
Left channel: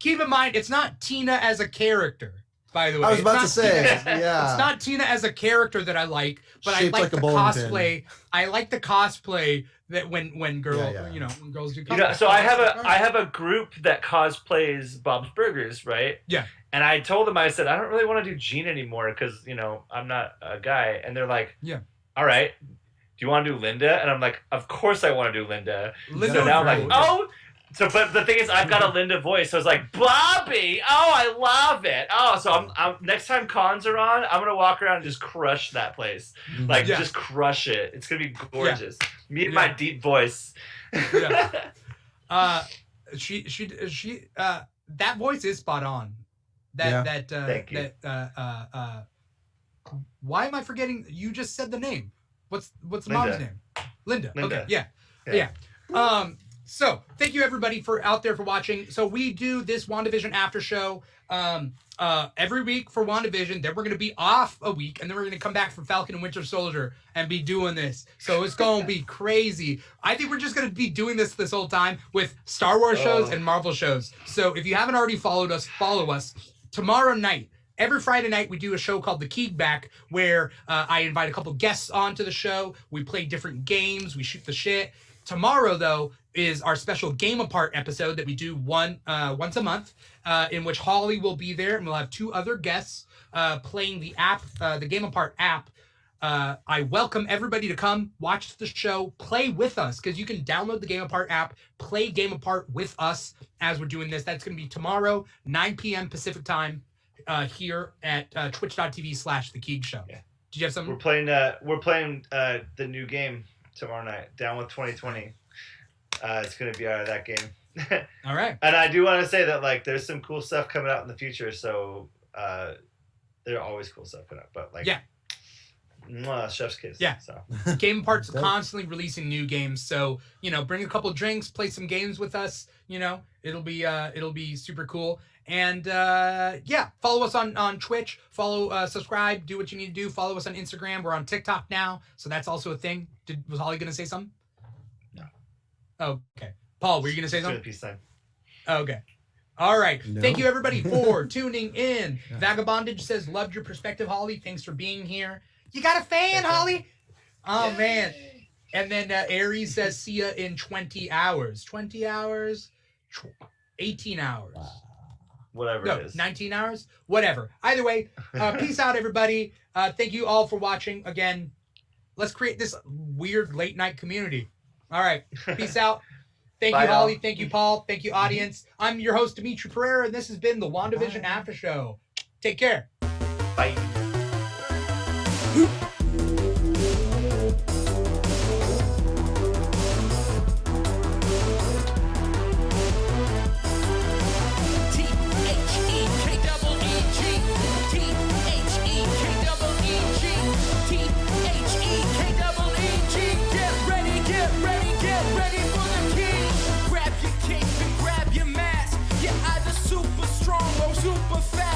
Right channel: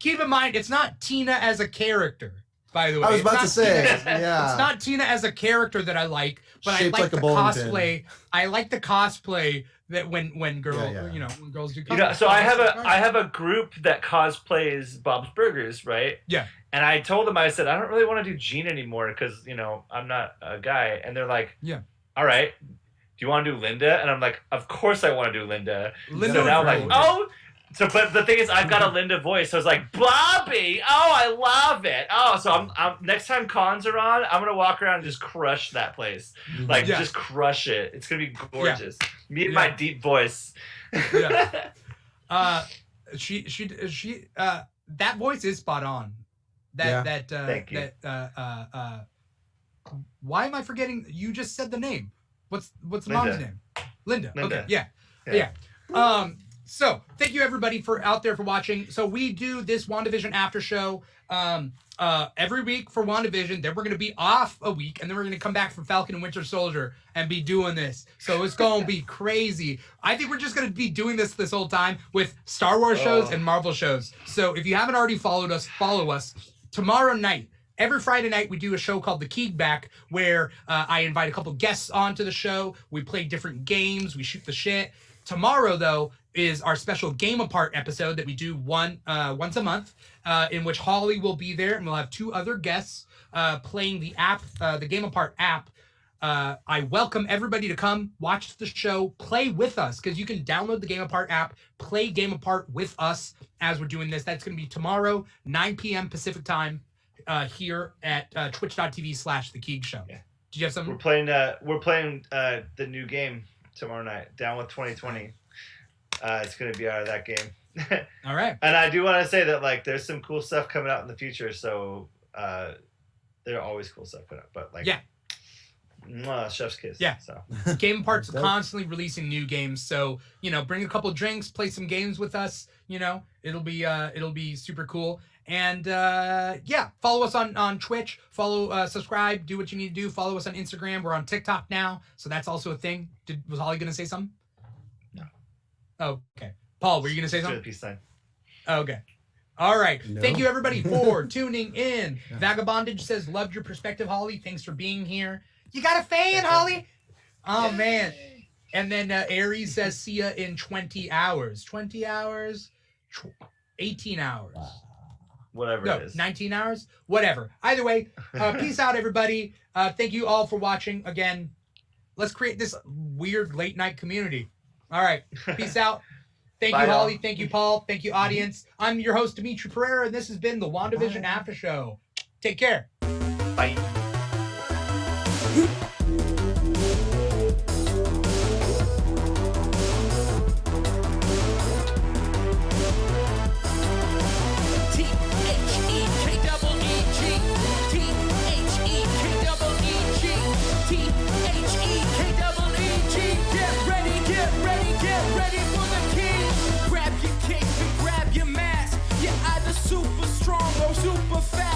Keep in mind, it's not Tina as a character, by the way. I was about to say, yeah. It's not Tina as a character that I like, but Shaped I like like the a bowling cosplay. pin. I like the cosplay that when girls, Yeah. when girls do cosplay. You know, so I have a group that cosplays Bob's Burgers, right? Yeah. And I told them, I said, I don't really want to do Jean anymore because, I'm not a guy. And they're like, yeah. All right. Do you want to do Linda? And I'm like, of course I want to do Linda. So now I'm like, cool. oh. So, but the thing is, I've got a Linda voice. So I was like, Bobby. Oh, I love it. Oh, so I'm next time cons are on, I'm going to walk around and just crush that place. Like, just crush it. It's going to be gorgeous. Me and my deep voice. Yeah. She that voice is spot on. Thank you. Why am I forgetting? You just said the name. What's the mom's name? Linda. Okay. Yeah. So thank you everybody for watching. So we do this WandaVision after show every week for WandaVision. Then we're gonna be off a week, and then we're gonna come back for Falcon and Winter Soldier and be doing this. So it's gonna be crazy. I think we're just gonna be doing this whole time with Star Wars shows and Marvel shows. So if you haven't already followed us, follow us. Tomorrow night, every Friday night, we do a show called The Kickback, where I invite a couple guests onto the show. We play different games. We shoot the shit. Tomorrow, though, is our special Game Apart episode that we do once a month, in which Holly will be there, and we'll have two other guests playing the app, the Game Apart app. I welcome everybody to come watch the show, play with us, because you can download the Game Apart app, play Game Apart with us as we're doing this. That's going to be tomorrow, 9 p.m. Pacific time, here at twitch.tv/The Keeg Show. Yeah. Did you have something? We're playing the new game tomorrow night, Down with 2020. It's going to be out of that game. All right. And I do want to say that, like, there's some cool stuff coming out in the future. So there are always cool stuff coming out. But, like, chef's kiss. Yeah. So Game Apart's constantly releasing new games. So, bring a couple drinks, play some games with us. It'll be super cool. And follow us on Twitch. Subscribe, do what you need to do. Follow us on Instagram. We're on TikTok now, so that's also a thing. Was Holly gonna say something? No. Oh, okay. Paul, were you gonna say something? Peace sign. Okay. All right. No. Thank you everybody for tuning in. Vagabondage says, loved your perspective, Holly. Thanks for being here. You got a fan, Holly? Oh man. And then Aries says, see ya in 20 hours. 20 hours? 18 hours. Wow. Whatever it is. 19 hours? Whatever. Either way, peace out, everybody. Thank you all for watching. Again, let's create this weird late night community. All right. Peace out. Thank you, Holly. All. Thank you, Paul. Thank you, audience. I'm your host, Dimithri Perera, and this has been the WandaVision After Show. Take care. Bye. Super strong or super fast.